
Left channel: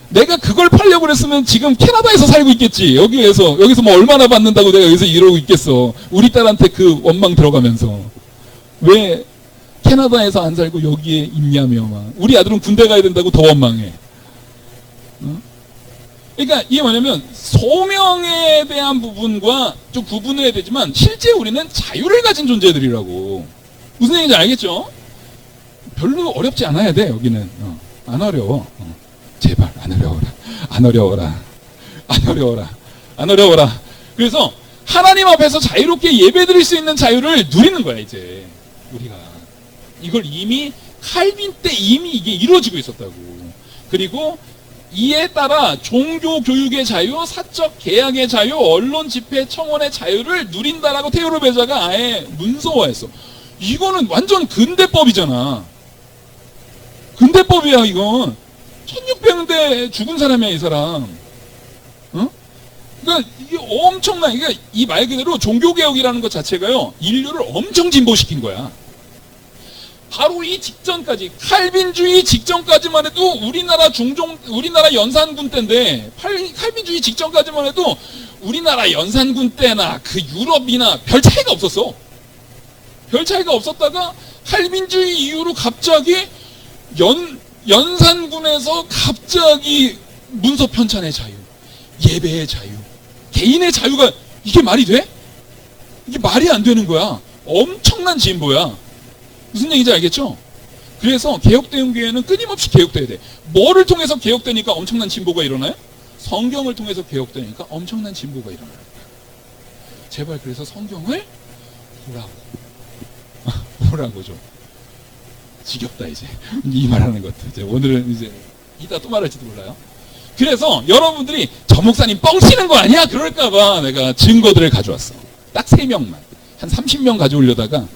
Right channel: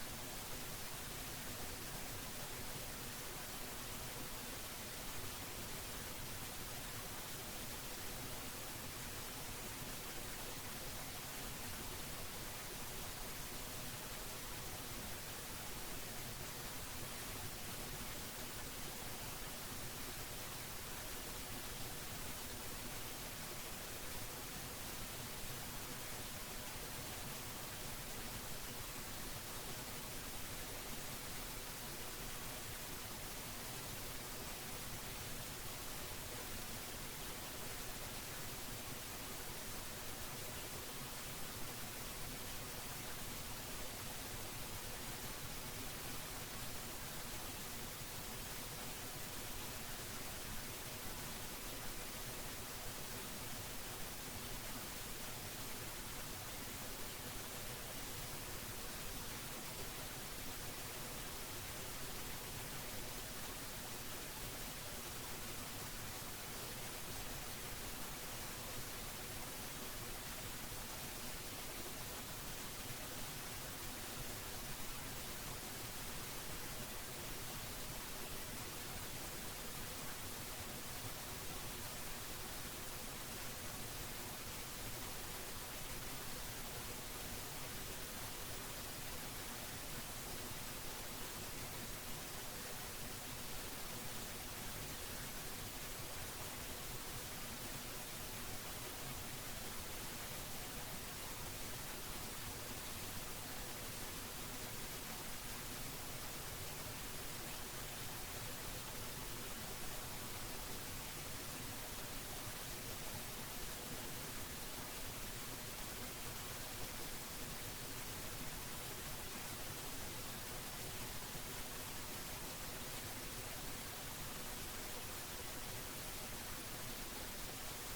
내가 그걸 팔려고 그랬으면 지금 캐나다에서 살고 있겠지. 여기서 뭐 얼마나 받는다고 내가 여기서 이러고 있겠어. 우리 딸한테 그 원망 들어가면서. 왜 캐나다에서 안 살고 여기에 있냐며 막. 우리 아들은 군대 가야 된다고 더 원망해. 그러니까 이게 뭐냐면 소명에 대한 부분과 좀 구분해야 되지만 실제 우리는 자유를 가진 존재들이라고. 무슨 얘기인지 알겠죠? 별로 어렵지 않아야 돼. 여기는 안 어려워. 제발 안 어려워라. 안 어려워라. 안 어려워라. 안 어려워라. 그래서 하나님 앞에서 자유롭게 예배드릴 수 있는 자유를 누리는 거야. 이제 우리가 이걸 이미 칼빈 때 이미 이게 이루어지고 있었다고. 그리고 이에 따라 종교 교육의 자유, 사적 계약의 자유, 언론 집회 청원의 자유를 누린다라고 테오도르 베자가 아예 문서화했어. 이거는 완전 근대법이잖아. 근대법이야 이건. 1600년대 죽은 사람이야 이 사람. 그러니까 이게 엄청난, 그러니까 이 말 그대로 종교개혁이라는 것 자체가요 인류를 엄청 진보시킨 거야. 바로 이 직전까지, 칼빈주의 직전까지만 해도 우리나라 연산군 때인데, 칼빈주의 직전까지만 해도 우리나라 연산군 때나 그 유럽이나 별 차이가 없었어. 별 차이가 없었다가 칼빈주의 이후로 갑자기 연산군에서 갑자기 문서 편찬의 자유, 예배의 자유, 개인의 자유가, 이게 말이 돼? 이게 말이 안 되는 거야. 엄청난 진보야. 무슨 얘기인지 알겠죠? 그래서 개혁대응 교회는 끊임없이 개혁돼야 돼. 뭐를 통해서 개혁되니까 엄청난 진보가 일어나요? 성경을 통해서 개혁되니까 엄청난 진보가 일어나요. 제발 그래서 성경을 보라고 좀. 지겹다 이제 이 말하는 것도. 이제 오늘은 이제 이따 또 말할지도 몰라요. 그래서 여러분들이 저 목사님 뻥치는 거 아니야? 그럴까봐 내가 증거들을 가져왔어. 딱 3명만. 한 30명 가져오려다가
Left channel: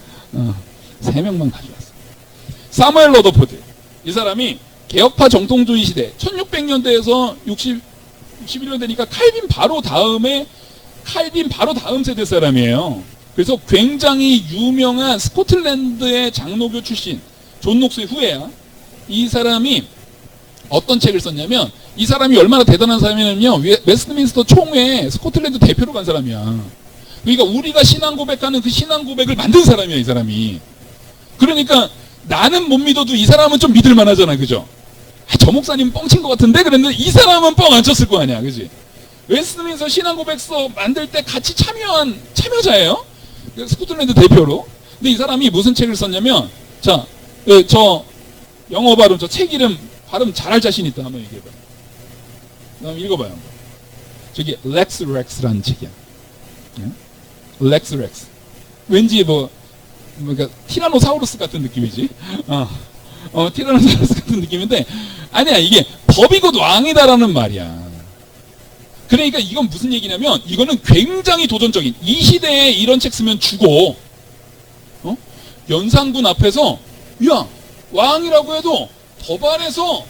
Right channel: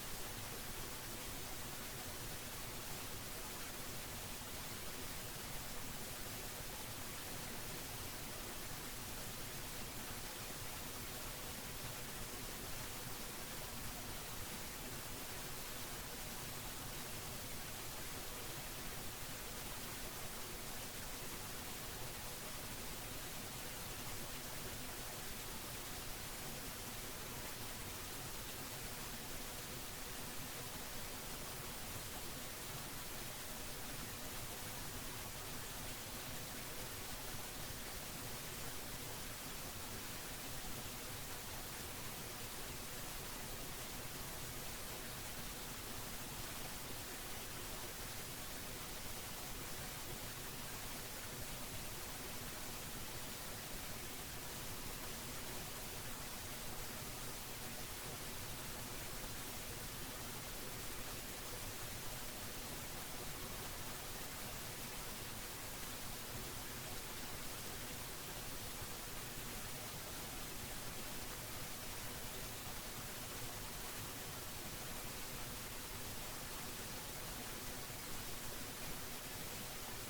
3명만 가져왔어. 사무엘 러더포드. 이 사람이 개혁파 정통주의 시대 1600년대에서 61년 되니까 칼빈 바로 다음 세대 사람이에요. 그래서 굉장히 유명한 스코틀랜드의 장로교 출신 존 녹스의 후예야. 이 사람이 어떤 책을 썼냐면, 이 사람이 얼마나 대단한 사람이냐면요, 웨스트민스터 총회 스코틀랜드 대표로 간 사람이야. 그러니까 우리가 신앙 고백하는 그 신앙 고백을 만든 사람이야, 이 사람이. 그러니까 나는 못 믿어도 이 사람은 좀 믿을 만하잖아, 그죠? 아, 저 목사님 뻥친 것 같은데? 그랬는데 이 사람은 뻥 안 쳤을 거 아니야, 그지? 웨스트민스터 신앙 고백서 만들 때 같이 참여한 참여자예요. 스코틀랜드 대표로. 근데 이 사람이 무슨 책을 썼냐면, 자, 저 영어 발음, 저 책 이름 발음 잘할 자신 있다. 한번 얘기해봐. 한번 읽어봐요. 저기 렉스 렉스라는 책이야. 렉스 렉스. 왠지 그러니까 티라노사우루스 같은 느낌이지. 티라노사우루스 같은 느낌인데, 아니야, 이게 법이 곧 왕이다라는 말이야. 그러니까 이건 무슨 얘기냐면, 이거는 굉장히 도전적인, 이 시대에 이런 책 쓰면 죽어. 연산군 앞에서, 야, 왕이라고 해도 법 안에서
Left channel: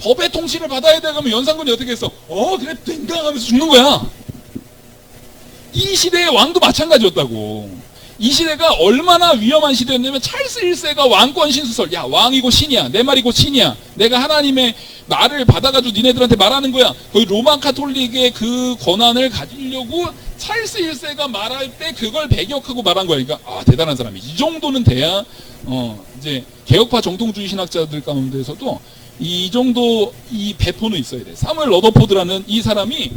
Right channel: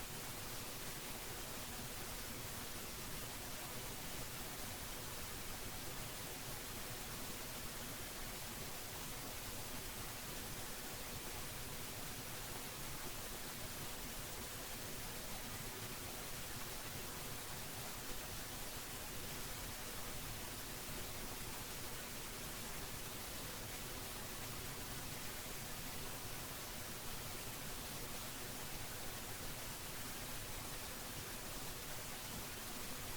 법의 통치를 받아야 돼. 그러면 연산군이 어떻게 했어? 그래, 땡강 하면서 죽는 거야. 이 시대의 왕도 마찬가지였다고. 이 시대가 얼마나 위험한 시대였냐면, 찰스 1세가 왕권 신수설, 야, 왕이고 신이야, 내 말이고 신이야, 내가 하나님의 말을 받아가지고 니네들한테 말하는 거야. 거의 로마 카톨릭의 그 권한을 가지려고 찰스 1세가 말할 때 그걸 배격하고 말한 거야. 그러니까 대단한 사람이. 이 정도는 돼야 이제 개혁파 정통주의 신학자들 가운데서도 이 정도 이 배포는 있어야 돼. 사무엘 러더포드라는 이 사람이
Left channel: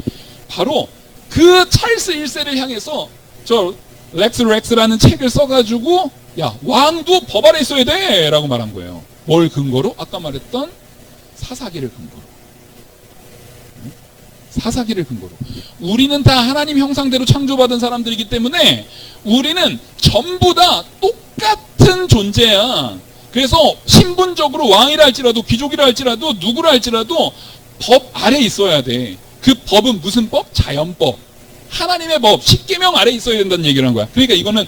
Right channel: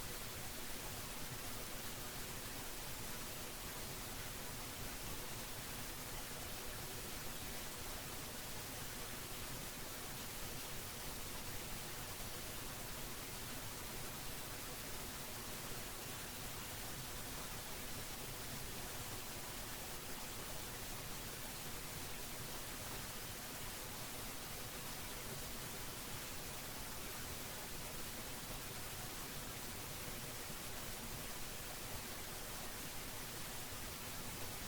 바로 그 찰스 1세를 향해서 저 렉스라는 책을 써가지고, 야, 왕도 법 아래 있어야 돼 라고 말한 거예요. 뭘 근거로? 아까 말했던 사사기를 근거로. 사사기를 근거로. 우리는 다 하나님 형상대로 창조받은 사람들이기 때문에 우리는 전부 다 똑같은 존재야. 그래서 신분적으로 왕이라 할지라도 귀족이라 할지라도 누구라 할지라도 법 아래 있어야 돼. 그 법은 무슨 법? 자연법. 하나님의 법, 십계명 아래 있어야 된다는 얘기를 한 거야. 그러니까 이거는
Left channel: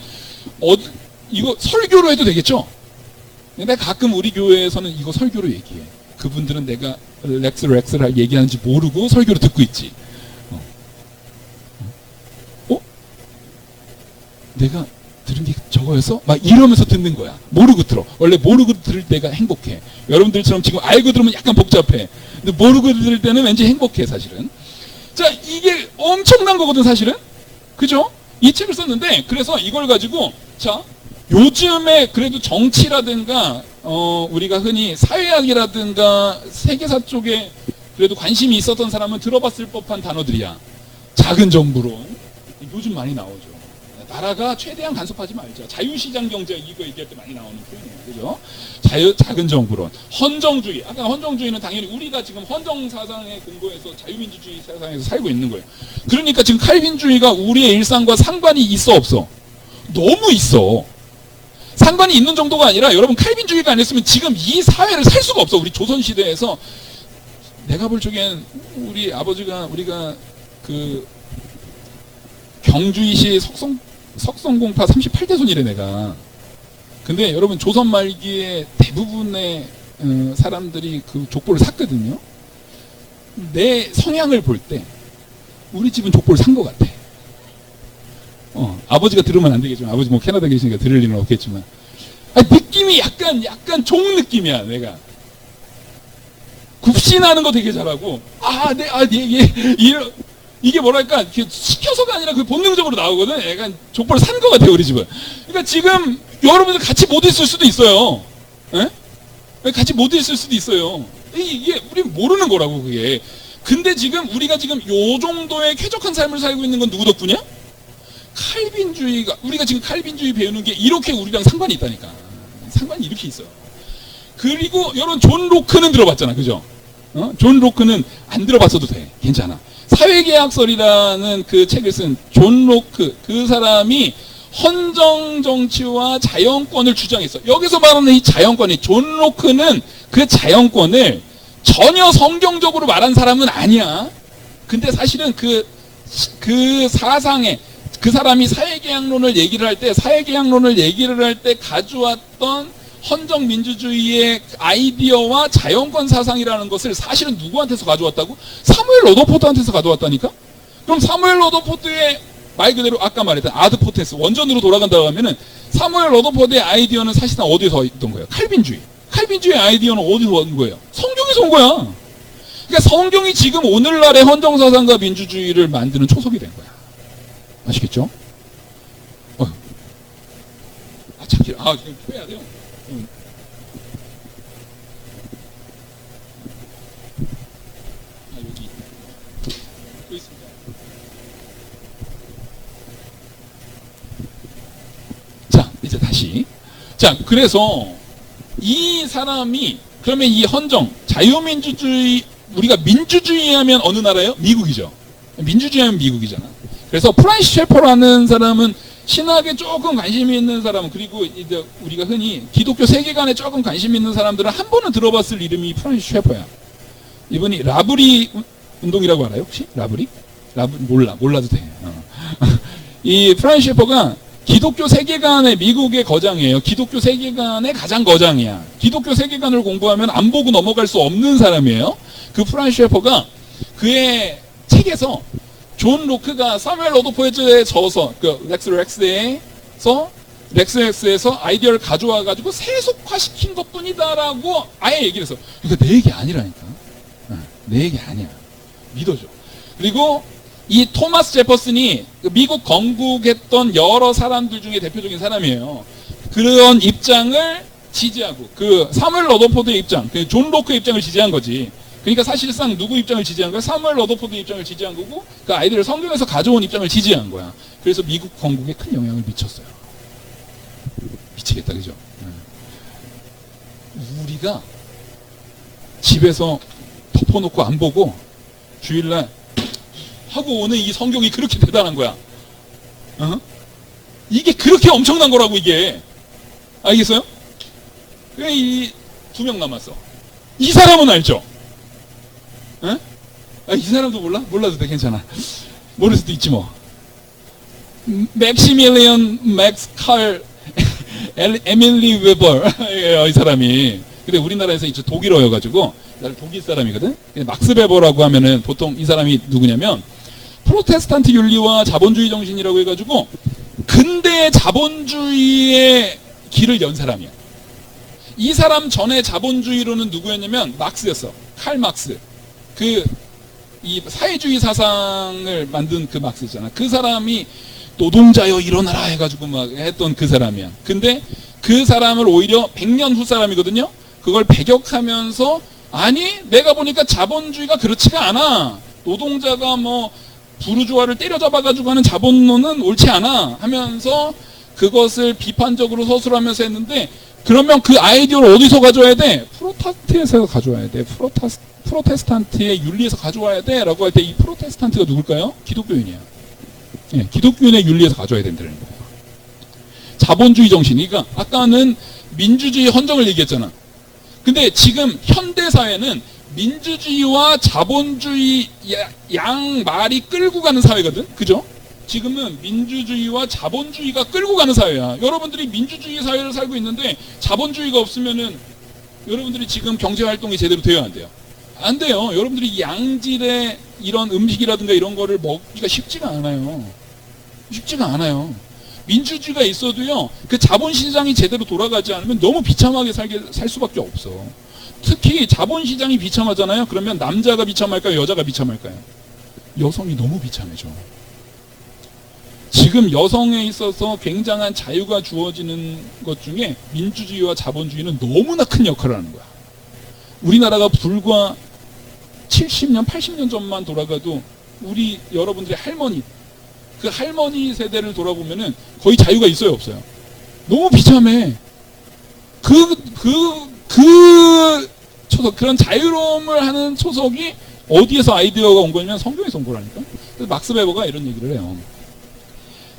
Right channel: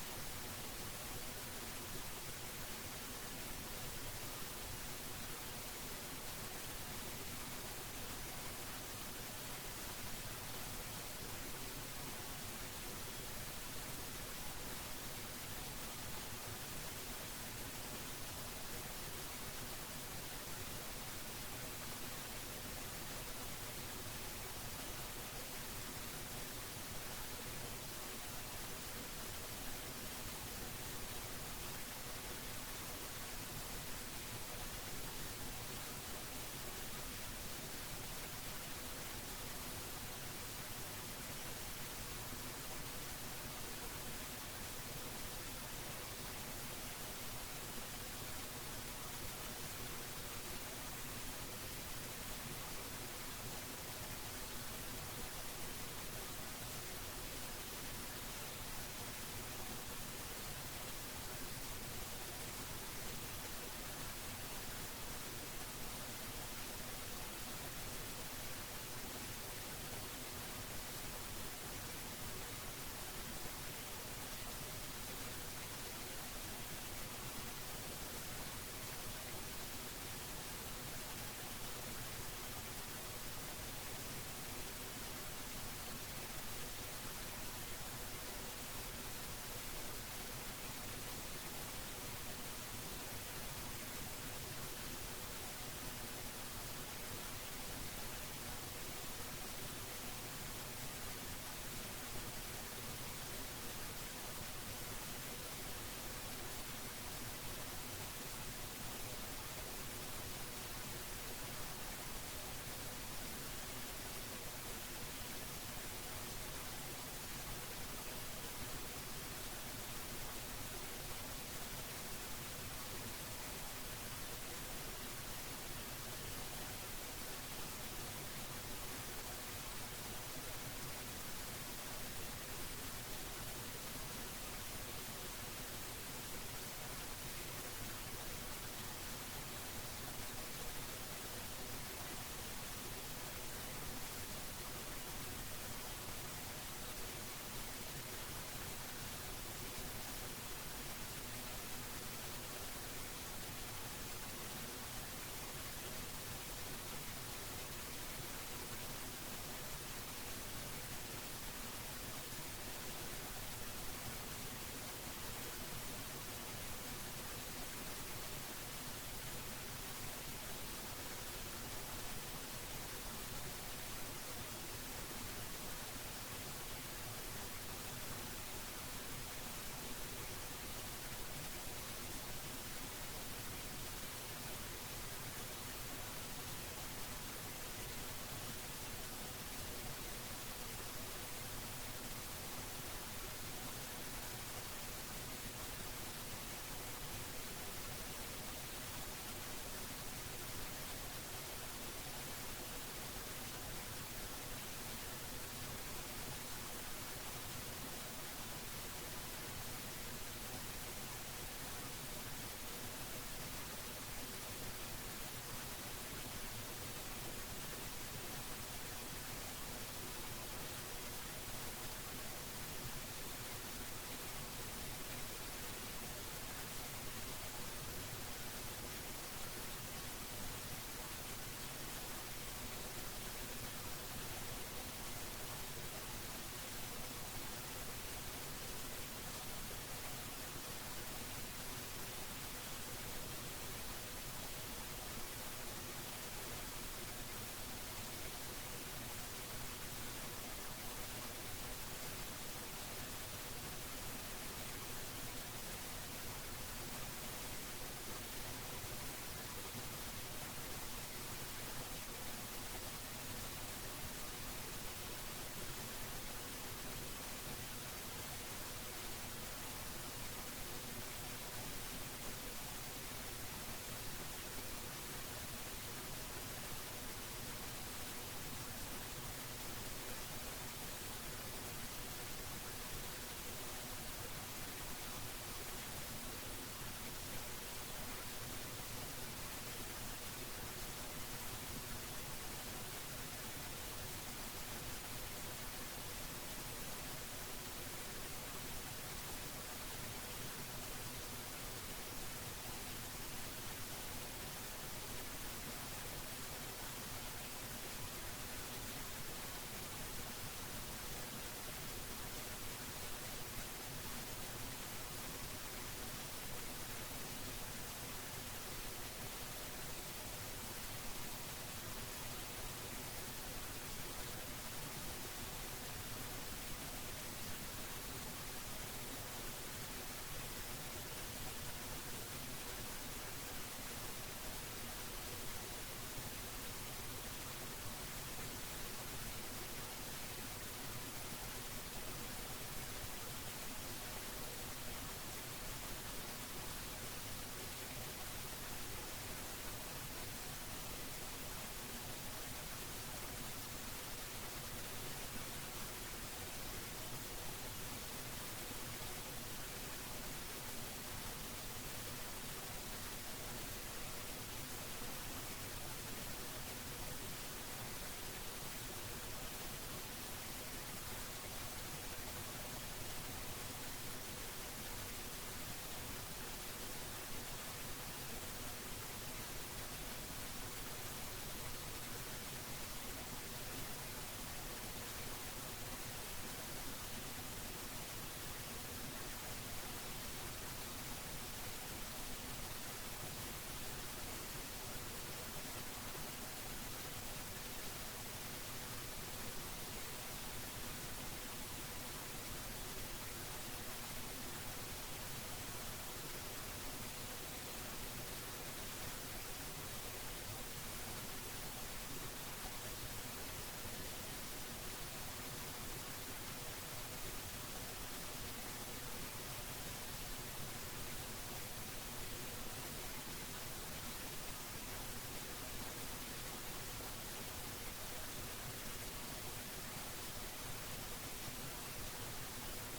이거 설교로 해도 되겠죠? 근데 가끔 우리 교회에서는 이거 설교로 얘기해. 그분들은 내가 렉스를 얘기하는지 모르고 설교로 듣고 있지. 내가 들은 게 저거였어? 막 이러면서 듣는 거야. 모르고 들어. 원래 모르고 들을 때가 행복해. 여러분들처럼 지금 알고 들으면 약간 복잡해. 근데 모르고 들을 때는 왠지 행복해, 사실은. 자, 이게 엄청난 거거든, 사실은. 그죠? 이 책을 썼는데, 그래서 이걸 가지고, 자, 요즘에 그래도 정치라든가, 우리가 흔히 사회학이라든가 세계사 쪽에 그래도 관심이 있었던 사람은 들어봤을 법한 단어들이야. 작은 정부론. 요즘 많이 나오죠. 나라가 최대한 간섭하지 말자. 자유시장 경제 이거 얘기할 때 많이 나오는 표현이에요. 그죠? 작은 정부론. 헌정주의. 아까 헌정주의는 당연히 우리가 지금 헌정 사상에 근거해서 자유민주주의 사상에서 살고 있는 거예요. 그러니까 지금 칼빈주의가 우리의 일상과 상관이 있어, 없어? 너무 있어. 상관이 있는 정도가 아니라, 여러분, 칼빈주의가 아니었으면 지금 이 사회를 살 수가 없어. 우리 조선시대에서. 내가 볼 적엔 우리 아버지가, 우리가 그 경주이시 석성공파 38대 손이래, 내가. 근데 여러분, 조선 말기에 대부분의 사람들이 그 족보를 샀거든요. 내 성향을 볼 때 우리 집은 족보를 산 것 같아. 아버지가 들으면 안 되겠지만, 아버지 뭐 캐나다 계시니까 들을 일은 없겠지만, 느낌이 약간 종 느낌이야. 내가 굽신하는 거 되게 잘하고, 이게 뭐랄까, 시켜서가 아니라 그 본능적으로 나오거든. 약간 족보를 산 것 같아요, 우리 집은. 그러니까 지금 여러분들 같이 못 있을 수도 있어요. 에? 같이 못 있을 수도 있어요. 이게 우리 모르는 거라고, 그게. 근데 지금 우리가 지금 요 정도의 쾌적한 삶을 살고 있는 건 누구 덕분이야? 칼빈주의가, 우리가 지금 칼빈주의 배우는 게 이렇게 우리랑 상관이 있다니까. 상관이 이렇게 있어요. 그리고 여러분, 존 로크는 들어봤잖아, 그죠? 존 로크는 안 들어봤어도 돼. 괜찮아. 사회계약설이라는 그 책을 쓴 존 로크, 그 사람이 헌정 정치와 자연권을 주장했어. 여기서 말하는 이 자연권이, 존 로크는 그 자연권을 전혀 성경적으로 말한 사람은 아니야. 근데 사실은 그 사상에, 그 사람이 사회계약론을 얘기를 할 때, 가져왔던 헌정민주주의의 아이디어와 자연권 사상이라는 것을 사실은 누구한테서 가져왔다고? 사무엘 러더포드한테서 가져왔다니까? 그럼 사무엘 러더포드의 말 그대로 아까 말했던 아드포텐스 원전으로 돌아간다고 하면은 사무엘 러더포드의 아이디어는 사실상 어디서 있던 거예요? 칼빈주의 아이디어는 어디서 온 거예요? 성경에서 온 거야. 그러니까 성경이 지금 오늘날의 헌정사상과 민주주의를 만드는 초석이 된 거야. 아시겠죠? 찾기, 지금 빼야 돼요. 여기 또 있습니다. 자, 이제 다시. 자, 그래서 이 사람이 그러면 이 헌정, 자유민주주의, 우리가 민주주의 하면 어느 나라예요? 미국이죠. 민주주의 하면 미국이잖아. 그래서 프란시스 셰퍼라는 사람은 신학에 조금 관심이 있는 사람, 그리고 이제 우리가 흔히 기독교 세계관에 조금 관심 있는 사람들은 한 번은 들어봤을 이름이 프란시스 셰퍼야. 이분이 라브리 운동이라고 알아요? 혹시? 라브리? 몰라도 돼. 이 프란시스 셰퍼가 기독교 세계관의 미국의 거장이에요. 기독교 세계관의 가장 거장이야. 기독교 세계관을 공부하면 안 보고 넘어갈 수 없는 사람이에요. 그 프란시스 셰퍼가 그의 책에서 존 로크가 사무엘 러더포드에 져서 그 렉스에서 아이디어를 가져와 가지고 세속화시킨 것뿐이다라고 아예 얘기를 했어. 그러니까 내 얘기 아니라니까. 내 얘기 아니야. 믿어줘. 그리고 이 토마스 제퍼슨이 미국 건국했던 여러 사람들 중에 대표적인 사람이에요. 그런 입장을 지지하고 그 사무엘 러더포드의 입장, 그 존 로크의 입장을 지지한 거지. 그러니까 사실상 누구 입장을 지지한 거야? 사무엘 러더포드 입장을 지지한 거고 그 아이들을 성경에서 가져온 입장을 지지한 거야. 그래서 미국 건국에 큰 영향을 미쳤어요. 미치겠다, 그죠? 우리가 집에서 덮어놓고 안 보고 주일날 하고 오는 이 성경이 그렇게 대단한 거야. 이게 그렇게 엄청난 거라고, 이게. 알겠어요? 이 2명 남았어. 이 사람은 알죠? 이 사람도 몰라? 몰라도 돼, 괜찮아. 모를 수도 있지 뭐. 맥시밀리언 맥스 칼 에밀리 웨버 이 사람이. 근데 우리나라에서 이제 독일어여가지고 독일 사람이거든. 막스 베버라고 하면은 보통 이 사람이 누구냐면 프로테스탄트 윤리와 자본주의 정신이라고 해가지고 근대 자본주의의 길을 연 사람이야. 이 사람 전에 자본주의로는 누구였냐면 막스였어. 칼 막스. 이 사회주의 사상을 만든 그 막스 있잖아. 그 사람이 노동자여 일어나라 해가지고 막 했던 그 사람이야. 근데 그 사람을 오히려 100년 후 사람이거든요. 그걸 배격하면서 아니 내가 보니까 자본주의가 그렇지가 않아. 노동자가 뭐 부르주아를 때려잡아가지고 하는 자본론은 옳지 않아 하면서 그것을 비판적으로 서술하면서 했는데 그러면 그 아이디어를 어디서 가져와야 돼? 프로테스탄트에서 가져와야 돼. 프로테스탄트의 윤리에서 가져와야 돼 라고 할 때 이 프로테스탄트가 누굴까요? 기독교인이야. 예, 기독교인의 윤리에서 가져와야 된다는 거예요. 자본주의 정신. 그러니까 아까는 민주주의 헌정을 얘기했잖아. 근데 지금 현대사회는 민주주의와 자본주의 양 말이 끌고 가는 사회거든. 그죠? 지금은 민주주의와 자본주의가 끌고 가는 사회야. 여러분들이 민주주의 사회를 살고 있는데 자본주의가 없으면은 여러분들이 지금 경제활동이 제대로 돼야 안 돼요. 안 돼요. 여러분들이 양질의 이런 음식이라든가 이런 거를 먹기가 쉽지가 않아요. 쉽지가 않아요. 민주주의가 있어도요, 그 자본시장이 제대로 돌아가지 않으면 너무 비참하게 살 수밖에 없어. 특히 자본시장이 비참하잖아요. 그러면 남자가 비참할까요? 여자가 비참할까요? 여성이 너무 비참해져. 지금 여성에 있어서 굉장한 자유가 주어지는 것 중에 민주주의와 자본주의는 너무나 큰 역할을 하는 거야. 우리나라가 불과 70년, 80년 전만 돌아가도 우리 여러분들의 할머니, 그 할머니 세대를 돌아보면은 거의 자유가 있어요, 없어요? 너무 비참해. 초석, 그런 자유로움을 하는 초석이 어디에서 아이디어가 온 거냐면 성경에서 온 거라니까. 그래서 막스 베버가 이런 얘기를 해요.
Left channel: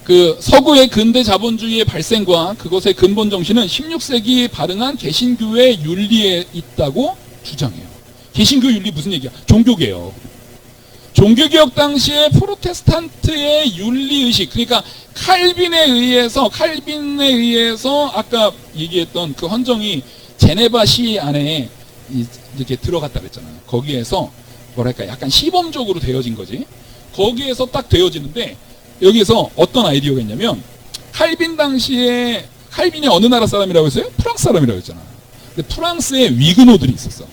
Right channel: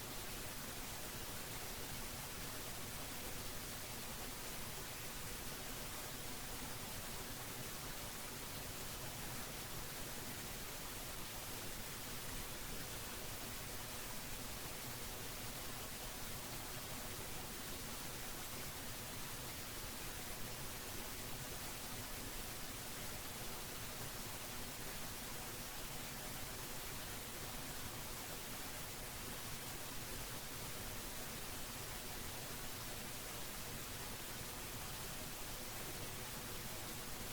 그 서구의 근대 자본주의의 발생과 그것의 근본 정신은 16세기에 발응한 개신교의 윤리에 있다고 주장해요. 개신교 윤리 무슨 얘기야? 종교개혁. 종교개혁 당시에 프로테스탄트의 윤리의식, 그러니까 칼빈에 의해서 아까 얘기했던 그 헌정이 제네바 시 안에 이렇게 들어갔다 그랬잖아요. 거기에서 뭐랄까 약간 시범적으로 되어진 거지. 거기에서 딱 되어지는데 여기에서 어떤 아이디어가 있냐면, 칼빈 당시에, 칼빈이 어느 나라 사람이라고 했어요? 프랑스 사람이라고 했잖아. 근데 프랑스에 위그노들이 있었어.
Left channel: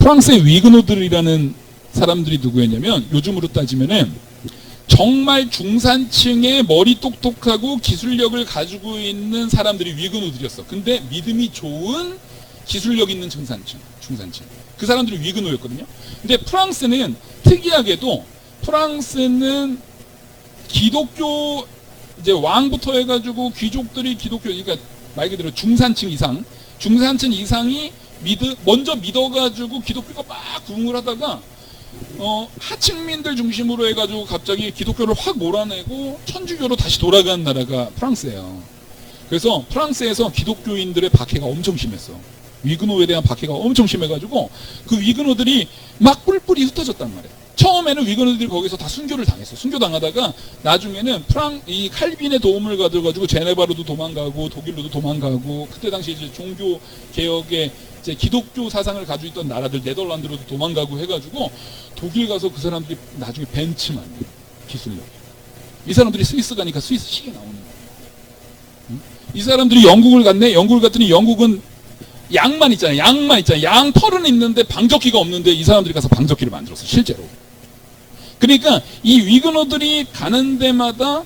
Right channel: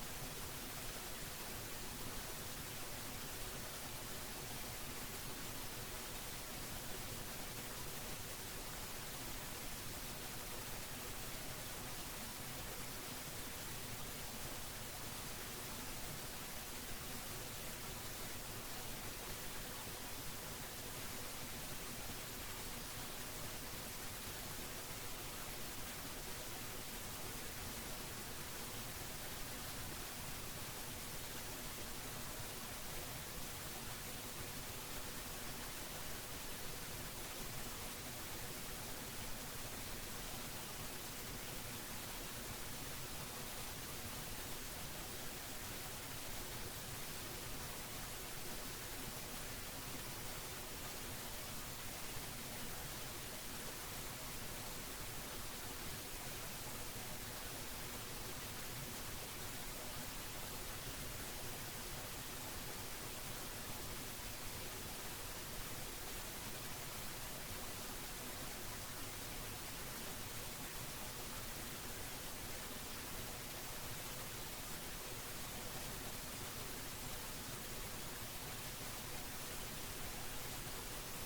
프랑스의 위그노들이라는 사람들이 누구였냐면, 요즘으로 따지면은 정말 중산층의 머리 똑똑하고 기술력을 가지고 있는 사람들이 위그노들이었어. 근데 믿음이 좋은 기술력 있는 중산층. 그 사람들이 위그노였거든요. 근데 프랑스는 특이하게도, 프랑스는 기독교, 이제 왕부터 해가지고 귀족들이 기독교, 그러니까 말 그대로 중산층 이상이 먼저 믿어가지고 기독교가 막 부흥을 하다가 하층민들 중심으로 해가지고 갑자기 기독교를 확 몰아내고 천주교로 다시 돌아간 나라가 프랑스예요. 그래서 프랑스에서 기독교인들의 박해가 엄청 심했어. 위그노에 대한 박해가 엄청 심해가지고 그 위그노들이 막 뿔뿔이 흩어졌단 말이에요. 처음에는 위그노들이 거기서 다 순교를 당했어. 순교당하다가 나중에는 이 칼빈의 도움을 가져가지고 제네바로도 도망가고 독일로도 도망가고, 그때 당시 이제 종교 개혁에 이제 기독교 사상을 가지고 있던 나라들 네덜란드로도 도망가고 해가지고 독일 가서 그 사람들이 나중에 벤츠만 기술력. 이 사람들이 스위스 가니까 스위스 시계 나오는 거야. 응? 이 사람들이 영국을 갔네. 영국을 갔더니 영국은 양만 있잖아요. 양 털은 있는데 방적기가 없는데 이 사람들이 가서 방적기를 만들었어, 실제로. 그러니까 이 위그노들이 가는 데마다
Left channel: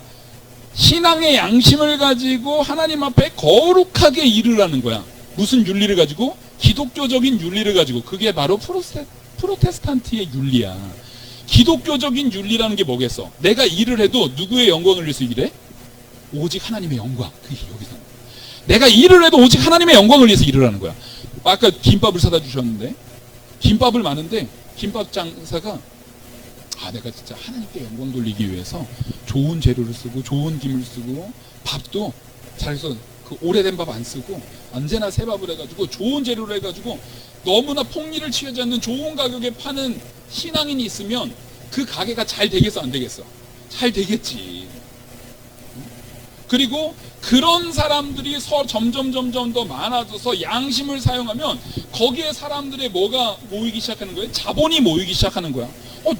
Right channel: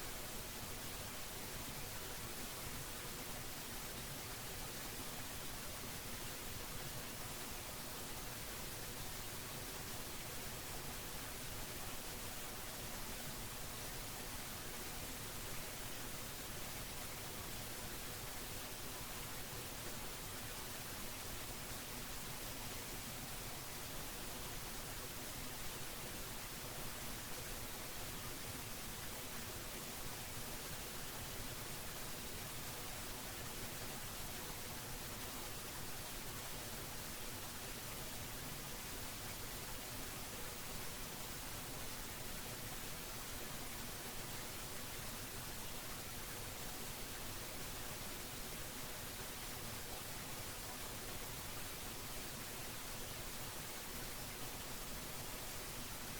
신앙의 양심을 가지고 하나님 앞에 거룩하게 일을 하는 거야. 무슨 윤리를 가지고? 기독교적인 윤리를 가지고. 그게 바로 프로테스탄트의 윤리야. 기독교적인 윤리라는 게 뭐겠어? 내가 일을 해도 누구의 영광을 위해서 일해? 오직 하나님의 영광. 그게 여기서. 내가 일을 해도 오직 하나님의 영광을 위해서 일을 하는 거야. 아까 김밥을 사다 주셨는데, 김밥을 많은데 김밥 장사가 내가 진짜 하나님께 영광 돌리기 위해서 좋은 재료를 쓰고 좋은 김을 쓰고 밥도 잘해서 그 오래된 밥 안 쓰고 언제나 새 밥을 해가지고 좋은 재료를 해가지고 너무나 폭리를 취하지 않는 좋은 가격에 파는 신앙인이 있으면 그 가게가 잘 되겠어, 안 되겠어? 잘 되겠지. 그리고 그런 사람들이 점점 더 많아져서 양심을 사용하면 거기에 사람들의 뭐가 모이기 시작하는 거예요? 자본이 모이기 시작하는 거야.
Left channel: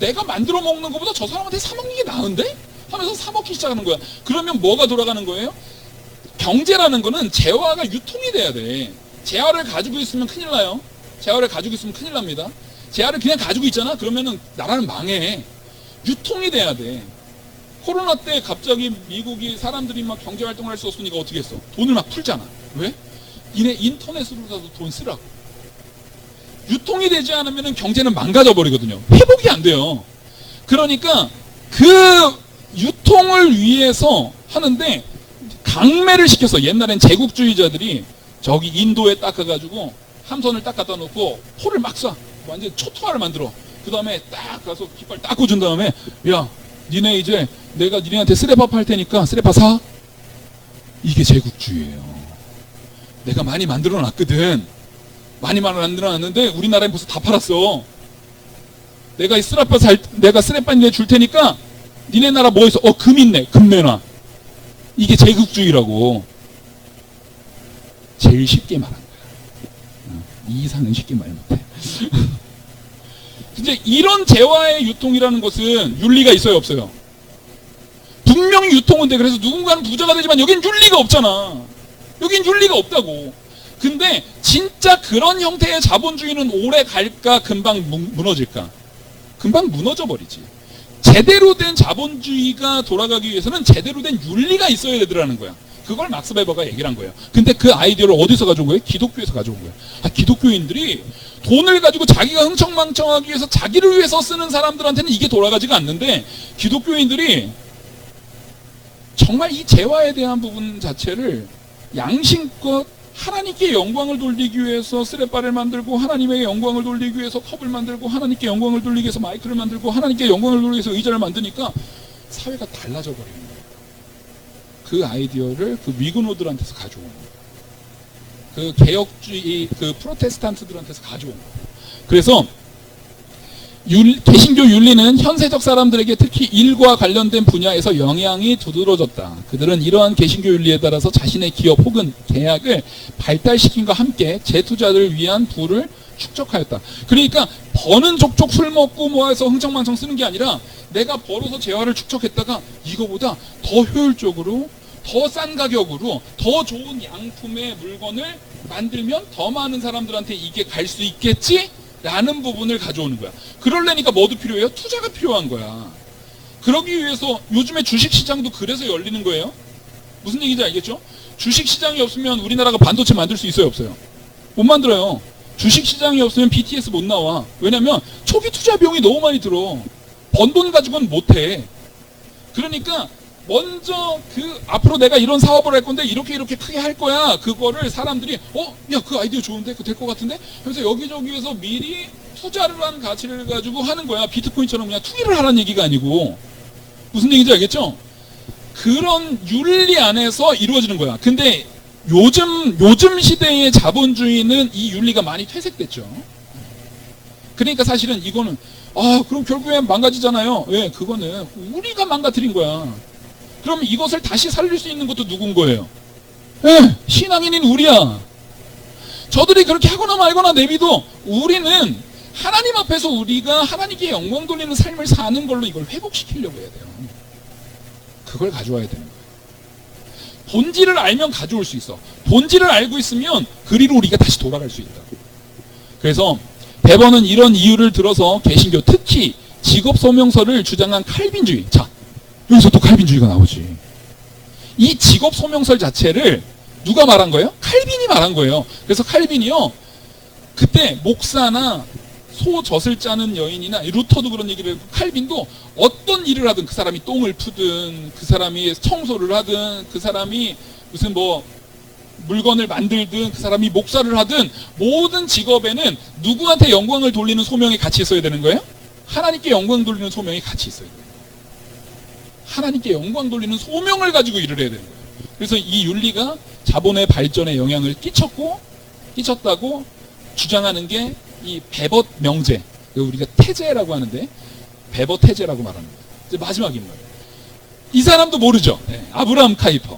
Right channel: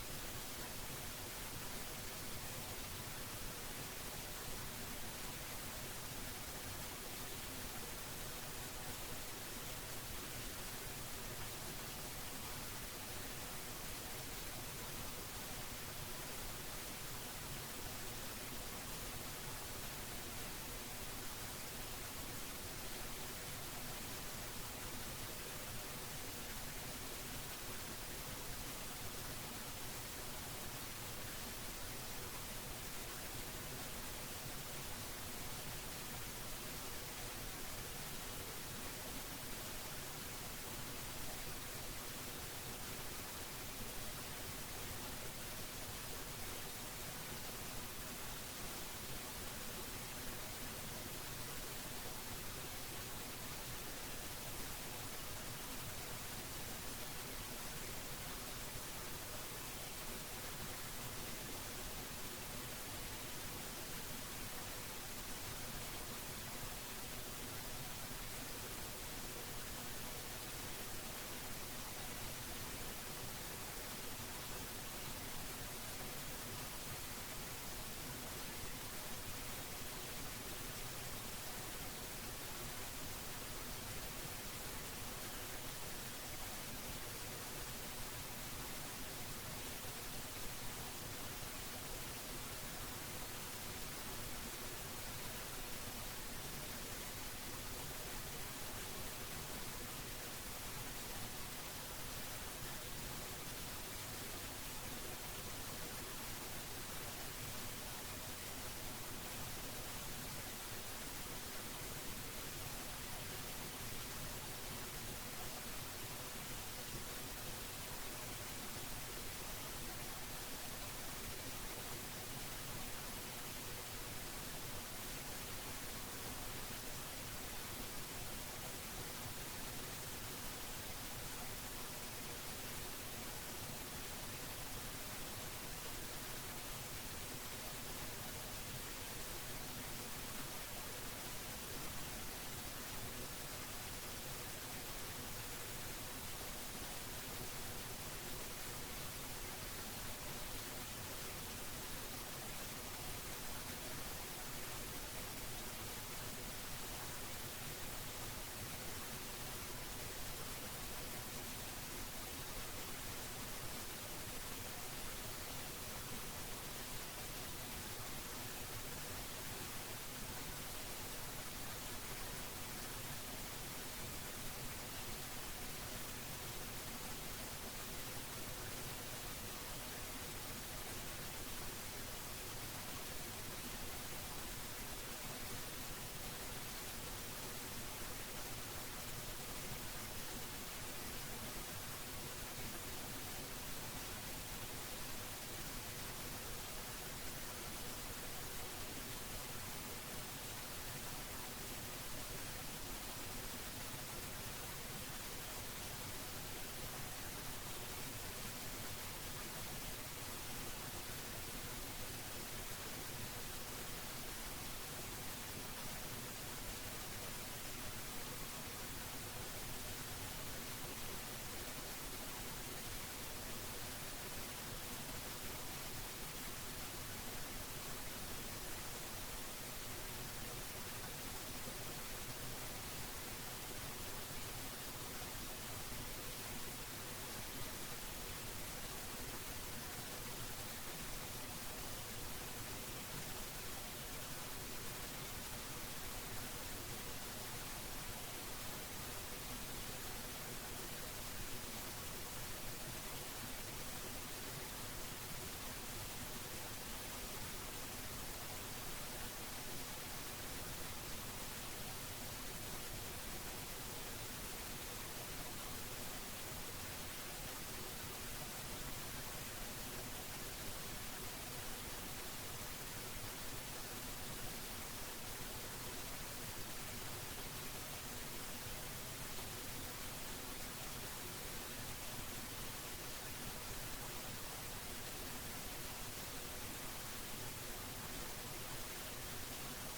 내가 만들어 먹는 것보다 저 사람한테 사 먹는 게 나은데? 하면서 사 먹기 시작하는 거야. 그러면 뭐가 돌아가는 거예요? 경제라는 거는 재화가 유통이 돼야 돼. 재화를 가지고 있으면 큰일 나요. 재화를 가지고 있으면 큰일 납니다. 재화를 그냥 가지고 있잖아? 그러면은 나라는 망해. 유통이 돼야 돼. 코로나 때 갑자기 미국이 사람들이 막 경제활동을 할 수 없으니까 어떻게 했어? 돈을 막 풀잖아. 왜? 인터넷으로라도 돈 쓰라고. 유통이 되지 않으면 경제는 망가져 버리거든요. 회복이 안 돼요. 그러니까 그 유통을 위해서 하는데 강매를 시켰어. 옛날엔 제국주의자들이 저기 인도에 딱 가가지고 함선을 딱 갖다 놓고 포를 막 쏴. 완전 초토화를 만들어. 그 다음에 딱 가서 깃발 딱 꽂은 다음에, 야, 니네 이제 내가 니네한테 쓰레파 팔 테니까 쓰레파 사? 이게 제국주의예요. 내가 많이 만들어 놨거든. 많이 만들어 놨는데 우리나라에 벌써 다 팔았어. 내가 쓰레파 니네 줄 테니까 니네 나라 뭐 있어? 금 있네. 금 내놔. 이게 제국주의라고. 제일 쉽게 말한 거야. 이 이상은 쉽게 말 못해. 이제 이런 재화의 유통이라는 것은 윤리가 있어요, 없어요? 분명히 유통은 돼. 그래서 누군가는 부자가 되지만 여긴 윤리가 없잖아. 여긴 윤리가 없다고. 근데 진짜 그런 형태의 자본주의는 오래 갈까? 금방 무너질까? 금방 무너져 버리지. 제대로 된 자본주의가 돌아가기 위해서는 제대로 된 윤리가 있어야 되더라는 거야. 그걸 막스 베버가 얘기를 한 거예요. 근데 그 아이디어를 어디서 가져온 거예요? 기독교에서 가져온 거예요. 기독교인들이 돈을 가지고 자기가 흥청망청하기 위해서 자기를 위해서 쓰는 사람들한테는 이게 돌아가지가 않는데, 기독교인들이 정말 이 재화에 대한 부분 자체를 양심껏 하나님께 영광을 돌리기 위해서 쓰레빠를 만들고, 하나님의 영광을 돌리기 위해서 컵을 만들고, 하나님께 영광을 돌리기 위해서 마이크를 만들고, 하나님께 영광을 돌리기 위해서 의자를 만드니까 사회가 달라져 버리는 거예요. 그 아이디어를 그 위그노들한테서 가져온 거예요. 그 개혁주의, 그 프로테스탄트들한테서 가져온 거예요. 그래서 개신교 윤리는 현세적 사람들에게 특히 일과 관련된 분야에서 영향이 두드러졌다. 그들은 이러한 개신교 윤리에 따라서 자신의 기업 혹은 계약을 발달시킴과 함께 재투자를 위한 부를 축적하였다. 그러니까 버는 족족 술 먹고 뭐 해서 흥청망청 쓰는 게 아니라 내가 벌어서 재화를 축적했다가 이거보다 더 효율적으로 더 싼 가격으로 더 좋은 양품의 물건을 만들면 더 많은 사람들한테 이게 갈 수 있겠지? 라는 부분을 가져오는 거야. 그러려니까 뭐도 필요해요? 투자가 필요한 거야. 그러기 위해서 요즘에 주식시장도 그래서 열리는 거예요. 무슨 얘기인지 알겠죠? 주식시장이 없으면 우리나라가 반도체 만들 수 있어요? 없어요? 못 만들어요. 주식시장이 없으면 BTS 못 나와. 왜냐면 초기 투자 비용이 너무 많이 들어. 번 돈 가지고는 못해. 그러니까 먼저 앞으로 내가 이런 사업을 할 건데 이렇게 크게 할 거야. 그거를 사람들이 야, 그 아이디어 좋은데? 그거 될 것 같은데? 그래서 여기저기에서 미리 투자를 한 가치를 가지고 하는 거야. 비트코인처럼 그냥 투기를 하라는 얘기가 아니고. 무슨 얘기인지 알겠죠? 그런 윤리 안에서 이루어지는 거야. 근데 요즘 시대의 자본주의는 이 윤리가 많이 퇴색됐죠. 그러니까 사실은 이거는 그럼 결국엔 망가지잖아요. 왜? 그거는 우리가 망가뜨린 거야. 그럼 이것을 다시 살릴 수 있는 것도 누군 거예요? 예, 신앙인인 우리야. 저들이 그렇게 하거나 말거나 내비도 우리는 하나님 앞에서 우리가 하나님께 영광 돌리는 삶을 사는 걸로 이걸 회복시키려고 해야 돼요. 그걸 가져와야 되는 거예요. 본질을 알면 가져올 수 있어. 본질을 알고 있으면 그리로 우리가 다시 돌아갈 수 있다. 그래서 베버는 이런 이유를 들어서 개신교, 특히 직업소명서를 주장한 칼빈주의. 자, 여기서 또 칼빈주의가 나오지. 이 직업소명서 자체를 누가 말한 거예요? 칼빈이 말한 거예요. 그래서 칼빈이요, 그때 목사나 소젖을 짜는 여인이나 루터도 그런 얘기를 했고, 칼빈도 어떤 일을 하든, 그 사람이 똥을 푸든, 그 사람이 청소를 하든, 그 사람이 무슨 뭐 물건을 만들든, 그 사람이 목사를 하든, 모든 직업에는 누구한테 영광을 돌리는 소명이 같이 있어야 되는 거예요? 하나님께 영광 돌리는 소명이 같이 있어야 돼요. 하나님께 영광 돌리는 소명을 가지고 일을 해야 되는 거예요. 그래서 이 윤리가 자본의 발전에 영향을 끼쳤다고 주장하는 게 이 베버 명제, 우리가 태제라고 하는데 베버 태제라고 말합니다. 이제 마지막 인물. 이 사람도 모르죠. 네, 아브라함 카이퍼.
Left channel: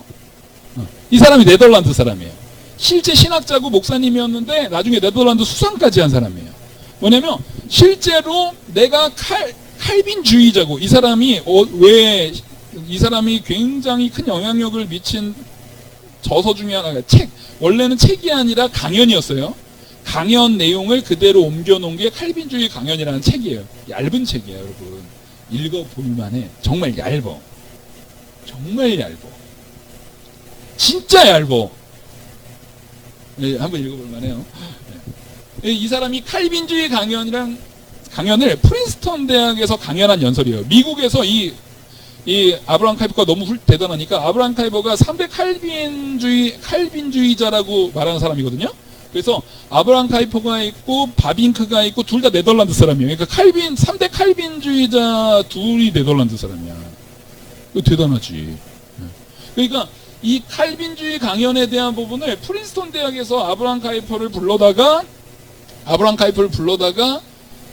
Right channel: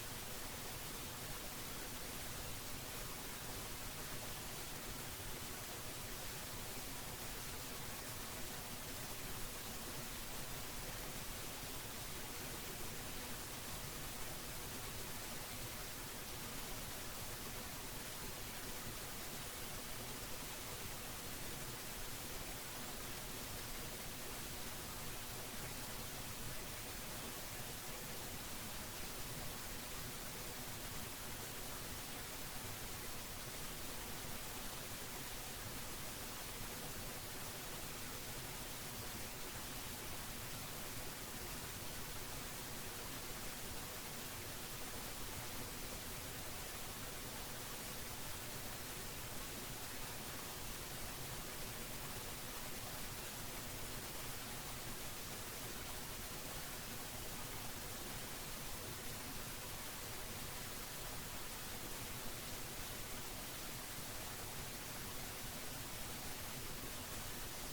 이 사람이 네덜란드 사람이에요. 실제 신학자고 목사님이었는데 나중에 네덜란드 수상까지 한 사람이에요. 뭐냐면 실제로 내가 칼빈주의자고, 이 사람이 왜 이 사람이 굉장히 큰 영향력을 미친 저서 중에 하나가 원래는 책이 아니라 강연이었어요. 강연 내용을 그대로 옮겨놓은 게 칼빈주의 강연이라는 책이에요. 얇은 책이에요, 여러분. 읽어볼만해. 정말 얇어. 정말 얇어. 진짜 얇어. 네, 한번 읽어볼만해요. 네. 이 사람이 칼빈주의 강연을 프린스턴 대학에서 강연한 연설이에요. 미국에서 이 아브라함 카이퍼가 너무 대단하니까 아브라함 카이퍼가 3대 칼빈주의자라고 말하는 사람이거든요. 그래서 아브라함 카이퍼가 있고 바빙크가 있고 둘 다 네덜란드 사람이에요. 그러니까 3대 칼빈주의자 둘이 네덜란드 사람이야. 이거 대단하지. 그러니까 이 칼빈주의 강연에 대한 부분을 프린스턴 대학에서 아브라함 카이퍼를 불러다가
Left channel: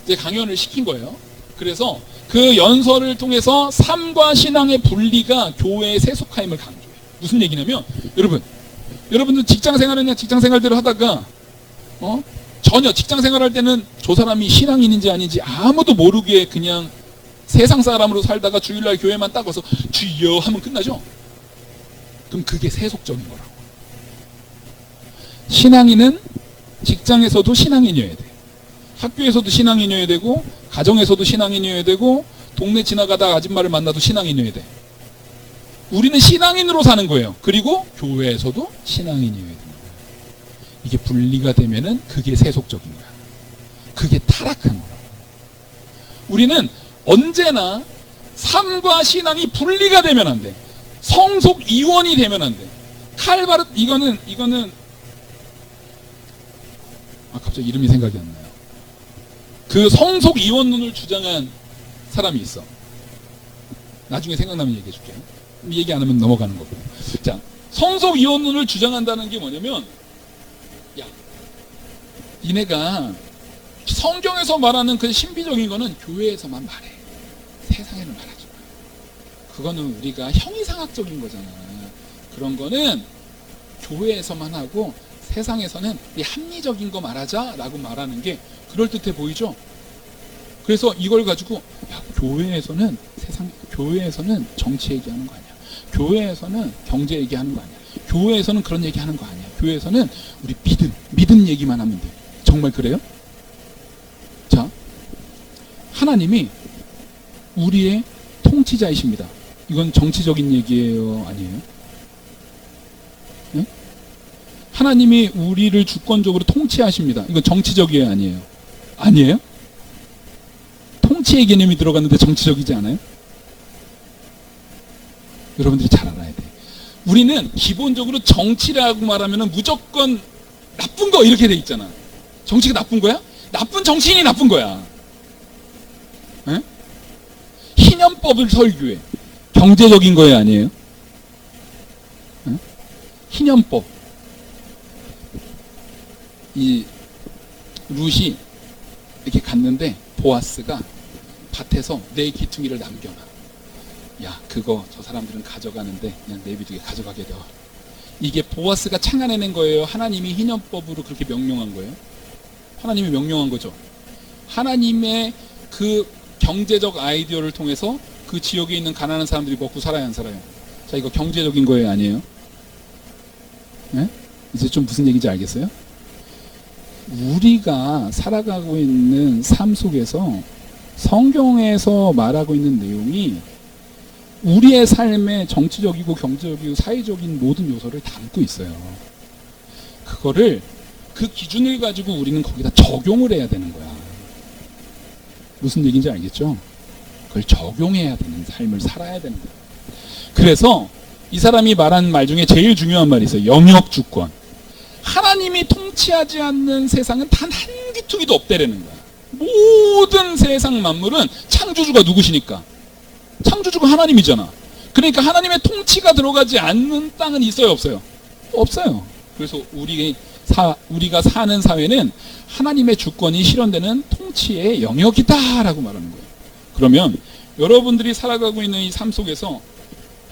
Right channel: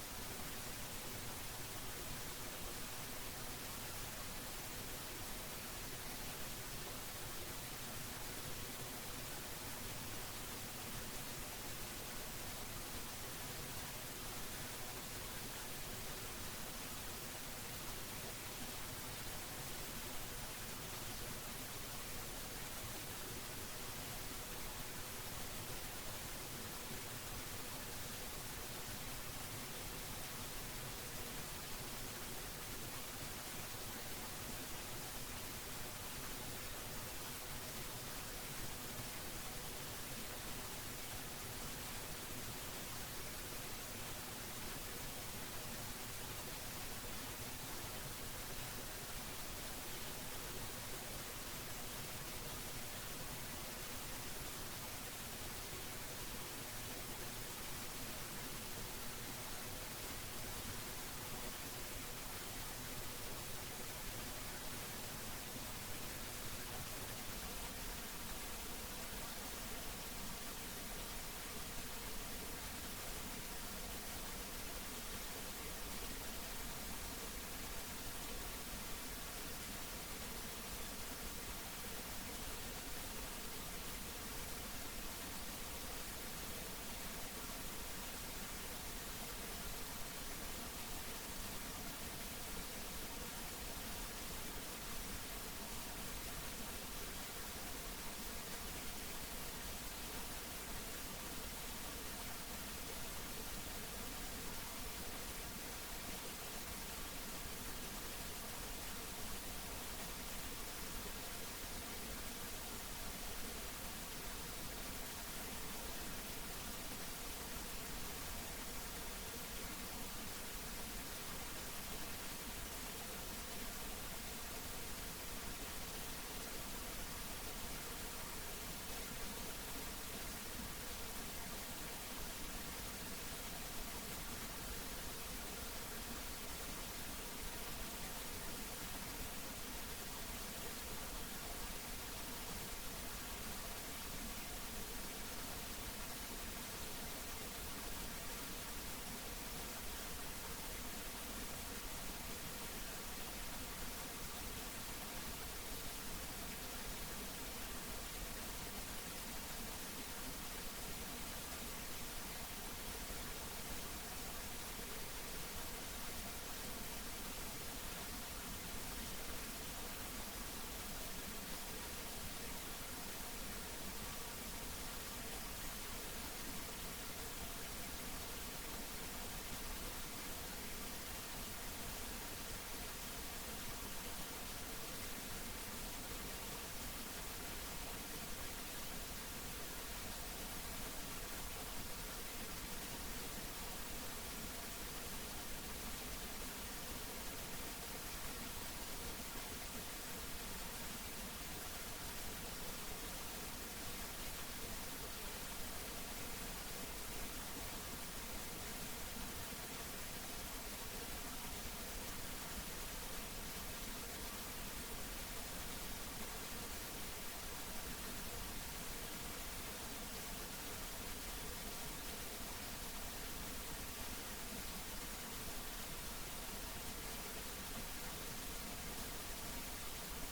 이제 강연을 시킨 거예요. 그래서 그 연설을 통해서 삶과 신앙의 분리가 교회의 세속화임을 강조해요. 무슨 얘기냐면, 여러분들 직장생활대로 하다가 전혀 직장생활할 때는 저 사람이 신앙인인지 아닌지 아무도 모르게 그냥 세상 사람으로 살다가 주일날 교회만 딱 와서 주여 하면 끝나죠? 그럼 그게 세속적인 거라고. 신앙인은 직장에서도 신앙인이어야 돼. 학교에서도 신앙인이어야 되고, 가정에서도 신앙인이어야 되고, 동네 지나가다 아줌마를 만나도 신앙인이어야 돼. 우리는 신앙인으로 사는 거예요. 그리고 교회에서도 신앙인이어야 됩니다. 이게 분리가 되면은 그게 세속적인 거야. 그게 타락한 거야. 우리는 언제나 삶과 신앙이 분리가 되면 안 돼. 성속 이원이 되면 안 돼. 이거는 갑자기 이름이 생각이 안 나요. 그 성속 이원론을 주장한 사람이 있어. 나중에 생각나면 얘기해 줄게. 얘기 안 하면 넘어가는 거고. 자, 성속 이원론을 주장한다는 게 뭐냐면, 야, 니네가 성경에서 말하는 그 신비적인 거는 교회에서만 말해. 세상에는 말하지 마. 그거는 우리가 형이상학적인 거잖아. 그런 거는 교회에서만 하고 세상에서는 이 합리적인 거 말하자라고 말하는 게 그럴듯해 보이죠? 그래서 이걸 가지고 야, 교회에서는 정치 얘기하는 거 아니야. 교회에서는 경제 얘기하는 거 아니야. 교회에서는 그런 얘기하는 거 아니야. 교회에서는 우리 믿음 얘기만 하면 돼. 정말 그래요? 자, 하나님이 우리의 통치자이십니다. 이건 정치적인 얘기예요, 아니에요? 네? 하나님이 우리를 주권적으로 통치하십니다. 이건 정치적이에요, 아니에요? 아니에요? 통치의 개념이 들어갔는데 정치적이지 않아요? 여러분들이 잘 알아야 돼요. 우리는 기본적으로 정치라고 말하면 무조건 나쁜 거 이렇게 돼 있잖아. 정치가 나쁜 거야? 나쁜 정치인이 나쁜 거야. 에? 희년법을 설교해. 경제적인 거예요, 아니에요? 에? 희년법. 이 룻이 이렇게 갔는데 보아스가 밭에서 내 기퉁이를 남겨놔. 야, 그거 저 사람들은 가져가는데 그냥 내비두게 가져가게 돼. 이게 보아스가 창안해낸 거예요? 하나님이 희년법으로 그렇게 명령한 거예요? 하나님이 명령한 거죠. 하나님의 그 경제적 아이디어를 통해서 그 지역에 있는 가난한 사람들이 먹고 살아야 안 살아요? 자, 이거 경제적인 거예요, 아니에요? 네? 이제 좀 무슨 얘기인지 알겠어요? 우리가 살아가고 있는 삶 속에서 성경에서 말하고 있는 내용이 우리의 삶의 정치적이고 경제적이고 사회적인 모든 요소를 담고 있어요. 그거를 그 기준을 가지고 우리는 거기다 적용을 해야 되는 거야. 무슨 얘기인지 알겠죠? 그걸 적용해야 되는 삶을 살아야 되는 거야. 그래서 이 사람이 말한 말 중에 제일 중요한 말이 있어요. 영역주권. 하나님이 통치하지 않는 세상은 단 한 귀퉁이도 없다라는 거야. 모든 세상 만물은 창조주가 누구시니까? 창조주가 하나님이잖아. 그러니까 하나님의 통치가 들어가지 않는 땅은 있어요, 없어요? 없어요. 그래서 우리가 사는 사회는 하나님의 주권이 실현되는 통치의 영역이다라고 말하는 거예요. 그러면 여러분들이 살아가고 있는 이 삶 속에서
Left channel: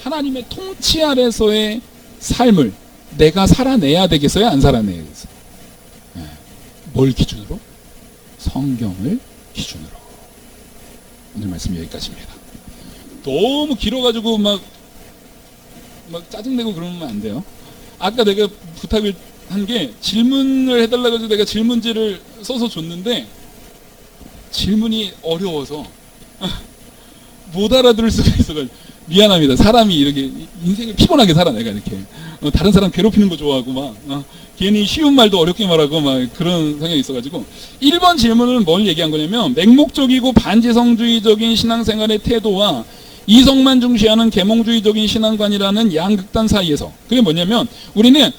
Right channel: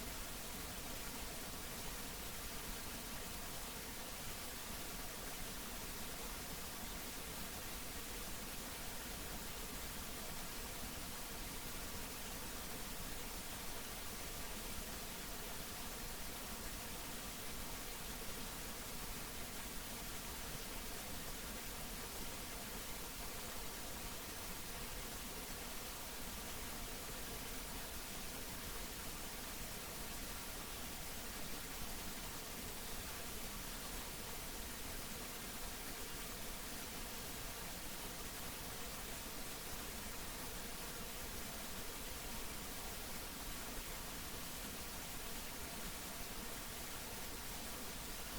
하나님의 통치 아래서의 삶을 내가 살아내야 되겠어요? 안 살아내야 되겠어요? 네. 뭘 기준으로? 성경을 기준으로. 오늘 말씀 여기까지입니다. 너무 길어가지고 막 짜증내고 그러면 안 돼요. 아까 내가 부탁을 한 게 질문을 해달라고 해서 내가 질문지를 써서 줬는데 질문이 어려워서 못 알아들을 수가 있어가지고 미안합니다. 사람이 이렇게 인생을 피곤하게 살아 내가 이렇게 다른 사람 괴롭히는 거 좋아하고 막 괜히 쉬운 말도 어렵게 말하고 막 그런 성향이 있어가지고 1번 질문은 뭘 얘기한 거냐면 맹목적이고 반지성주의적인 신앙생활의 태도와 이성만 중시하는 계몽주의적인 신앙관이라는 양극단 사이에서 그게 뭐냐면 우리는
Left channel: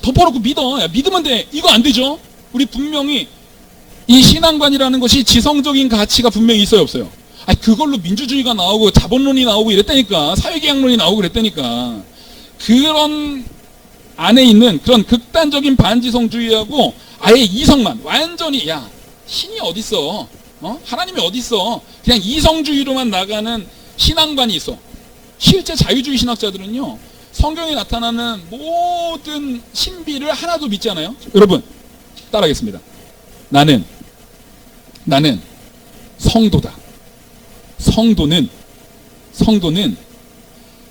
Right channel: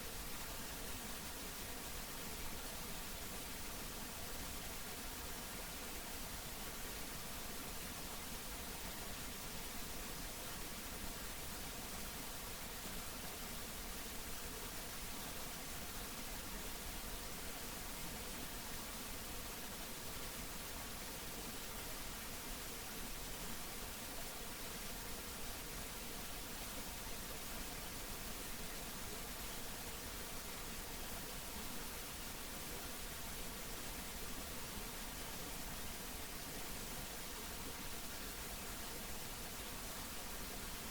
덮어놓고 믿어. 믿으면 돼. 이거 안 되죠. 우리 분명히 이 신앙관이라는 것이 지성적인 가치가 분명히 있어요, 없어요? 그걸로 민주주의가 나오고 자본론이 나오고 이랬다니까. 사회계약론이 나오고 그랬다니까. 그런 안에 있는 그런 극단적인 반지성주의하고 아예 이성만 완전히 신이 어딨어? 하나님이 어딨어? 그냥 이성주의로만 나가는 신앙관이 있어. 실제 자유주의 신학자들은요, 성경에 나타나는 모든 신비를 하나도 믿지 않아요? 여러분, 따라하겠습니다. 나는 성도다. 성도는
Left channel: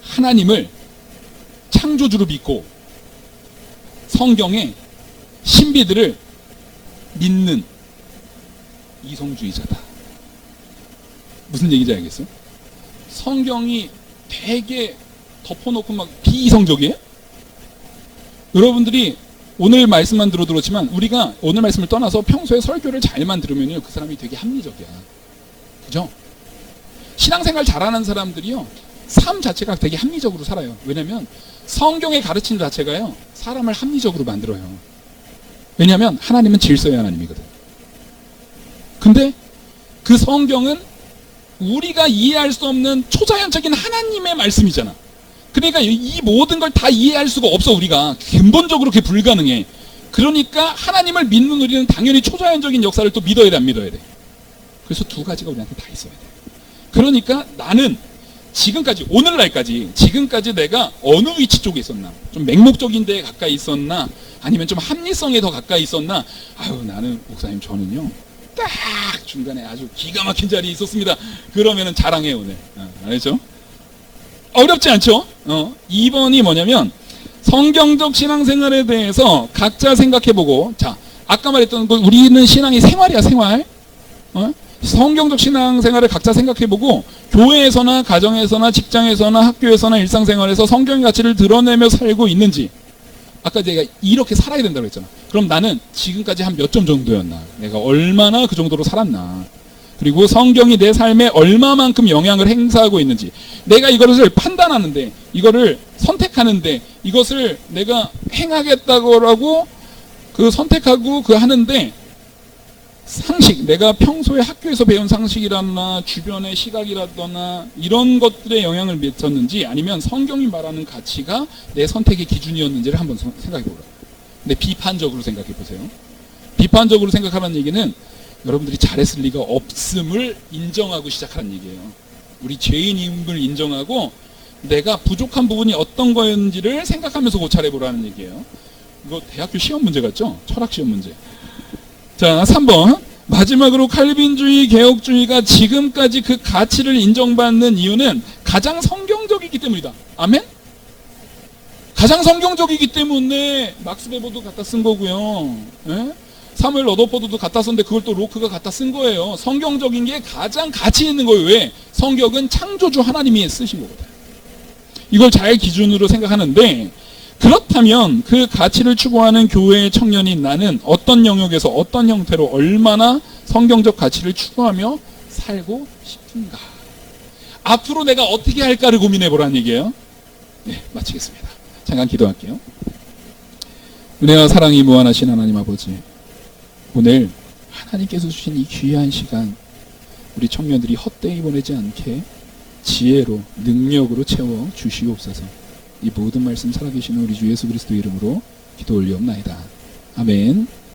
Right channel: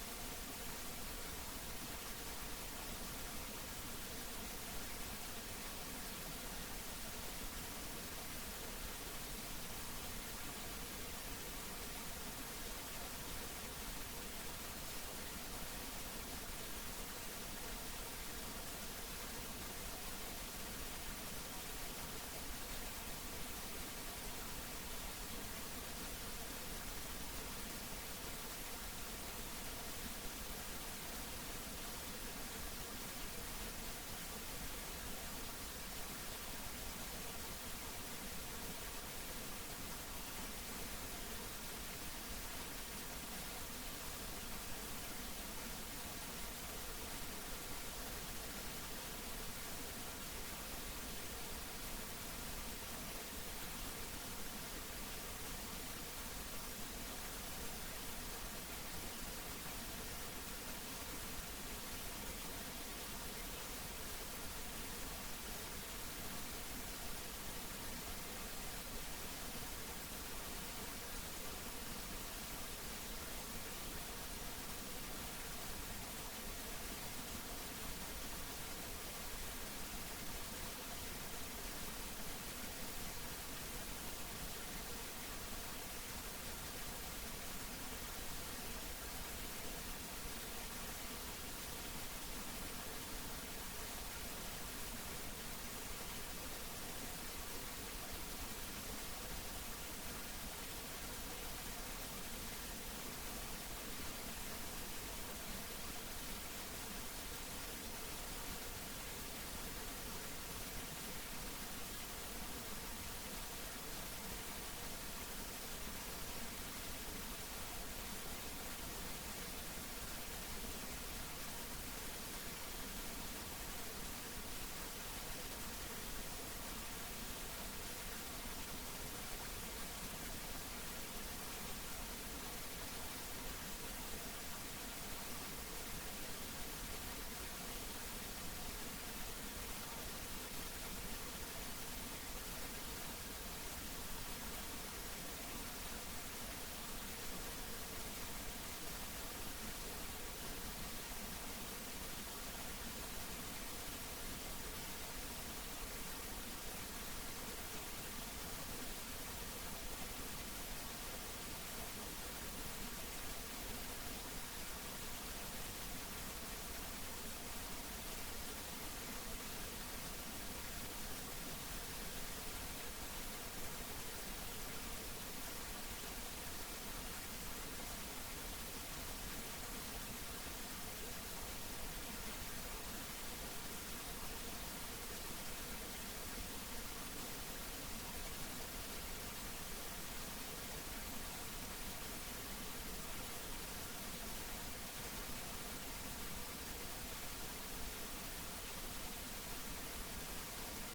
하나님을 창조주로 믿고 성경의 신비들을 믿는 이성주의자다. 무슨 얘기인지 알겠어요? 성경이 되게 덮어놓고 막 비이성적이에요? 여러분들이 오늘 말씀만 들었지만 우리가 오늘 말씀을 떠나서 평소에 설교를 잘만 들으면요, 그 사람이 되게 합리적이야. 그죠? 신앙생활 잘하는 사람들이요, 삶 자체가 되게 합리적으로 살아요. 왜냐면 성경의 가르침 자체가요, 사람을 합리적으로 만들어요. 왜냐면 하나님은 질서의 하나님이거든. 근데 그 성경은 우리가 이해할 수 없는 초자연적인 하나님의 말씀이잖아. 그러니까 이 모든 걸 다 이해할 수가 없어. 우리가 근본적으로 그게 불가능해. 그러니까 하나님을 믿는 우리는 당연히 초자연적인 역사를 또 믿어야 돼, 안 믿어야 돼? 그래서 두 가지가 우리한테 다 있어야 돼. 그러니까 나는 지금까지, 오늘날까지, 지금까지 내가 어느 위치 쪽에 있었나? 좀 맹목적인 데에 가까이 있었나? 아니면 좀 합리성에 더 가까이 있었나? 아유, 나는, 목사님, 저는요, 딱 중간에 아주 기가 막힌 자리에 있었습니다. 그러면은 자랑해요, 오늘. 알죠? 어렵지 않죠? 2번이 뭐냐면, 성경적 신앙생활에 대해서 각자 생각해보고, 자, 아까 말했던 거, 우리는 신앙이 생활이야, 생활. 성경적 신앙생활을 각자 생각해보고, 교회에서나 가정에서나 직장에서나 학교에서나 일상생활에서 성경의 가치를 드러내며 살고 있는지. 아까 내가 이렇게 살아야 된다고 했잖아. 그럼 나는 지금까지 한 몇 점 정도였나? 내가 얼마나 그 정도로 살았나? 그리고 성경이 내 삶에 얼마만큼 영향을 행사하고 있는지. 내가 이것을 판단하는데, 이거를 선택하는데, 이것을 내가 행하겠다고 그 선택하고 그 하는데, 상식, 내가 평소에 학교에서 배운 상식이라나 주변의 시각이라거나 이런 것들에 영향을 미쳤는지, 아니면 성경이 말하는 가치가 내 선택의 기준이었는지를 한번 생각해 보라. 근데 비판적으로 생각해 보세요. 비판적으로 생각하는 얘기는 여러분들이 잘했을 리가 없음을 인정하고 시작하는 얘기예요. 우리 죄인임을 인정하고 내가 부족한 부분이 어떤 거였는지를 생각하면서 고찰해 보라는 얘기예요. 이거 대학교 시험 문제 같죠? 철학 시험 문제. 자, 3번. 마지막으로 칼빈주의, 개혁주의가 지금까지 그 가치를 인정받는 이유는 가장 성경적이기 때문이다. 아멘? 가장 성경적이기 때문에 막스 베버도 갖다 쓴 거고요. 예? 사무엘 러더포드도 갖다 썼는데 그걸 또 로크가 갖다 쓴 거예요. 성경적인 게 가장 가치 있는 거예요. 왜? 성경은 창조주 하나님이 쓰신 거거든요. 이걸 잘 기준으로 생각하는데, 그렇다면 그 가치를 추구하는 교회의 청년인 나는 어떤 영역에서 어떤 형태로 얼마나 성경적 가치를 추구하며 살고 싶은가? 앞으로 내가 어떻게 할까를 고민해 보라는 얘기예요. 네, 마치겠습니다. 잠깐 기도할게요. 은혜와 사랑이 무한하신 하나님 아버지, 오늘 하나님께서 주신 이 귀한 시간, 우리 청년들이 헛되이 보내지 않게 지혜로, 능력으로 채워 주시옵소서. 이 모든 말씀 살아계시는 우리 주 예수 그리스도 이름으로 기도 올리옵나이다. 아멘.